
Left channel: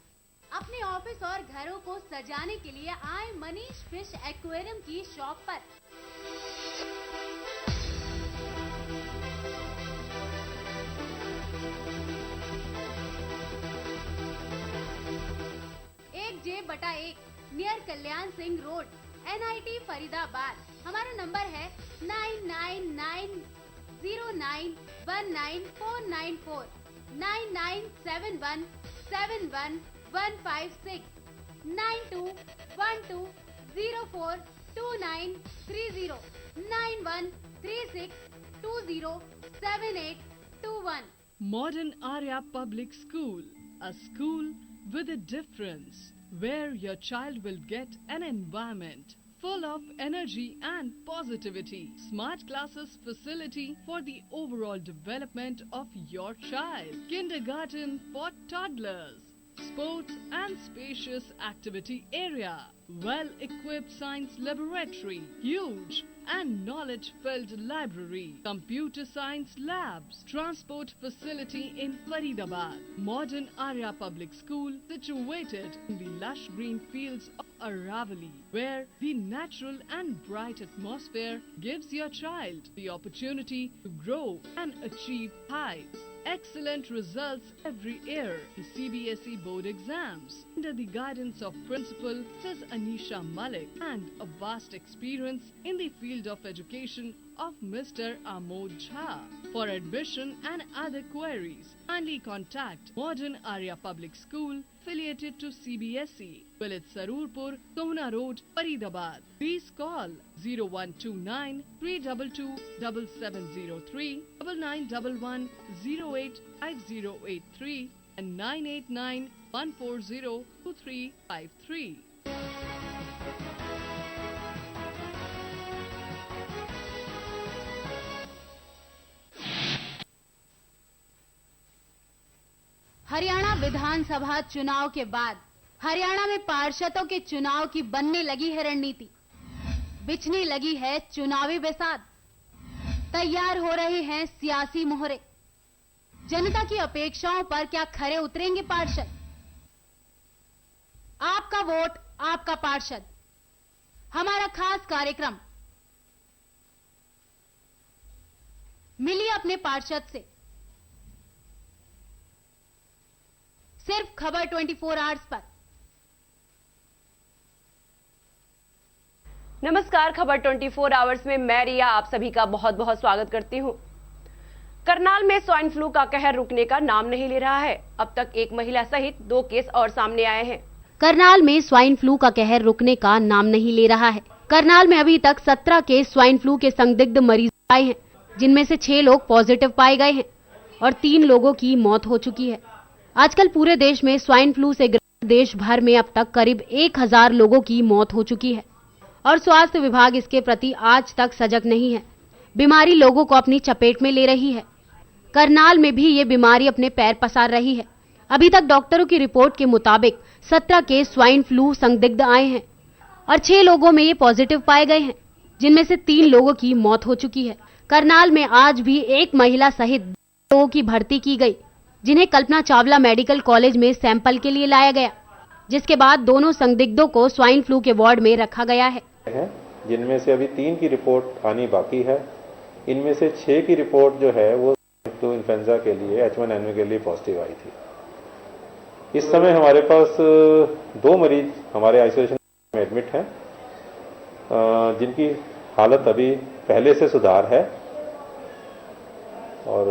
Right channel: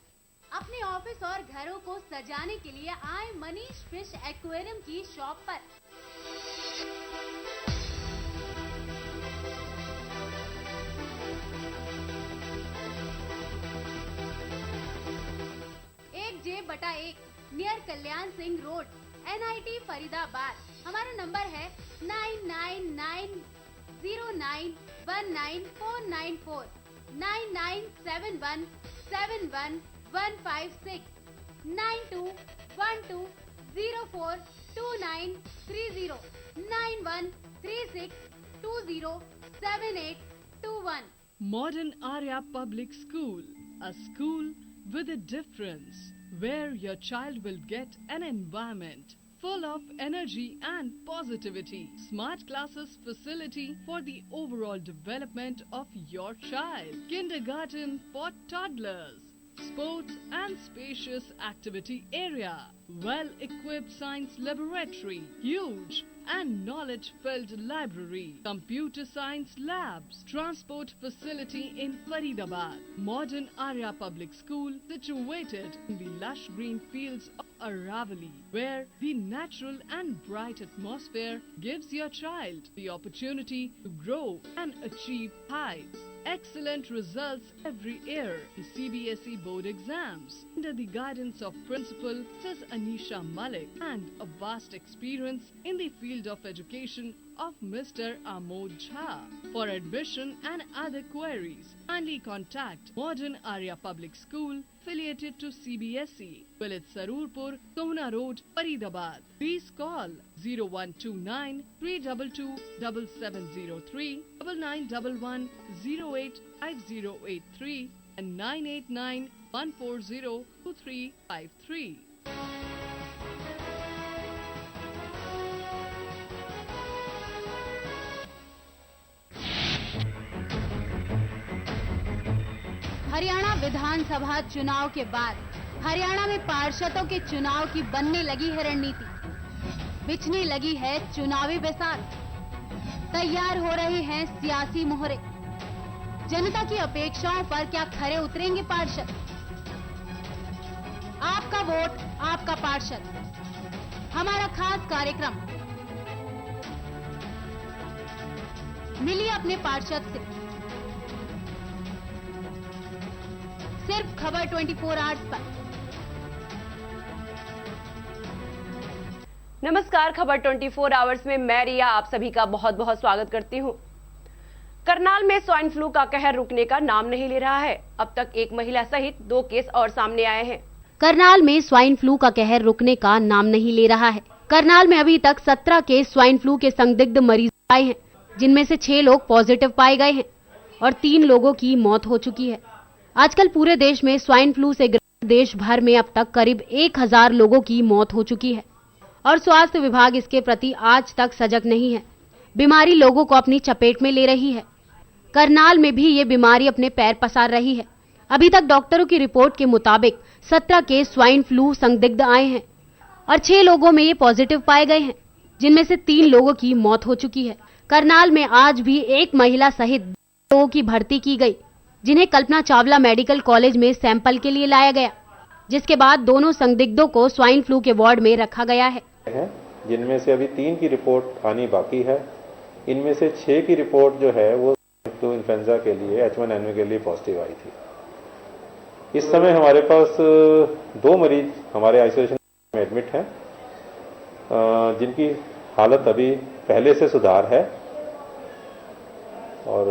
अपने ऑफिस और घरों को सजाने के लिए आए मनीष फिश एक्वेरियम की शॉप पर। J/1 near Kalyan Singh road, NIT Faridabad. हमारा नंबर है 9990919494, 9971711156, 9212042930, 9136207821। Modern Arya Public School, a school with a difference, where your child will get an environment full of energy and positivity. Smart classes facility for the overall development of your child. Kindergarten for toddlers. Sports and spacious activity area. Well-equipped science laboratory. Huge and knowledge-filled library. Computer science labs. Transport facility in Faridabad. Modern Arya Public School situated in the lush green fields of Aravali, where the natural and bright atmosphere gives your child the opportunity to grow and achieve heights. Excellent results every year. The CBSE board exams under the guidance of Principal Ms. Anisha Malik and a vast experience in the field of education of Mr. Amod Jha. For admission and other queries, kindly contact Modern Arya Public School affiliated to CBSE, Village Sarurpur, Sohna Road, Faridabad. Please call 0129 322 7703, 9911 085083 and 989 140 2353. Haryana विधानसभा चुनाव के बाद हरियाणा में पार्षदों के चुनाव की बनने लगी है रणनीति, बिछने लगी है चुनावी बेसात, तैयार हो रहे हैं सियासी मोहरे। जनता की अपेक्षाओं पर क्या खरे उतरेंगे पार्षद? आपका वोट आपका पार्षद, हमारा खास कार्यक्रम। मिलिए अपने पार्षद से। सिर्फ खबर 24 आवर्स पर। नमस्कार, खबर 24 आवर्स में मैं रिया आप सभी का बहुत बहुत स्वागत करती हूं। करनाल में स्वाइन फ्लू का कहर रुकने का नाम नहीं ले रहा है। अब तक एक महिला सहित 2 केस और सामने आए हैं। करनाल में स्वाइन फ्लू का कहर रुकने का नाम नहीं ले रहा है। करनाल में अभी तक 17 केस स्वाइन फ्लू के संदिग्ध मरीज आए हैं, जिनमें से 6 लोग पॉजिटिव पाए गए हैं और 3 लोगों की मौत हो चुकी है। आजकल पूरे देश में स्वाइन फ्लू से देश भर में अब तक करीब 1000 लोगों की मौत हो चुकी है और स्वास्थ्य विभाग इसके प्रति आज तक सजग नहीं है। बीमारी लोगों को अपनी चपेट में ले रही है। करनाल में भी ये बीमारी अपने पैर पसार रही है। अभी तक डॉक्टरों की रिपोर्ट के मुताबिक 17 केस स्वाइन फ्लू संदिग्ध आए हैं और 6 लोगों में ये पॉजिटिव पाए गए हैं, जिनमें से 3 लोगों की मौत हो चुकी है। करनाल में आज भी एक महिला सहित 2 लोगों की भर्ती की गई, जिन्हें कल्पना चावला मेडिकल कॉलेज में सैंपल के लिए लाया गया, जिसके बाद दोनों संदिग्धों को स्वाइन फ्लू के वार्ड में रखा गया है। जिनमें से अभी 3 की रिपोर्ट आनी बाकी है। इनमें से 6 की रिपोर्ट जो है वो फ्लू इन्फ्लुएंजा के लिए H1N1 के लिए पॉजिटिव आई थी। इस समय हमारे पास 2 मरीज हमारे आइसोलेशन में एडमिट हैं, जिनकी हालत अभी पहले से सुधार है और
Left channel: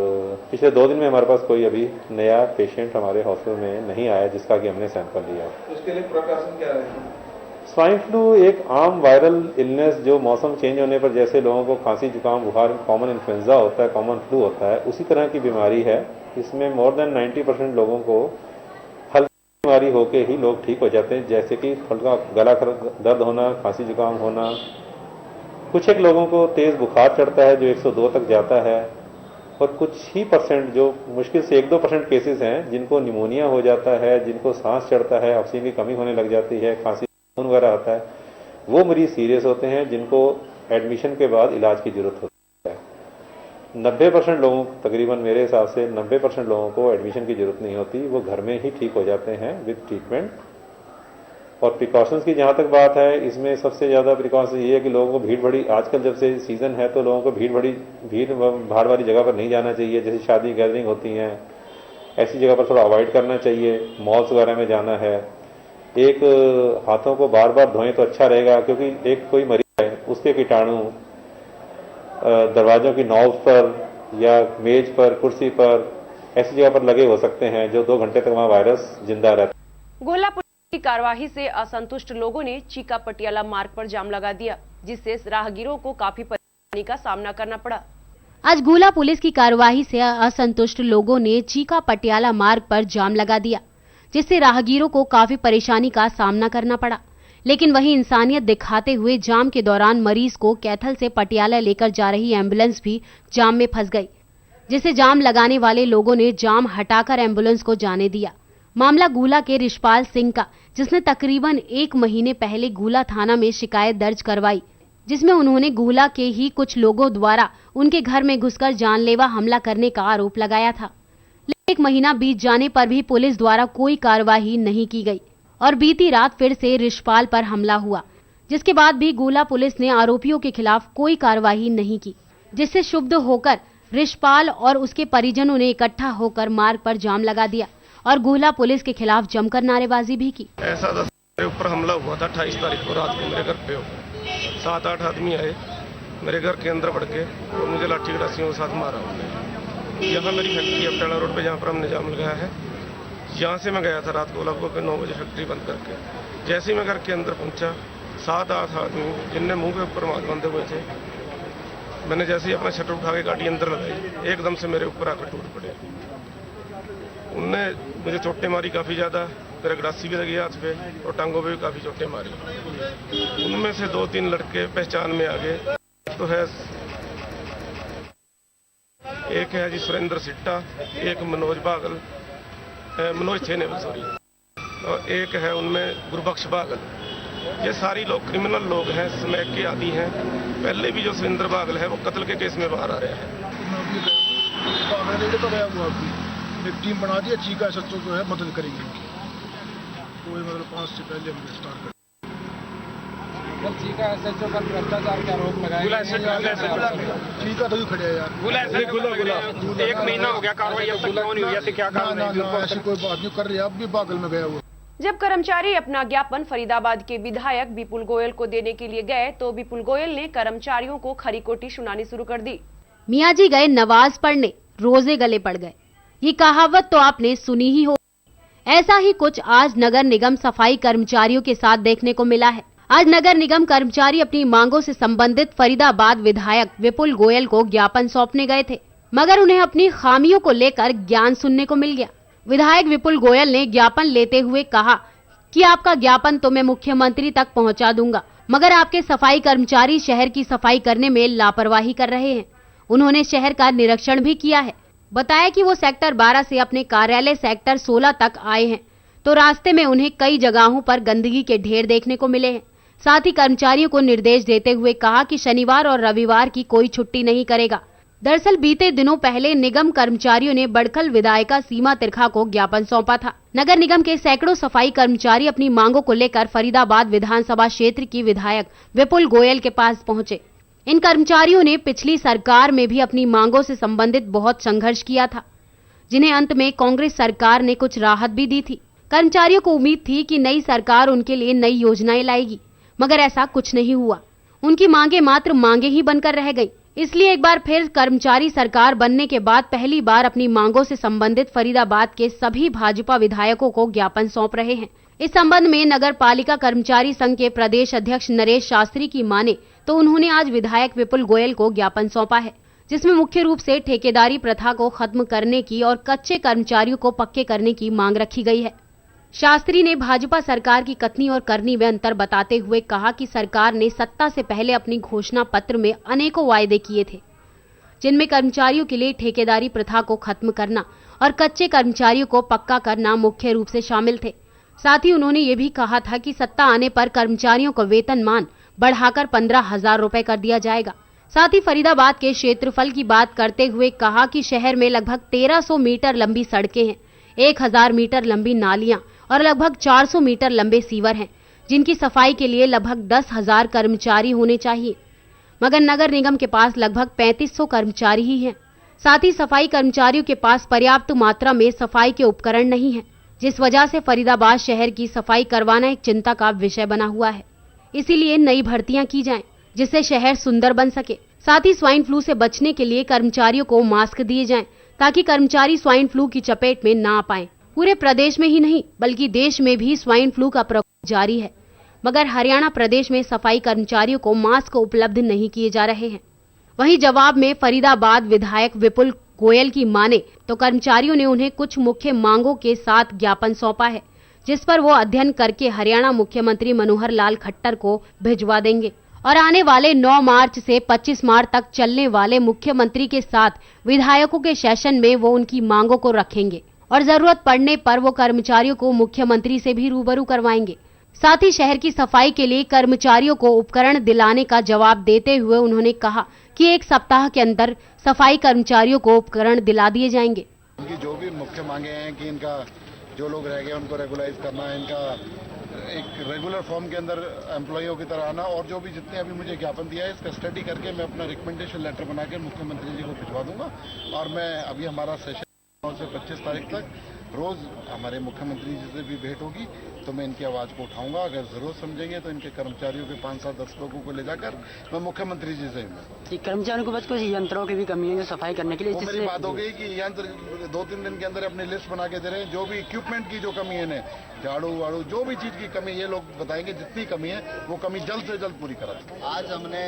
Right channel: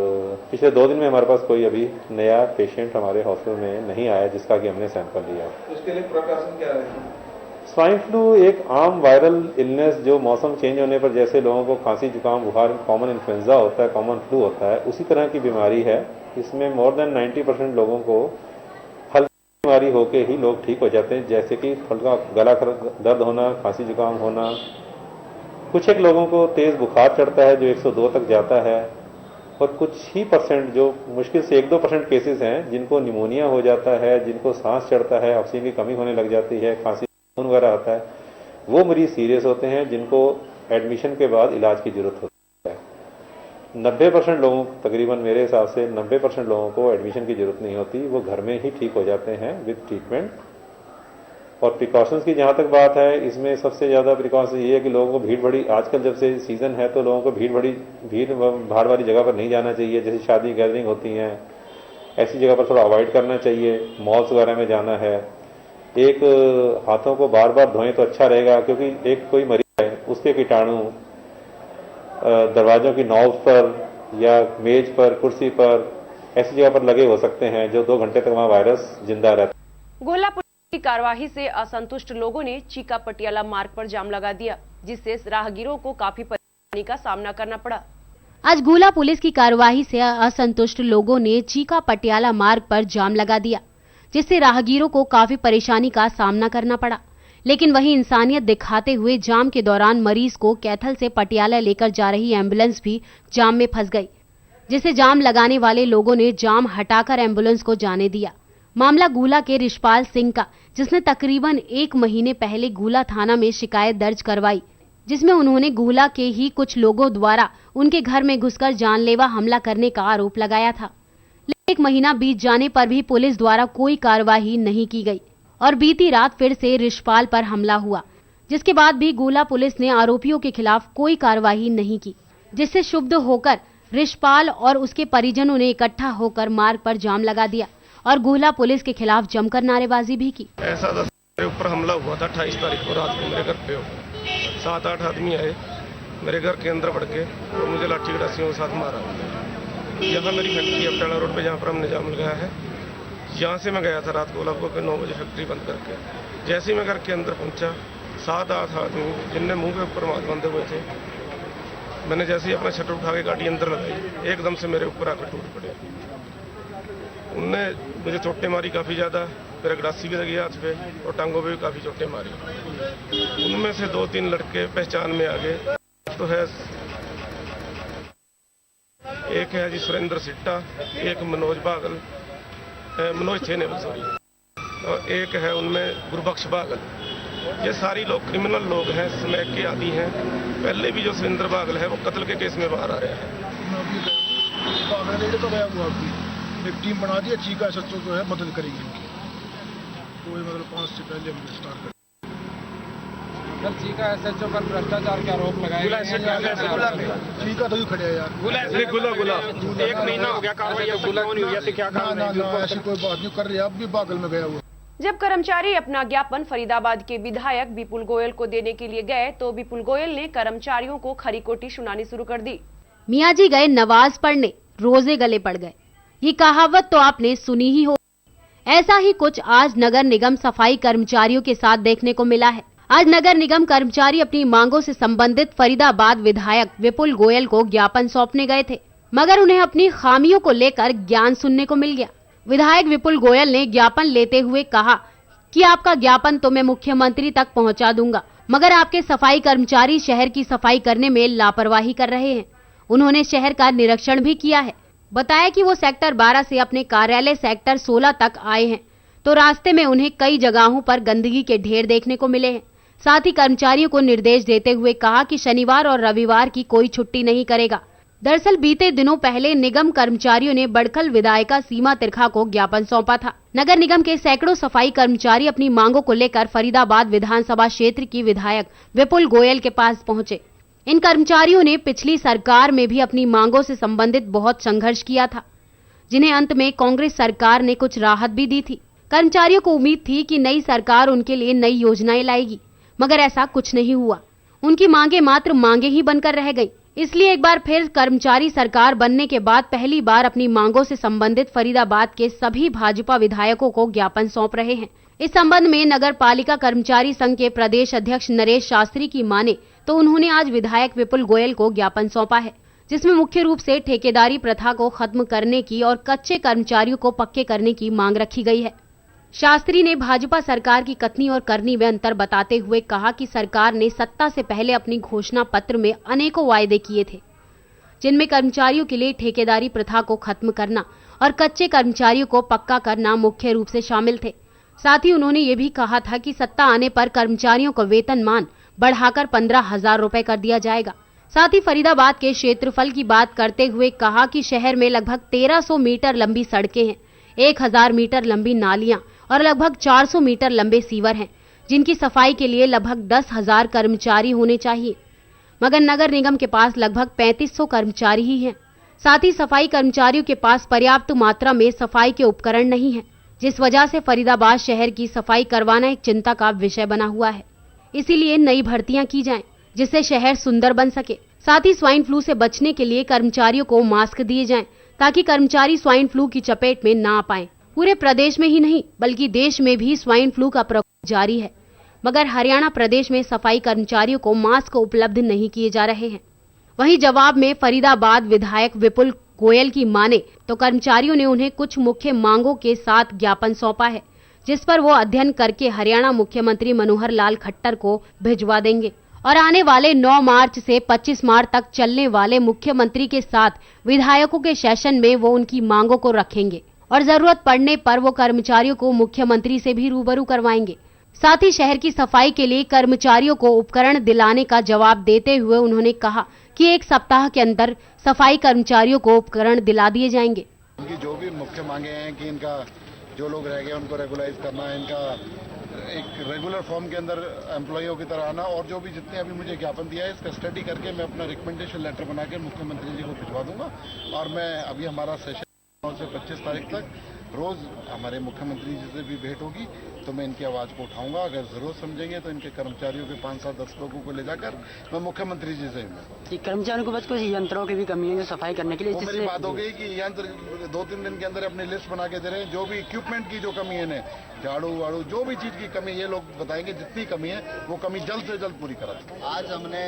पिछले 2 दिन में हमारे पास कोई अभी नया पेशेंट हमारे हॉस्पिटल में नहीं आया जिसका कि हमने सैंपल लिया। उसके लिए प्रिकॉशन क्या रहेगा? स्वाइन फ्लू एक आम वायरल इलनेस जो मौसम चेंज होने पर जैसे लोगों को खांसी जुकाम बुखार कॉमन इन्फ्लुएंजा होता है, कॉमन फ्लू होता है, उसी तरह की बीमारी है। इसमें मोर देन 90% लोगों को हल्की बीमारी होके ही लोग ठीक हो जाते हैं, जैसे कि हल्का गला दर्द होना, खांसी जुकाम होना। कुछ एक लोगों को तेज बुखार चढ़ता है जो 102 तक जाता है और कुछ ही परसेंट जो मुश्किल से 1-2% केसेस हैं जिनको निमोनिया हो जाता है, जिनको सांस चढ़ता है, ऑक्सीजन की कमी होने लग जाती है, खांसी वगैरह होता है। वो मरीज सीरियस होते हैं जिनको एडमिशन के बाद इलाज की जरूरत होती है। 90% लोगों, तकरीबन मेरे हिसाब से 90% लोगों को एडमिशन की जरूरत नहीं होती, वो घर में ही ठीक हो जाते हैं विद ट्रीटमेंट। और प्रिकॉशंस की जहां तक बात है, इसमें सबसे ज्यादा प्रिकॉशन ये है कि लोगों को भीड़ भड़ी, आजकल जब से सीजन है तो लोगों को भीड़ भाड़ वाली जगह पर नहीं जाना चाहिए। जैसे शादी गैदरिंग होती हैं, ऐसी जगह पर थोड़ा अवॉइड करना चाहिए। मॉल्स वगैरह में जाना है, एक हाथों को बार बार धोएं तो अच्छा रहेगा, क्योंकि एक कोई मरीज है उसके कीटाणु दरवाजों की नॉब पर या मेज पर, कुर्सी पर, ऐसी जगह पर लगे हो सकते हैं जो 2 घंटे तक वहाँ वायरस जिंदा रहता है। गोला पुलिस की कार्यवाही से असंतुष्ट लोगों ने चीका पटियाला मार्ग पर जाम लगा दिया, जिससे राहगीरों को काफी परेशानी का सामना करना पड़ा। आज गोला पुलिस की कार्यवाही से असंतुष्ट लोगों ने चीका पटियाला मार्ग पर जाम लगा दिया, जिससे राहगीरों को काफी परेशानी का सामना करना पड़ा। लेकिन वहीं इंसानियत दिखाते हुए जाम के दौरान मरीज को कैथल से पटियाला लेकर जा रही एम्बुलेंस भी जाम में फंस गई, जिसे जाम लगाने वाले लोगों ने जाम हटाकर एम्बुलेंस को जाने दिया। मामला गुला के रिशपाल सिंह का, जिसने तकरीबन 1 महीने पहले गुला थाना में शिकायत दर्ज करवाई, जिसमें उन्होंने गुला के ही कुछ लोगों द्वारा उनके घर में घुसकर जानलेवा हमला करने का आरोप लगाया था। लेकिन 1 महीना बीत जाने पर भी पुलिस द्वारा कोई कार्रवाई नहीं की गई और बीती रात फिर से रिशपाल पर हमला हुआ, जिसके बाद भी गुला पुलिस ने आरोपियों के खिलाफ कोई कार्रवाई नहीं की, जिससे क्षुब्ध होकर रिशपाल और उसके परिजनों ने इकट्ठा होकर मार्ग पर जाम लगा दिया और गुला पुलिस के खिलाफ जमकर नारेबाजी भी की। ऐसा मेरे ऊपर हमला हुआ था 28 तारीख को रात को मेरे घर पे। 7-8 आदमी आए मेरे घर के अंदर बढ़ के और मुझे लाठी गड़ासियों के साथ मारा। यहाँ मेरी फैक्ट्री है पटेला रोड पे, जहाँ पर हमने जाम लगाया है। यहाँ से मैं गया था रात को लगभग 9 बजे फैक्ट्री बंद करके। जैसे ही मैं घर के अंदर पहुंचा, 7-8 आदमी जिनने मुंह के ऊपर मास्क बांधे हुए थे, मैंने जैसे ही अपना शटर उठा के गाड़ी अंदर लगाई, एकदम से मेरे ऊपर आकर टूट पड़े। उनने मुझे चोटें मारी काफ़ी ज़्यादा, मेरे गड़ासी भी लगी हाथ पे और टांगों पे भी काफ़ी चोटें मारी। उनमें से 2-3 लड़के पहचान में आ गए। तो है एक है जी सुरेंद्र सिट्टा, एक मनोज बागल, मनोज छेनेवल सॉरी, और एक है उनमें गुरबख्श बागल। ये सारी लोग क्रिमिनल लोग हैं, स्मैक के आदी हैं। पहले भी जो सुरेंद्र बागल है वो कत्ल के केस में बाहर आ रहा है। एक टीम बना दी, चीका सच्चों जो है मदद करेगी उनकी। कोई मतलब 5 से पहले हम गिरफ्तार कर चीका सच्चों पर भ्रष्टाचार के आरोप लगाए। चीका तो खड़े यार, गुला 1 महीना हो गया कार्रवाई अब तक क्यों नहीं हुई? ऐसे क्या कारण है? ऐसी कोई बात नहीं कर रही, अब भी बागल में गया हुआ। जब कर्मचारी अपना ज्ञापन फरीदाबाद के विधायक विपुल गोयल को देने के लिए गए तो विपुल गोयल ने कर्मचारियों को खरी खोटी सुनानी शुरू कर दी। मियाँ जी गए नवाज पढ़ने, रोजे गले पड़ गए, ये कहावत तो आपने सुनी ही हो। ऐसा ही कुछ आज नगर निगम सफाई कर्मचारियों के साथ देखने को मिला है। आज नगर निगम कर्मचारी अपनी मांगों से संबंधित फरीदाबाद विधायक विपुल गोयल को ज्ञापन सौंपने गए थे, मगर उन्हें अपनी खामियों को लेकर ज्ञान सुनने को मिल गया। विधायक विपुल गोयल ने ज्ञापन लेते हुए कहा कि आपका ज्ञापन तो मैं मुख्यमंत्री तक पहुंचा दूंगा, मगर आपके सफाई कर्मचारी शहर की सफाई करने में लापरवाही कर रहे हैं। उन्होंने शहर का निरीक्षण भी किया है। बताया कि वो सेक्टर 12 से अपने कार्यालय सेक्टर 16 तक आए हैं तो रास्ते में उन्हें कई जगहों पर गंदगी के ढेर देखने को मिले हैं। साथ ही कर्मचारियों को निर्देश देते हुए कहा कि शनिवार और रविवार की कोई छुट्टी नहीं करेगा। दरअसल बीते दिनों पहले निगम कर्मचारियों ने बड़खल विधायिका सीमा तिरखा को ज्ञापन सौंपा था। नगर निगम के सैकड़ों सफाई कर्मचारी अपनी मांगों को लेकर फरीदाबाद विधानसभा क्षेत्र की विधायक विपुल गोयल के पास पहुंचे। इन कर्मचारियों ने पिछली सरकार में भी अपनी मांगों से संबंधित बहुत संघर्ष किया था, जिन्हें अंत में कांग्रेस सरकार ने कुछ राहत भी दी थी। कर्मचारियों को उम्मीद थी कि नई सरकार उनके लिए नई योजनाएं लाएगी, मगर ऐसा कुछ नहीं हुआ। उनकी मांगे मात्र मांगे ही बनकर रह गई। इसलिए एक बार फिर कर्मचारी सरकार बनने के बाद पहली बार अपनी मांगों से संबंधित फरीदाबाद के सभी भाजपा विधायकों को ज्ञापन सौंप रहे हैं। इस संबंध में नगर पालिका कर्मचारी संघ के प्रदेश अध्यक्ष नरेश शास्त्री की माने तो उन्होंने आज विधायक विपुल गोयल को ज्ञापन सौंपा है, जिसमें मुख्य रूप से ठेकेदारी प्रथा को खत्म करने की और कच्चे कर्मचारियों को पक्के करने की मांग रखी गई है। शास्त्री ने भाजपा सरकार की कथनी और करनी में अंतर बताते हुए कहा कि सरकार ने सत्ता से पहले अपनी घोषणा पत्र में अनेकों वायदे किए थे, जिनमें कर्मचारियों के लिए ठेकेदारी प्रथा को खत्म करना और कच्चे कर्मचारियों को पक्का करना मुख्य रूप से शामिल थे। साथ ही उन्होंने ये भी कहा था कि सत्ता आने पर कर्मचारियों को वेतनमान बढ़ाकर 15,000 रुपए कर दिया जाएगा। साथ ही फरीदाबाद के क्षेत्रफल की बात करते हुए कहा कि शहर में लगभग 1300 मीटर लंबी सड़कें हैं, 1000 मीटर लंबी नालियां और लगभग 400 मीटर लंबे सीवर हैं, जिनकी सफाई के लिए लगभग 10,000 कर्मचारी होने चाहिए, मगर नगर निगम के पास लगभग 3500 कर्मचारी ही हैं। साथ ही सफाई कर्मचारियों के पास पर्याप्त मात्रा में सफाई के उपकरण नहीं है। जिस वजह से फरीदाबाद शहर की सफाई करवाना एक चिंता का विषय बना हुआ है। इसीलिए नई भर्तियां की जाएं, जिससे शहर सुंदर बन सके। साथ ही स्वाइन फ्लू से बचने के लिए कर्मचारियों को मास्क दिए जाएं, ताकि कर्मचारी स्वाइन फ्लू की चपेट में ना पाएं। पूरे प्रदेश में ही नहीं बल्कि देश में भी स्वाइन फ्लू का प्रकोप जारी है, मगर हरियाणा प्रदेश में सफाई कर्मचारियों को मास्क उपलब्ध नहीं किए जा रहे हैं। वहीं जवाब में फरीदाबाद विधायक विपुल गोयल की माने तो कर्मचारियों ने उन्हें कुछ मुख्य मांगों के साथ ज्ञापन सौंपा है, जिस पर वो अध्ययन करके हरियाणा मुख्यमंत्री मनोहर लाल खट्टर को भिजवा देंगे और आने वाले 9 मार्च से 25 मार्च तक चलने वाले मुख्यमंत्री के साथ विधायकों के सेशन में वो उनकी मांगों को रखेंगे और जरूरत पड़ने पर वो कर्मचारियों को मुख्यमंत्री से भी रूबरू करवाएंगे। साथ ही शहर की सफाई के लिए कर्मचारियों को उपकरण दिलाने का जवाब देते हुए उन्होंने कहा कि 1 सप्ताह के अंदर सफाई कर्मचारियों को उपकरण दिला दिए जाएंगे। उनकी जो भी मुख्य मांगे हैं कि इनका जो लोग रह गए उनको रेगुलाइज करना है, इनका एक रेगुलर फॉर्म के अंदर एम्प्लॉइयों की तरह आना, और जो भी जितने अभी मुझे ज्ञापन दिया है इसका स्टडी करके मैं अपना रिकमेंडेशन लेटर बना के मुख्यमंत्री जी को भिजवा दूंगा। और मैं अभी हमारा सेशन से 25 तारीख तक रोज हमारे मुख्यमंत्री जी से भी भेंट होगी, तो मैं इनकी आवाज को उठाऊंगा। अगर जरूरत समझेंगे तो इनके कर्मचारियों के 5-7-10 लोगों को ले जाकर मैं मुख्यमंत्री जी से कर्मचारियों को बस कुछ यंत्रों की भी कमी है सफाई करने के लिए। वो मेरी बात हो गई कि यंत्र 2-3 दिन के अंदर अपनी लिस्ट बना के दे रहे हैं। जो भी इक्विपमेंट की जो कमी है ना, झाड़ू वाड़ू जो भी चीज की कमी ये लोग बताएंगे, जितनी कमी है वो कमी जल्द से जल्द पूरी करा। आज हमने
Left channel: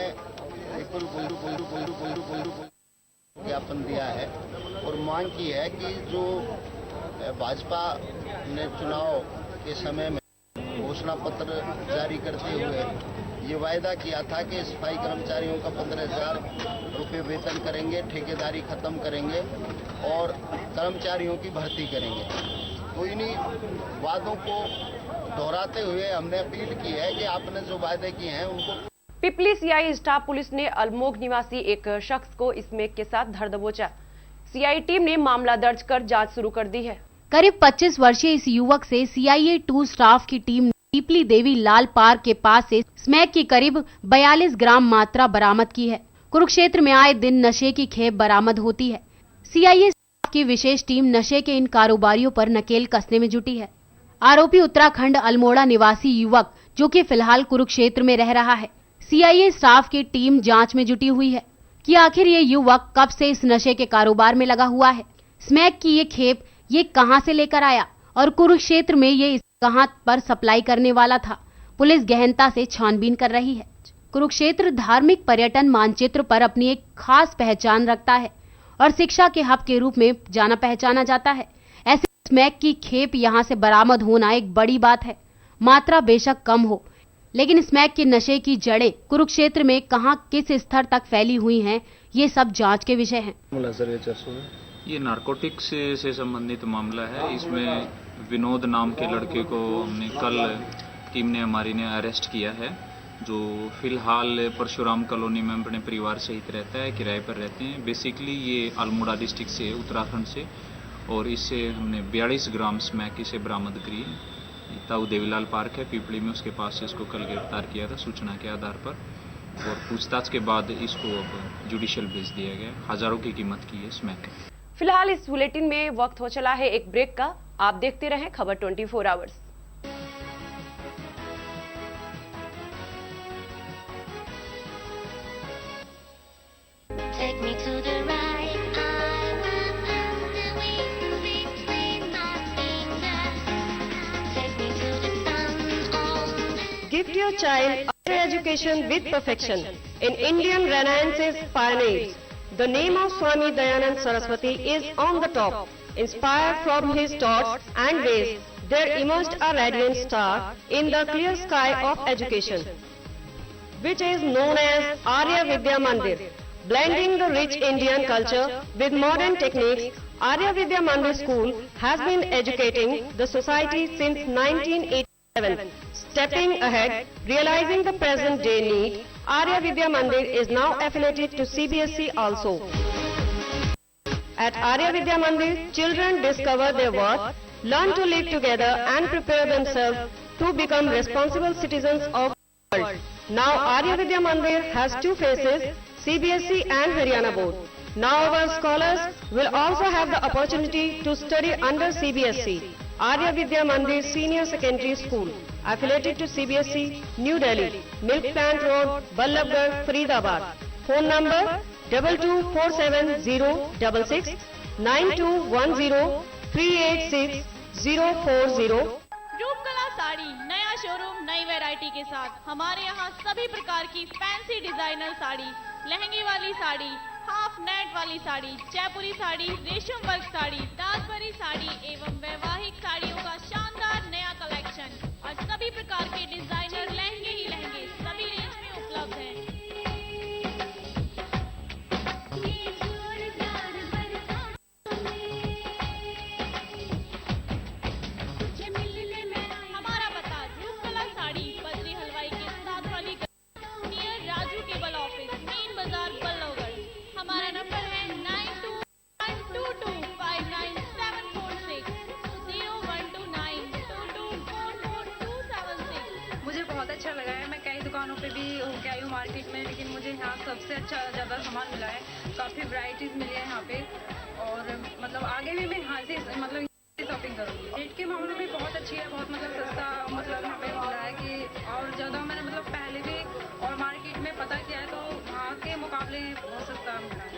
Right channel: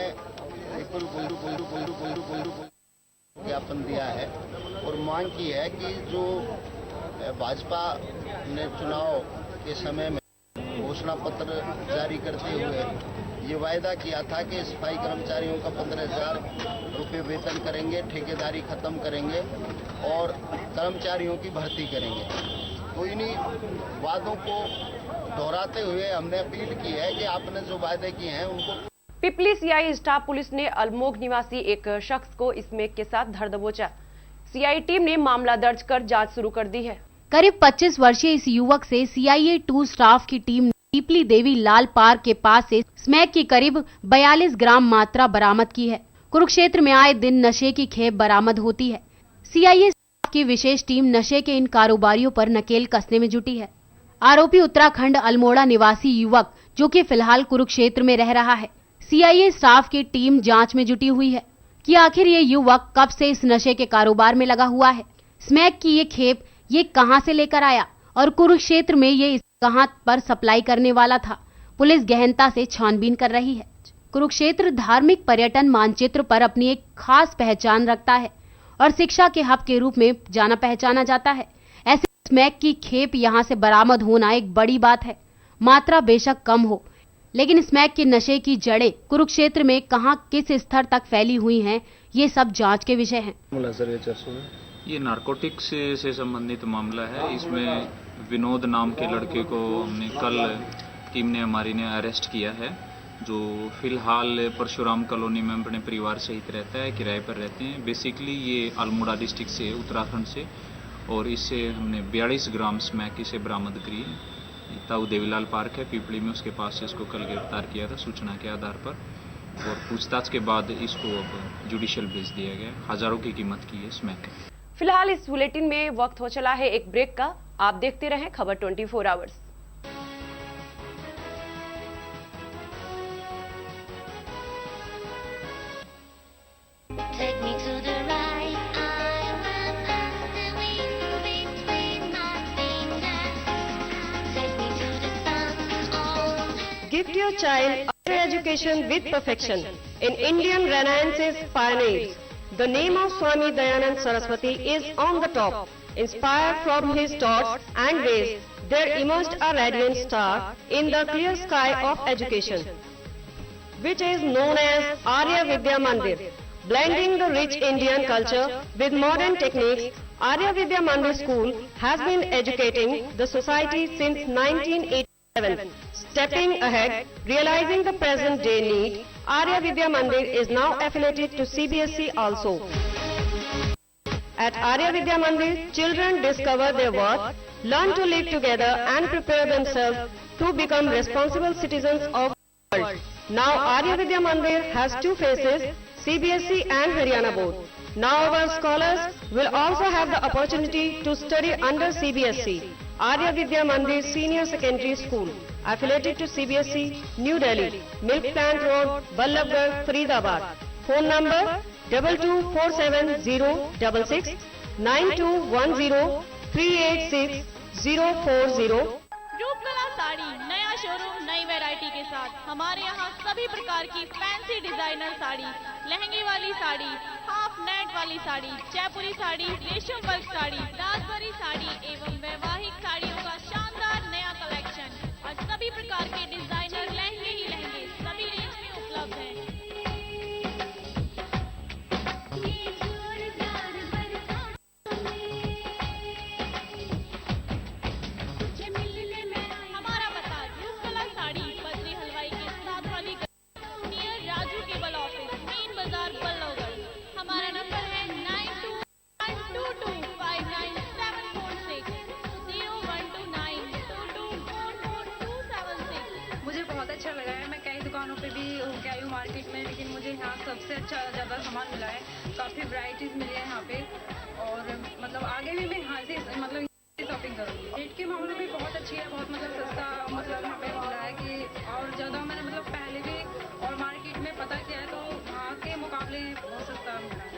ज्ञापन दिया है और मांग की है कि जो भाजपा ने चुनाव के समय में घोषणा पत्र जारी करते हुए ये वायदा किया था कि सफाई कर्मचारियों का 15,000 रुपये वेतन करेंगे, ठेकेदारी खत्म करेंगे और कर्मचारियों की भर्ती करेंगे। तो इन्हीं वादों को दोहराते हुए हमने अपील की है कि आपने जो वायदे किए हैं उनको। पिपली सीआई स्टाफ पुलिस ने अल्मोग निवासी एक शख्स को स्मैक के साथ धर दबोचा। सीआई टीम ने मामला दर्ज कर जांच शुरू कर दी है। करीब 25 वर्षीय इस युवक से सीआईए 2 स्टाफ की टीम ने पीपली देवी लाल पार्क के पास से स्मैक की करीब 42 ग्राम मात्रा बरामद की है। कुरुक्षेत्र में आए दिन नशे की खेप बरामद होती है। सीआईए स्टाफ की विशेष टीम नशे के इन कारोबारियों पर नकेल कसने में जुटी है। आरोपी उत्तराखंड अल्मोड़ा निवासी युवक जो कि फिलहाल कुरुक्षेत्र में रह रहा है। सीआईए स्टाफ की टीम जांच में जुटी हुई है कि आखिर ये युवक कब से इस नशे के कारोबार में लगा हुआ है, स्मैक की ये खेप ये कहां से लेकर आया और कुरुक्षेत्र में ये कहां पर सप्लाई करने वाला था। पुलिस गहनता से छानबीन कर रही है। कुरुक्षेत्र धार्मिक पर्यटन मानचित्र पर अपनी एक खास पहचान रखता है और शिक्षा के हब के रूप में जाना पहचाना जाता है। ऐसे स्मैक की खेप यहां से बरामद होना एक बड़ी बात है। मात्रा बेशक कम हो, लेकिन स्मैक के नशे की जड़ें कुरुक्षेत्र में कहां किस स्तर तक फैली हुई हैं, ये सब जांच के विषय हैं। ये नारकोटिक्स से संबंधित मामला है। इसमें विनोद नाम के लड़के को हमने कल टीम ने हमारी ने अरेस्ट किया है, जो फिलहाल परशुराम कॉलोनी में अपने परिवार सहित रहता है, किराए पर रहते हैं। बेसिकली ये अल्मोड़ा डिस्ट्रिक्ट से, उत्तराखंड से, और इससे हमने 42 ग्राम स्मैक इसे बरामद करी है। ताऊ देवीलाल पार्क है पीपली में, उसके पास से इसको कल गिरफ्तार किया था सूचना के आधार पर, और पूछताछ के बाद इसको अब जुडिशियल भेज दिया गया। हजारों की कीमत की है स्मैक। फिलहाल इस बुलेटिन में वक्त हो चला है एक ब्रेक का। आप देखते रहें खबर 24 hours. Gift your child higher education with perfection in Indian Renaissance's pioneers. The name of Swami Dayanand Saraswati is on the top. Inspired from his thoughts and ways, there emerged a radiant star in the clear sky of education, which is known as Arya Vidya Mandir. Blending the rich Indian culture with modern techniques, Arya Vidya Mandir School has been educating the society since 1987. Stepping ahead, realizing the present day need, Arya Vidya Mandir is now affiliated to CBSE also. At Arya Vidya Mandir, children discover their worth, learn to live together and prepare themselves to become responsible citizens of the world. Now Arya Vidya Mandir has 2 phases, CBSE and Haryana board. Now our scholars will also have the opportunity to study under CBSE. Arya Vidya Mandir Senior Secondary School, affiliated to CBSE, New Delhi, Milk Plant Road, Ballabgarh, Faridabad. Phone number 224706 9210 386 040. Roopkala sari नया showroom नई variety के साथ। हमारे यहाँ सभी प्रकार की fancy designer sari, लहंगे वाली साड़ी, हाफ नेट वाली साड़ी, जयपुरी साड़ी, रेशम वर्क साड़ी, दासबरी साड़ी एवं वैवाहिक साड़ियों का शानदार नया कलेक्शन और सभी प्रकार के डिजाइनर लहंगे ही लहंगे सभी रेंज में उपलब्ध हैं। हमारा पता रूपकला साड़ी बद्री हलवाई के साथ वाली near Raju cable office, main बाजार, बल्लभगढ़। हमारा नंबर है 9222599746 01292244276। मुझे बहुत अच्छा लगा है। मैं कई दुकानों पे भी होके आई हूँ मार्केट में, लेकिन मुझे यहाँ सबसे अच्छा ज़्यादा सामान मिला है। काफ़ी वैरायटीज़ मिली है यहाँ पे और मतलब आगे भी मैं यहाँ से मतलब शॉपिंग करूँगी। रेट के मामले में बहुत अच्छी है, बहुत मतलब सस्ता मतलब यहाँ पे मिल रहा है कि और ज़्यादा मैंने मतलब पहले भी और मार्केट में पता किया है तो वहाँ के मुकाबले बहुत सस्ता मिल रहा है।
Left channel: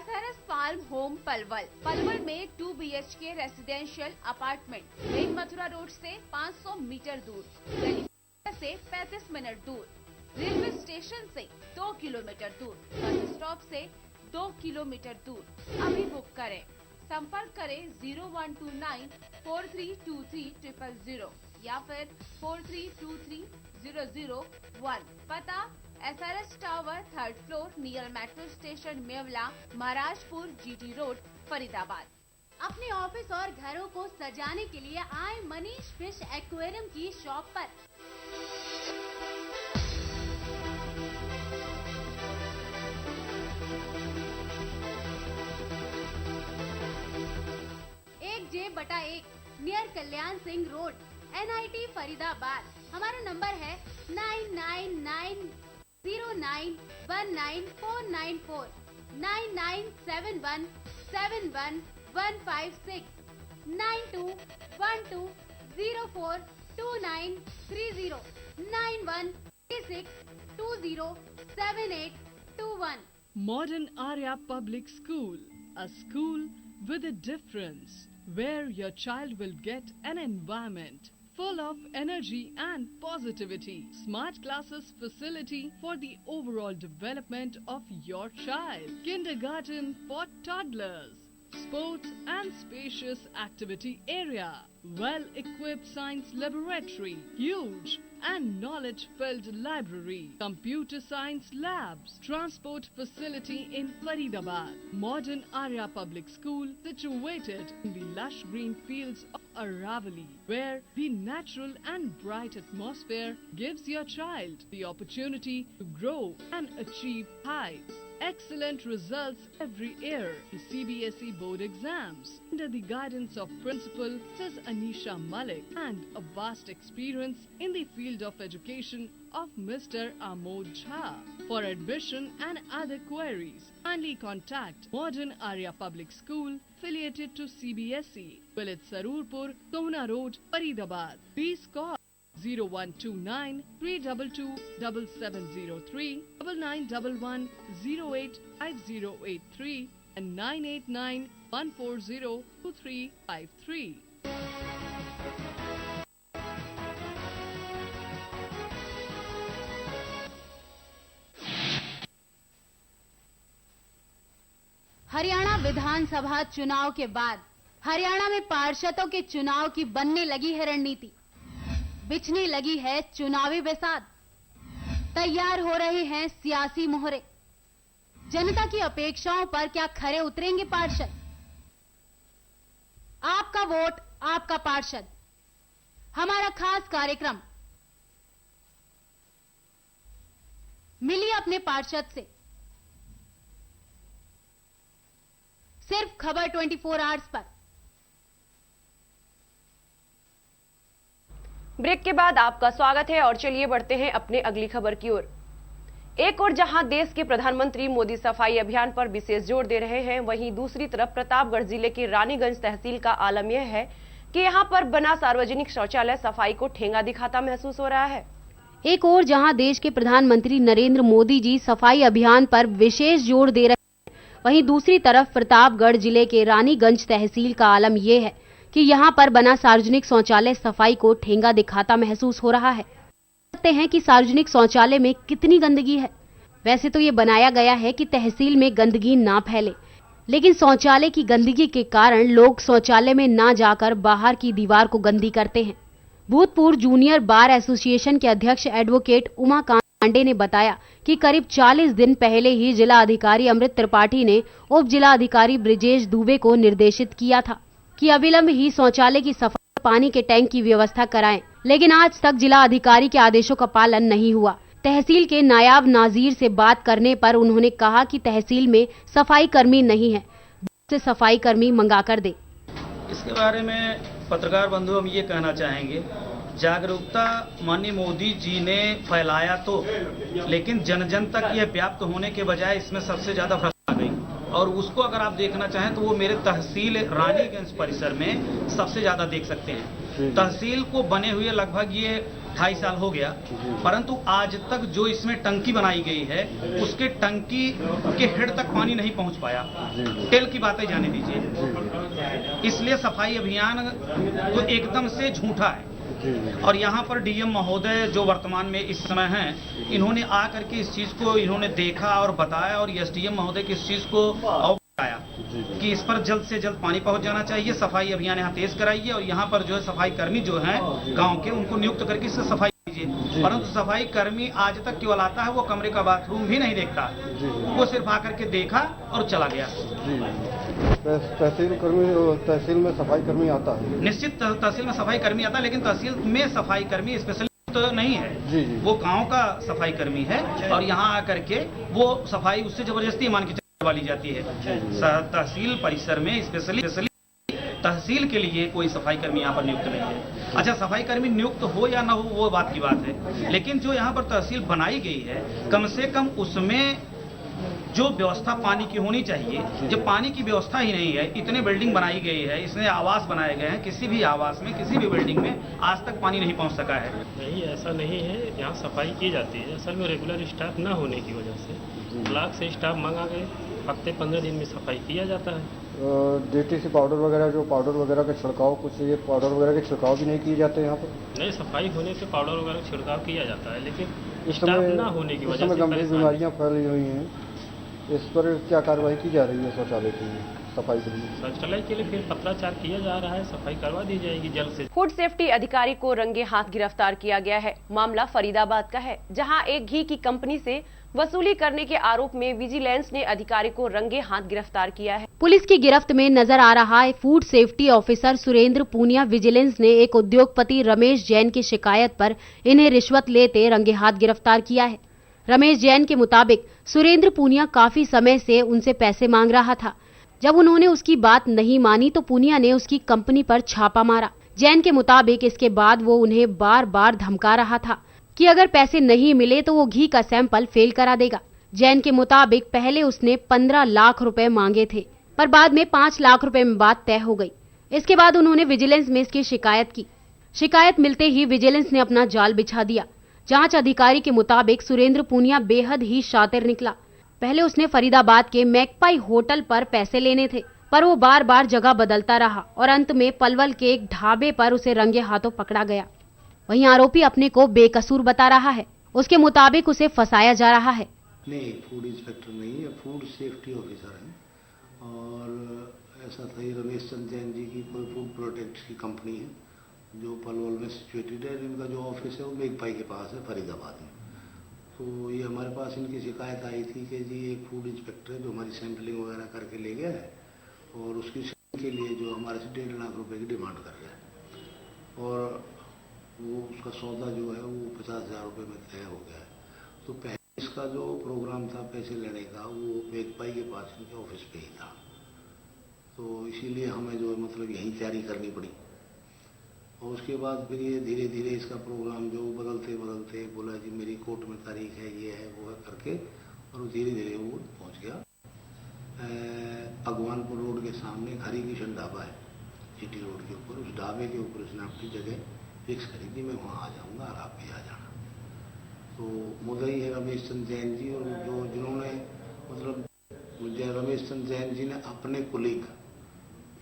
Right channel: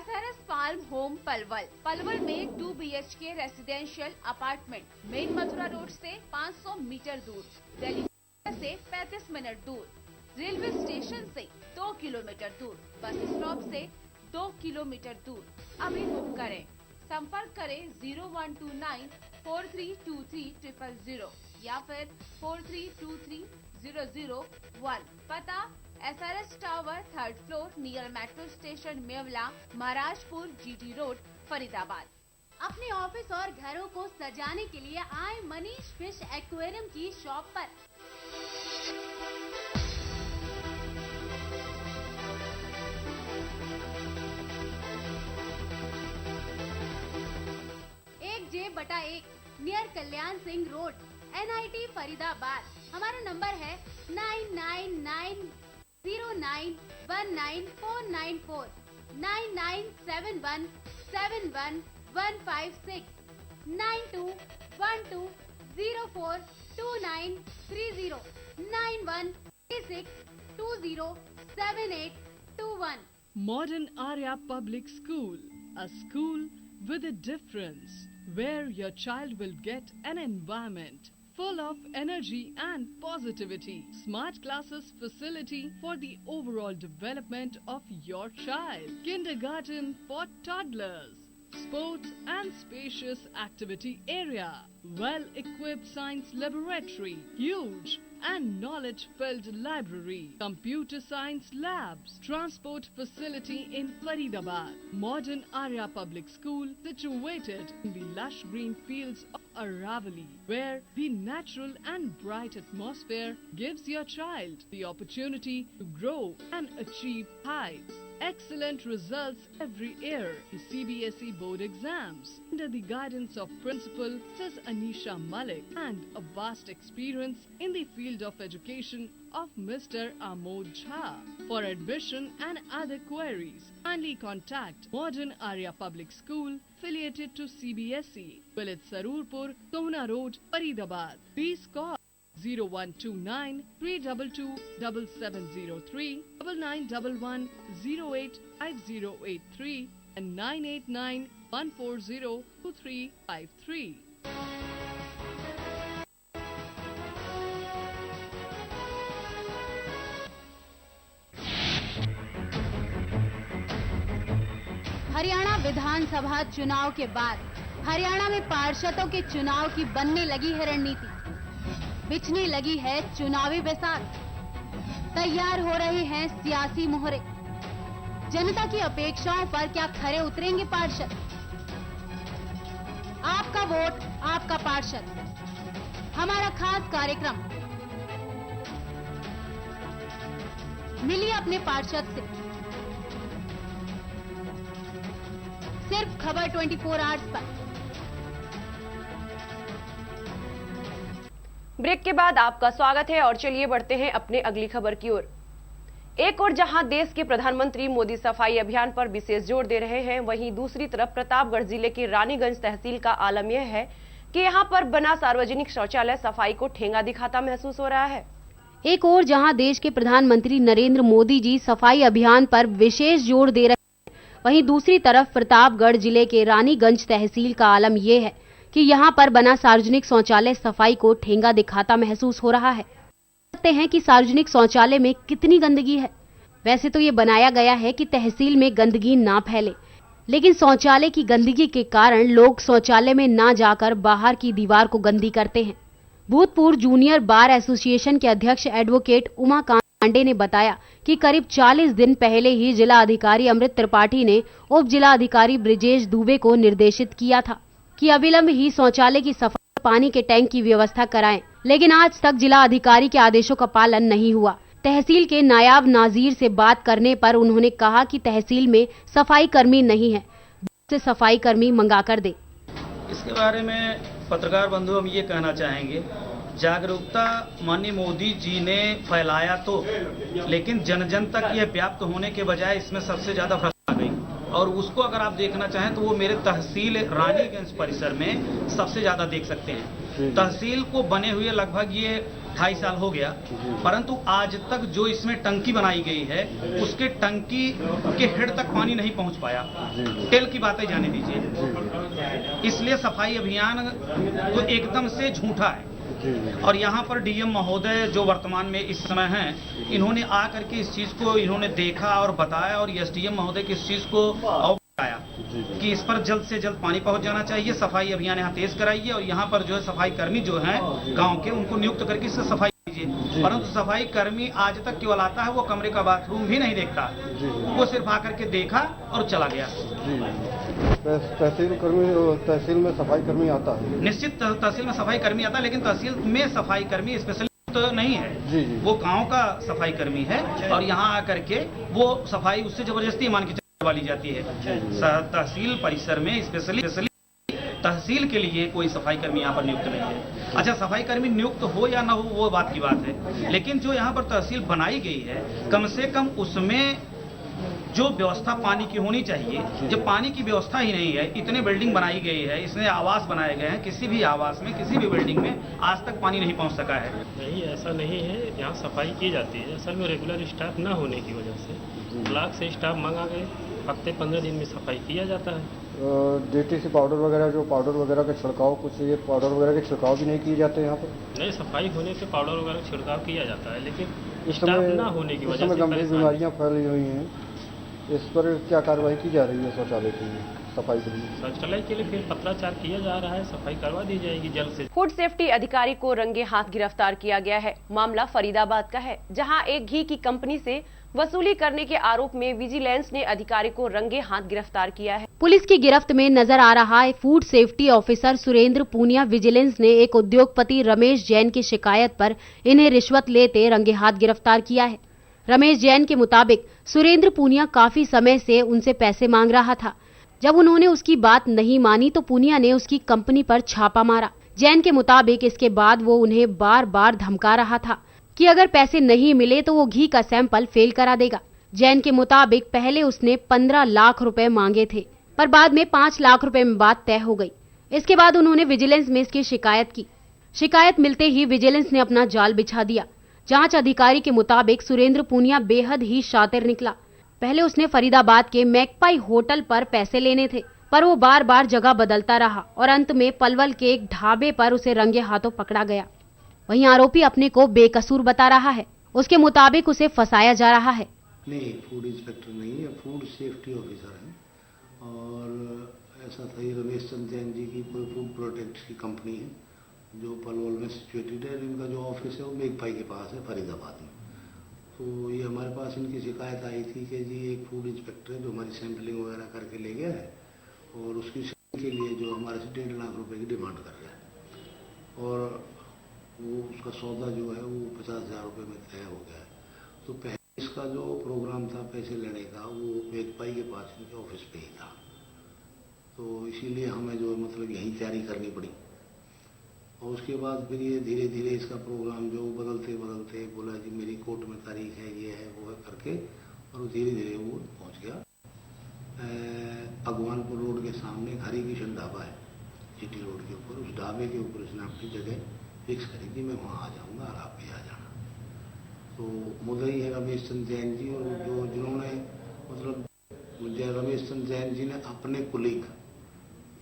SRS फार्म होम पलवल में 2 BHK residential apartment, main Mathura road से 500 मीटर दूर, दिल्ली से 35 मिनट दूर, रेलवे स्टेशन से 2 किलोमीटर दूर, बस स्टॉप से 2 किलोमीटर दूर। अभी बुक करें, संपर्क करें 01294323 या फिर 43230001। पता SRS tower 3rd floor near metro station Mewla, Maharajpur, GT road, Faridabad. अपने ऑफिस और घरों को सजाने के लिए आए मनीष फिश एक्वेरियम की शॉप पर। J/1 near Kalyan Singh road, NIT Faridabad. हमारा नंबर है 9990919494 9971711156 9212042930 9136207821। Modern Arya Public School, a school with a difference, where your child will get an environment full of energy and positivity. Smart classes facility for the overall development of your child. Kindergarten for toddlers. Sports and spacious activity area. Well-equipped science laboratory. Huge and knowledge-filled library. Computer science labs. Transport facility in Faridabad. Modern Arya Public School situated in the lush green fields of Aravali, where the natural and bright atmosphere gives your child the opportunity to grow and achieve heights. Excellent results every year in CBSE board exams under the guidance of Principal Ms. Anisha Malik and a vast experience in the field of education of Mr. Amod Jha. For admission and other queries, kindly contact Modern Arya Public School affiliated to CBSE, Village Sarurpur, Kohna Road, Faridabad. Please call 0129-322-7703, 9911-085083 and 989-140-2353. Haryana विधानसभा चुनाव के बाद हरियाणा में पार्षदों के चुनाव की बनने लगी है रणनीति, बिछने लगी है चुनावी बेसात, तैयार हो रहे हैं सियासी मोहरे। जनता की अपेक्षाओं पर क्या खरे उतरेंगे पार्षद? आपका वोट आपका पार्षद, हमारा खास कार्यक्रम। मिलिए अपने पार्षद से, सिर्फ खबर 24 आवर्स पर। ब्रेक के बाद आपका स्वागत है और चलिए बढ़ते हैं अपने अगली खबर की ओर। एक और जहां देश के प्रधानमंत्री मोदी सफाई अभियान पर विशेष जोर दे रहे हैं, वहीं दूसरी तरफ प्रतापगढ़ जिले के रानीगंज तहसील का आलम यह है कि यहाँ पर बना सार्वजनिक शौचालय सफाई को ठेंगा दिखाता महसूस हो रहा है। एक और जहां देश के प्रधानमंत्री नरेंद्र मोदी जी सफाई अभियान पर विशेष जोर दे रहे हैं, वहीं दूसरी तरफ प्रतापगढ़ जिले के रानीगंज तहसील का आलम यह है कि यहां पर बना सार्वजनिक शौचालय सफाई को ठेंगा दिखाता महसूस हो रहा है। देखते हैं कि सार्वजनिक शौचालय में कितनी गंदगी है। वैसे तो ये बनाया गया है कि तहसील में गंदगी ना फैले, लेकिन शौचालय की गंदगी के कारण लोग शौचालय में ना जाकर बाहर की दीवार को गंदी करते हैं। भूतपूर्व जूनियर बार एसोसिएशन के अध्यक्ष एडवोकेट उमाकांत पांडे ने बताया कि करीब 40 दिन पहले ही जिला अधिकारी अमृत त्रिपाठी ने उप जिला अधिकारी ब्रिजेश दुबे को निर्देशित किया था कि अविलंब ही शौचालय की सफाई, पानी के टैंक की व्यवस्था कराएं, लेकिन आज तक जिला अधिकारी के आदेशों का पालन नहीं हुआ। तहसील के नायाब नाजीर से बात करने पर उन्होंने कहा कि तहसील में सफाई कर्मी नहीं है, से सफाई कर्मी मंगा कर दे। इसके बारे में पत्रकार बंधु हम ये कहना चाहेंगे, जागरूकता माननीय मोदी जी ने फैलाया तो, लेकिन जन जन तक यह व्याप्त होने के बजाय इसमें सबसे ज्यादा भ्रष्टाचार गई। और उसको अगर आप देखना चाहें तो वो मेरे तहसील रानीगंज परिसर में सबसे ज्यादा देख सकते हैं। तहसील को बने हुए लगभग ये 2.5 साल हो गया, परंतु आज तक जो इसमें टंकी बनाई गई है उसके टंकी के हेड तक पानी नहीं पहुंच पाया। तेल की बातें जाने दीजिए। इसलिए सफाई अभियान तो एकदम से झूठा है। और यहाँ पर डीएम महोदय जो वर्तमान में इस समय हैं, इन्होंने आकर के इस चीज को इन्होंने देखा और बताया, और एसडीएम महोदय की इस चीज को अवगताया कि इस पर जल्द से जल्द पानी पहुंच जाना चाहिए। सफाई अभियान यहाँ तेज कराइए और यहाँ पर जो है सफाई कर्मी जो हैं गांव के, उनको नियुक्त करके इससे सफाई कीजिए। परंतु सफाई कर्मी आज तक केवल आता है, वो कमरे का बाथरूम भी नहीं देखता, वो सिर्फ आकर के देखा और चला गया। तहसील में सफाई कर्मी आता है, निश्चित तहसील में सफाई कर्मी आता है, लेकिन तहसील में सफाई कर्मी स्पेशलिस्ट तो नहीं है। वो गांव का सफाई कर्मी है और यहाँ आकर के वो सफाई उससे जबरदस्ती मान के वाली जाती है। तहसील परिसर में स्पेशली तहसील के लिए कोई सफाई कर्मी यहाँ पर नियुक्त नहीं है। अच्छा, सफाई कर्मी नियुक्त हो या ना हो वो बात की बात है, लेकिन जो यहाँ पर तहसील बनाई गई है, कम से कम उसमें जो व्यवस्था पानी की होनी चाहिए, जब पानी की व्यवस्था ही नहीं है, इतने बिल्डिंग बनाई गई है, इसमें आवास बनाए गए हैं, किसी भी आवास में किसी भी बिल्डिंग में आज तक पानी नहीं पहुंच सका है। नहीं, ऐसा नहीं है, यहाँ सफाई की जाती है। असल में रेगुलर स्टाफ ना होने की वजह से ब्लॉक से स्टाफ मंगा के हफ्ते 15 दिन में सफाई किया जाता है। डीटीसी पाउडर वगैरह, जो पाउडर वगैरह का छिड़काव, कुछ ये पाउडर वगैरह के छिड़काव भी नहीं किए जाते यहाँ पर? नहीं, सफाई होने से पाउडर वगैरह का छिड़काव किया जाता है, लेकिन स्टाफ ना होने की वजह से गंभीर बीमारियाँ फैली हुई हैं। इस पर क्या कार्रवाई की जा रही है शौचालय के लिए, सफाई के लिए? शौचालय के लिए फिर पत्राचार किया जा रहा है, सफाई करवा दी जाएगी जल्द से। फूड सेफ्टी अधिकारी को रंगे हाथ गिरफ्तार किया गया है। मामला फरीदाबाद का है, जहां एक घी की कंपनी से वसूली करने के आरोप में विजिलेंस ने अधिकारी को रंगे हाथ गिरफ्तार किया है। पुलिस की गिरफ्त में नजर आ रहा है food safety officer Surendra Poonia. Vigilance ने एक उद्योगपति रमेश जैन की शिकायत पर इन्हें रिश्वत लेते रंगे हाथ गिरफ्तार किया है। रमेश जैन के मुताबिक सुरेंद्र पूनिया काफी समय से उनसे पैसे मांग रहा था। जब उन्होंने उसकी बात नहीं मानी तो पूनिया ने उसकी कंपनी पर छापा मारा। जैन के मुताबिक इसके बाद वो उन्हें बार बार धमका रहा था कि अगर पैसे नहीं मिले तो वो घी का सैंपल फेल करा देगा। जैन के मुताबिक पहले उसने 15 लाख रुपए मांगे थे, पर बाद में 5 लाख रुपए में बात तय हो गई। इसके बाद उन्होंने विजिलेंस में इसकी शिकायत की। शिकायत मिलते ही विजिलेंस ने अपना जाल बिछा दिया। जांच अधिकारी के मुताबिक सुरेंद्र पूनिया बेहद ही शातिर निकला। पहले उसने फरीदाबाद के मैकपाई होटल पर पैसे लेने थे, पर वो बार बार जगह बदलता रहा और अंत में पलवल के एक ढाबे पर उसे रंगे हाथों पकड़ा गया। वहीं आरोपी अपने को बेकसूर बता रहा है। उसके मुताबिक उसे फंसाया जा रहा है। नहीं, फूड इंस्पेक्टर नहीं है, फूड सेफ्टी ऑफिसर है। और ऐसा था, रमेश चंद्र जैन जी की कोई फूड प्रोडक्ट्स की कंपनी है जो पलवल में सिचुएटेड है। इनका जो ऑफिस है वो मेघपाई के पास है, फरीदाबाद में। तो ये हमारे पास इनकी शिकायत आई थी कि जी एक फूड इंस्पेक्टर है जो हमारी सैंपलिंग वगैरह करके ले गया है और उसकी के लिए जो हमारे से 1.5 लाख रुपए की डिमांड कर रहा है, और वो उसका सौदा जो है वो 50,000 रुपये में तय हो गया है। तो पहले इसका जो प्रोग्राम था पैसे लेने का, वो मेघपाई के पास इनके ऑफिस पे ही था। तो इसीलिए हमें जो है मतलब यही तैयारी करनी पड़ी। और उसके बाद फिर ये धीरे धीरे इसका प्रोग्राम जो बदलते बदलते बोला जी मेरी कोर्ट में तारीख है, ये है वो है करके, और धीरे धीरे वो पहुंच गया अगवानपुर रोड के सामने हरी किशन ढाबा है, जीटी रोड के ऊपर, उस ढाबे के ऊपर उसने अपनी जगह फिक्स करी थी, मैं वहाँ आ जाऊँगा और आप भी आ जाना। तो मुद्दई है रमेश चंद जैन जी, और जिन्होंने मतलब रमेश चंद जैन जी ने अपने कुलीग,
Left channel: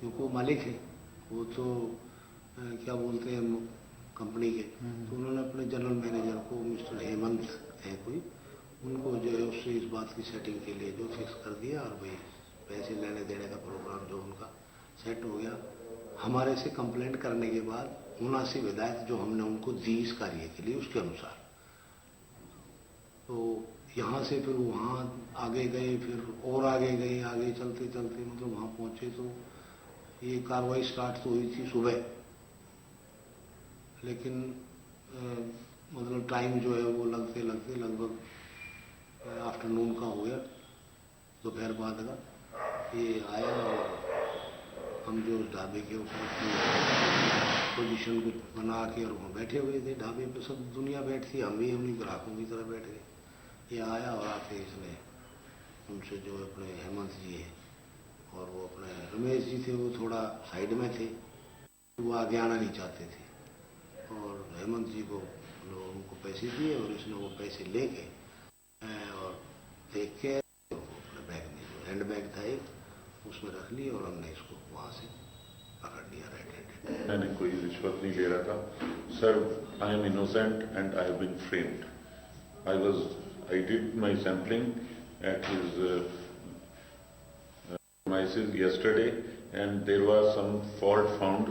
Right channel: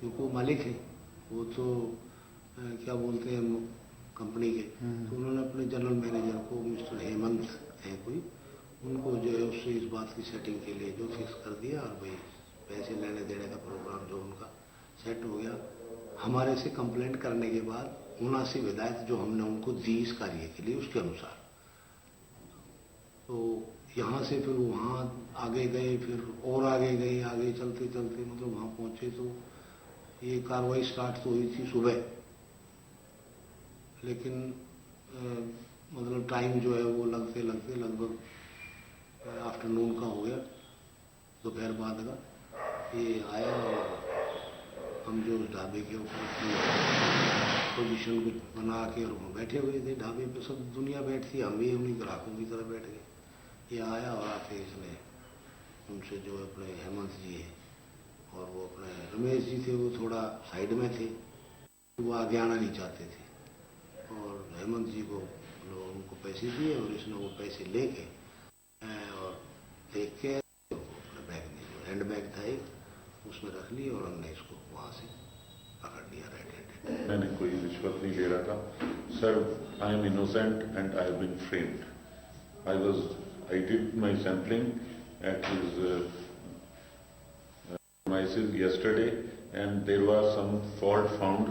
क्योंकि वो मालिक है, वो तो क्या बोलते हैं कंपनी के, तो उन्होंने अपने जनरल मैनेजर को, मिस्टर हेमंत है कोई, उनको जो है उससे इस बात की सेटिंग के लिए जो फिक्स कर दिया, और भाई पैसे लेने देने का प्रोग्राम जो उनका सेट हो गया। हमारे से कंप्लेंट करने के बाद मुनासिब हिदायत जो हमने उनको दी इस कार्य के लिए, उसके अनुसार तो यहाँ से फिर वहाँ आगे गए, फिर और आगे गए, आगे चलते चलते मतलब वहाँ पहुँचे तो ये कार्रवाई स्टार्ट तो हुई थी सुबह, लेकिन मतलब टाइम जो है वो लगते लगते लगभग आफ्टरनून का हो गया, दोपहर बाद का ये आया, और हम जो उस ढाबे के ऊपर पोजीशन को बना के और वहाँ बैठे हुए थे, ढाबे पे सब दुनिया बैठी, हम भी अपनी ग्राहकों की तरह बैठ गए। ये आया और आके इसने उनसे जो अपने हेमंत जी है और वो अपने रमेश जी थे, वो थोड़ा साइड में थे, वो आगे आना नहीं चाहते थे, और हेमंत जी को उनको पैसे दिए और इसने वो पैसे लेके और देख के अपने बैग में जो हैंड बैग था एक उसमें रख लिया, और हमने इसको वहाँ से पकड़ लिया रेड हैंडेड। मैंने कोई रिश्वत नहीं ले रहा था sir, I am innocent and I have been framed. I did my sampling at his premises yesterday and there was some fault found.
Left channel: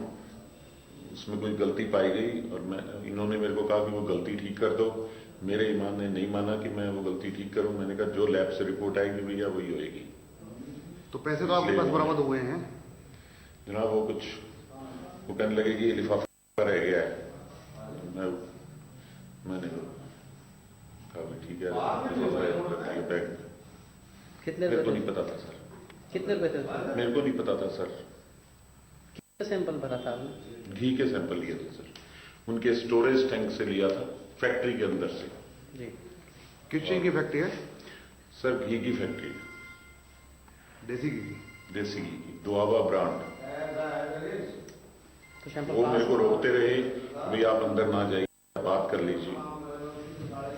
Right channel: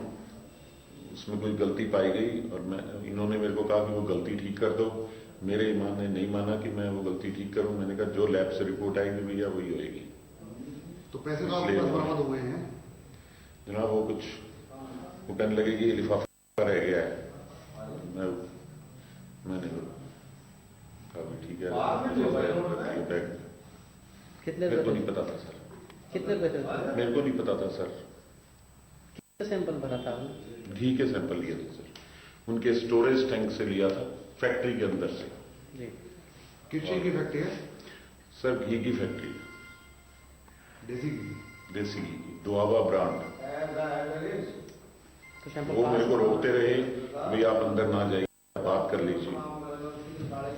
उसमें कोई गलती पाई गई और इन्होंने मेरे को कहा कि वो गलती ठीक कर दो। मेरे ईमान ने नहीं माना कि मैं वो गलती ठीक करूं। मैंने कहा जो लैब से रिपोर्ट आएगी भैया वही होएगी। तो पैसे तो आपके पास बरामद हुए हैं जनाब? वो कुछ वो कहने लगे कि लिफाफा रह गया है। मैंने ठीक है, कितने मेरे को नहीं पता था सर। कितने रुपए थे? मेरे को नहीं पता था सर। कितने सैंपल भरा था आपने? घी के सैंपल लिए थे सर, उनके स्टोरेज टैंक से लिया था, फैक्ट्री के अंदर से। जी। किस चीज की फैक्ट्री है सर? घी की फैक्ट्री, देसी घी की। देसी घी की, दुआबा ब्रांड। तो वो मेरे को रोकते रहे, भाई आप अंदर ना जाइए, बात कर लीजिए।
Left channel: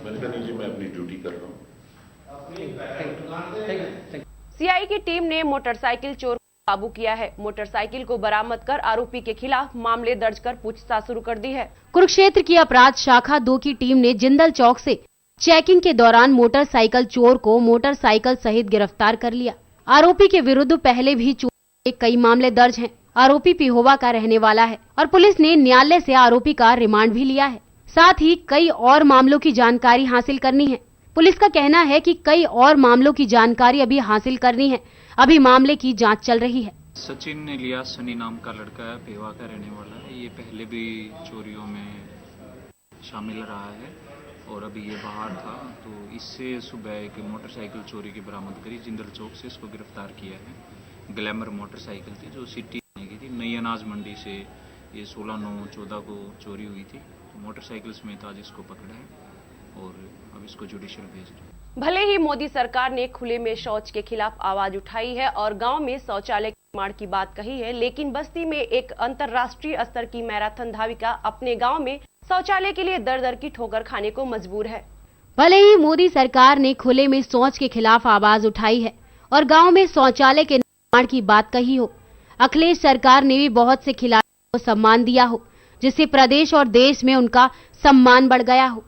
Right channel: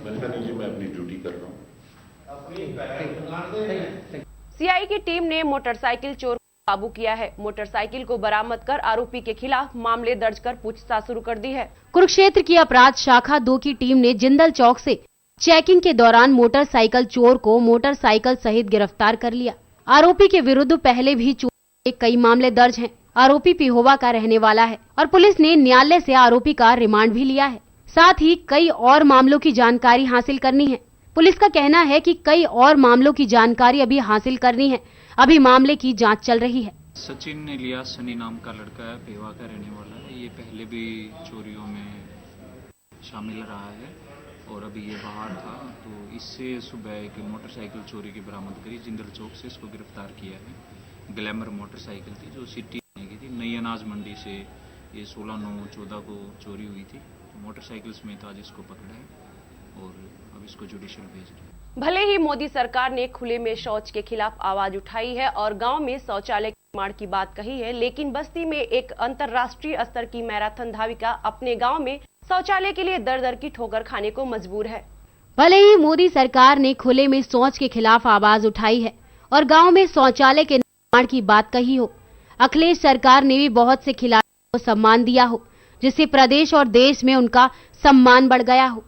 मैंने कहा नहीं जी, मैं अपनी ड्यूटी कर रहा हूँ। सीआई की टीम ने मोटरसाइकिल चोर को काबू किया है। मोटरसाइकिल को बरामद कर आरोपी के खिलाफ मामले दर्ज कर पूछताछ शुरू कर दी है। कुरुक्षेत्र की अपराध शाखा 2 की टीम ने जिंदल चौक से चेकिंग के दौरान मोटरसाइकिल चोर को मोटरसाइकिल सहित गिरफ्तार कर लिया। आरोपी के विरुद्ध पहले भी चोरी के कई मामले दर्ज हैं। आरोपी पिहोवा का रहने वाला है और पुलिस ने न्यायालय से आरोपी का रिमांड भी लिया है। साथ ही कई और मामलों की जानकारी हासिल करनी है। पुलिस का कहना है कि कई और मामलों की जानकारी अभी हासिल करनी है। अभी मामले की जांच चल रही है। सचिन इलियास सनी नाम का लड़का है, पेवा का रहने वाला है। ये पहले भी चोरियों में शामिल रहा है और अभी ये बाहर था, तो इससे सुबह एक मोटरसाइकिल चोरी की बरामद करी। जिंदल चौक से इसको गिरफ्तार किया है। ग्लैमर मोटरसाइकिल थी जो सिटी की थी। नई अनाज मंडी से ये 16/9/14 को चोरी हुई थी। मोटरसाइकिल समेत आज इसको पकड़ा है और अब इसको जुडिशियल भेज रहे हैं। भले ही मोदी सरकार ने खुले में शौच के खिलाफ आवाज उठाई है और गांव में शौचालय के निर्माण की बात कही है, लेकिन बस्ती में एक अंतर्राष्ट्रीय स्तर की मैराथन धाविका अपने गांव में शौचालय के लिए दर दर की ठोकर खाने को मजबूर है। भले ही मोदी सरकार ने खुले में शौच के खिलाफ आवाज उठाई है और गाँव में शौचालय के निर्माण की बात कही हो, अखिलेश सरकार ने भी बहुत से खिलाड़ियों को सम्मान दिया हो, जिससे प्रदेश और देश में उनका सम्मान बढ़ गया हो,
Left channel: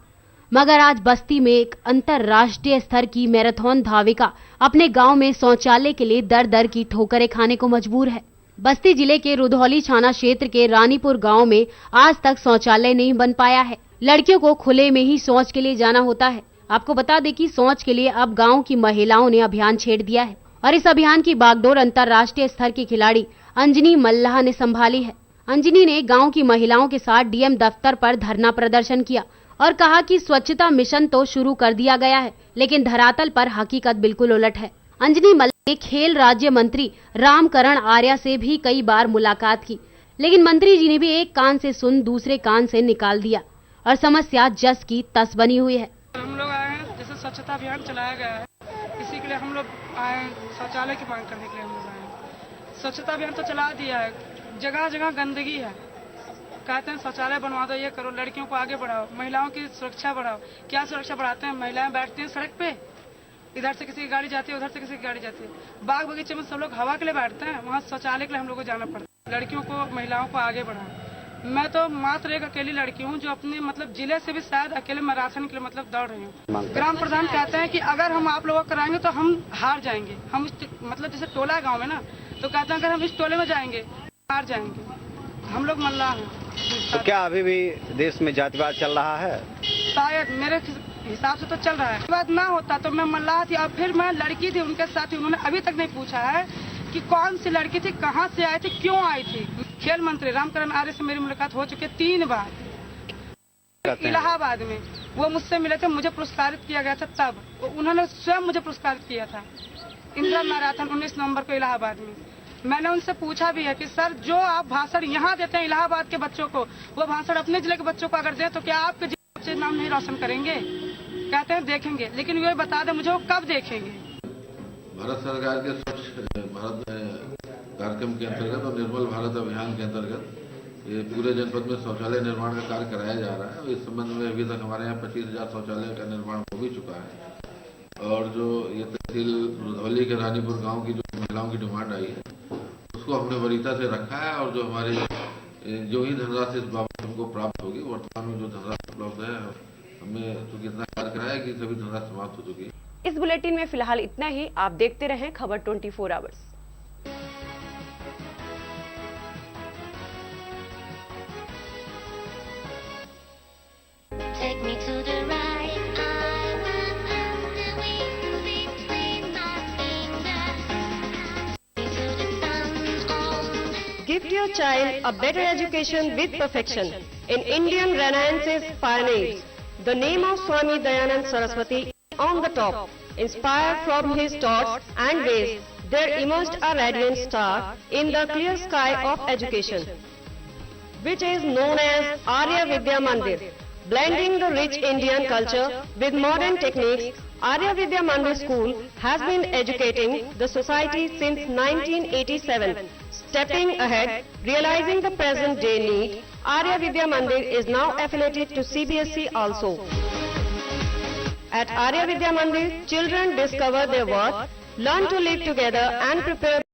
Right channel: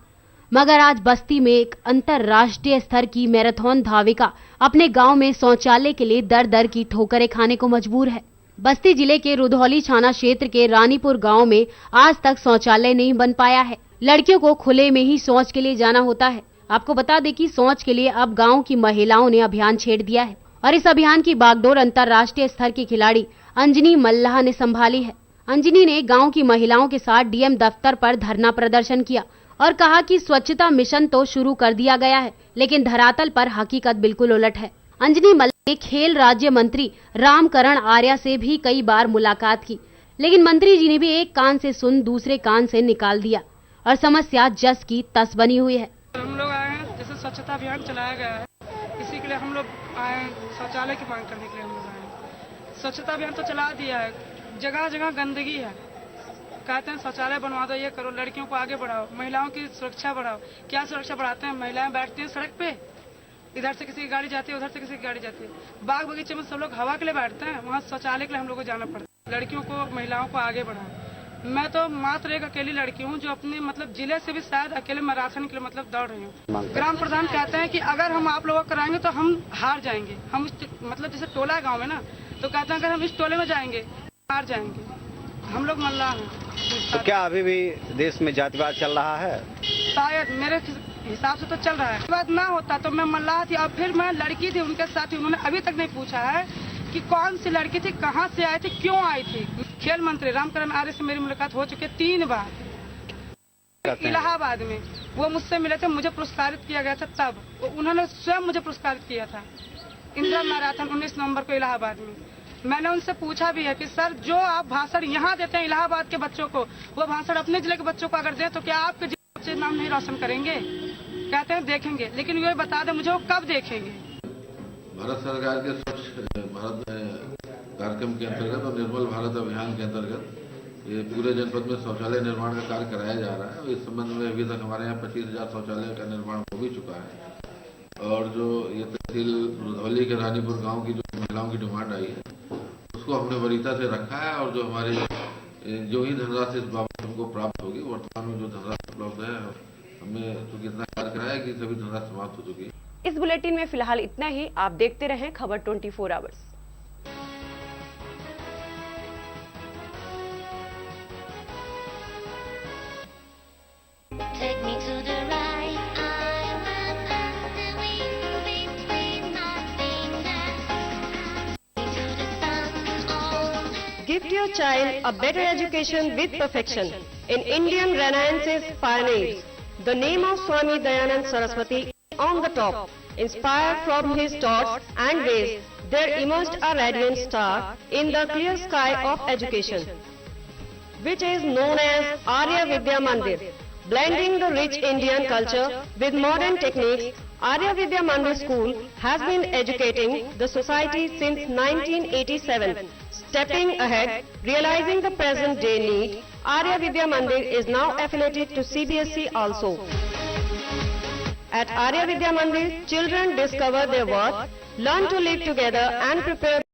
मगर आज बस्ती में एक अंतर्राष्ट्रीय स्तर की मैराथन धाविका अपने गांव में शौचालय के लिए दर दर की ठोकरें खाने को मजबूर है। बस्ती जिले के रुधौली थाना क्षेत्र के रानीपुर गांव में आज तक शौचालय नहीं बन पाया है। लड़कियों को खुले में ही शौच के लिए जाना होता है। आपको बता दें कि शौच के लिए अब गाँव की महिलाओं ने अभियान छेड़ दिया है और इस अभियान की बागडोर अंतर्राष्ट्रीय स्तर की खिलाड़ी अंजनी मल्लाह ने संभाली है। अंजनी ने गांव की महिलाओं के साथ डीएम दफ्तर पर धरना प्रदर्शन किया और कहा कि स्वच्छता मिशन तो शुरू कर दिया गया है, लेकिन धरातल पर हकीकत बिल्कुल उलट है। अंजनी मल्लाह ने खेल राज्य मंत्री रामकरण आर्या से भी कई बार मुलाकात की, लेकिन मंत्री जी ने भी एक कान से सुन दूसरे कान से निकाल दिया और समस्या जस की तस बनी हुई है। हम लोग आए हैं, जैसे स्वच्छता अभियान चलाया गया है, इसी के लिए हम लोग आए, शौचालय की मांग करने के लिए हम लोग आए। स्वच्छता अभियान तो चला दिया है, जगह जगह गंदगी है। कहते हैं शौचालय बनवा दो, ये करो, लड़कियों को आगे बढ़ाओ, महिलाओं की सुरक्षा बढ़ाओ। क्या सुरक्षा बढ़ाते हैं? महिलाएं बैठती हैं सड़क पे, इधर से किसी की गाड़ी जाती है, उधर से किसी की गाड़ी जाती है। बाग बगीचे में सब लोग हवा के लिए बैठते हैं, वहाँ शौचालय के लिए हम लोग को जाना पड़ता है। लड़कियों को, महिलाओं को आगे बढ़ाओ। मैं तो मात्र एक अकेली लड़की हूँ जो अपने मतलब जिले से भी शायद अकेले मैराथन के लिए मतलब दौड़ रही हूँ। ग्राम प्रधान कहते हैं कि अगर हम आप लोगों को कराएंगे तो हम हार जाएंगे। हम मतलब जैसे टोला है गाँव में ना, तो कहते हैं अगर हम इस टोले में जाएंगे हार जाएंगे। हम लोग मल्लाह हैं। तो क्या अभी भी देश में जातिवाद चल रहा है? शायद मेरे हिसाब से तो चल रहा है। बात ना होता तो मैं मल्लाह थी और फिर मैं लड़की थी उनके साथ ही। उन्होंने अभी तक नहीं पूछा है कि कौन सी लड़की थी, कहाँ से आई थी, क्यों आई थी। खेल मंत्री रामकरण आर्य से मेरी मुलाकात हो चुकी है 3 बार इलाहाबाद में। वो मुझसे मिले थे, मुझे पुरस्कारित किया गया था। तब उन्होंने स्वयं मुझे पुरस्कारित किया था इंदिरा मैराथन 19 नवंबर को इलाहाबाद में। मैंने उनसे पूछा भी है कि सर जो आप भाषण यहाँ देते हैं इलाहाबाद के बच्चों को, वो भाषण अपने जिले के बच्चों को अगर दें तो क्या आपके जिले के बच्चे नाम नहीं रोशन करेंगे? कहते हैं देखेंगे, लेकिन ये बता दें मुझे वो कब देखेंगे। भारत सरकार के स्वच्छ भारत कार्यक्रम के अंतर्गत और निर्मल भारत अभियान के अंतर्गत ये पूरे जनपद में शौचालय निर्माण का कार्य कराया जा रहा है। इस संबंध में अभी तक हमारे यहाँ 25,000 शौचालय का निर्माण हो भी चुका है। और जो ये तहसील रुधौली के रानीपुर गांव की जो महिलाओं की डिमांड आई है उसको हमने वरीयता से रखा है। और जो हमारी जो ही धनराशि इस बाबत हमको प्राप्त होगी, वर्तमान में जो धनराशि उपलब्ध है हमने चूँकि इतना कार्य कराया कि सभी धनराशि समाप्त हो चुकी है। इस बुलेटिन में फिलहाल इतना ही। आप देखते रहें खबर 24 hours. Take me to the right, I want the wings between my fingers. To the sun, Gift your child a better education with perfection in Indian Renaissance's pioneers. The name of Swami Dayanand Saraswati on the top. Inspired from his thoughts and ways, there emerged a radiant star in the clear sky of education, which is known as Arya Vidya Mandir. Blending the rich Indian culture with modern techniques, Arya Vidya Mandir School has been educating the society since 1987. Stepping ahead, realizing the present day need, Arya Vidya Mandir is now affiliated to CBSE also. At Arya Vidya Mandir, children discover their worth, learn to live together and prepare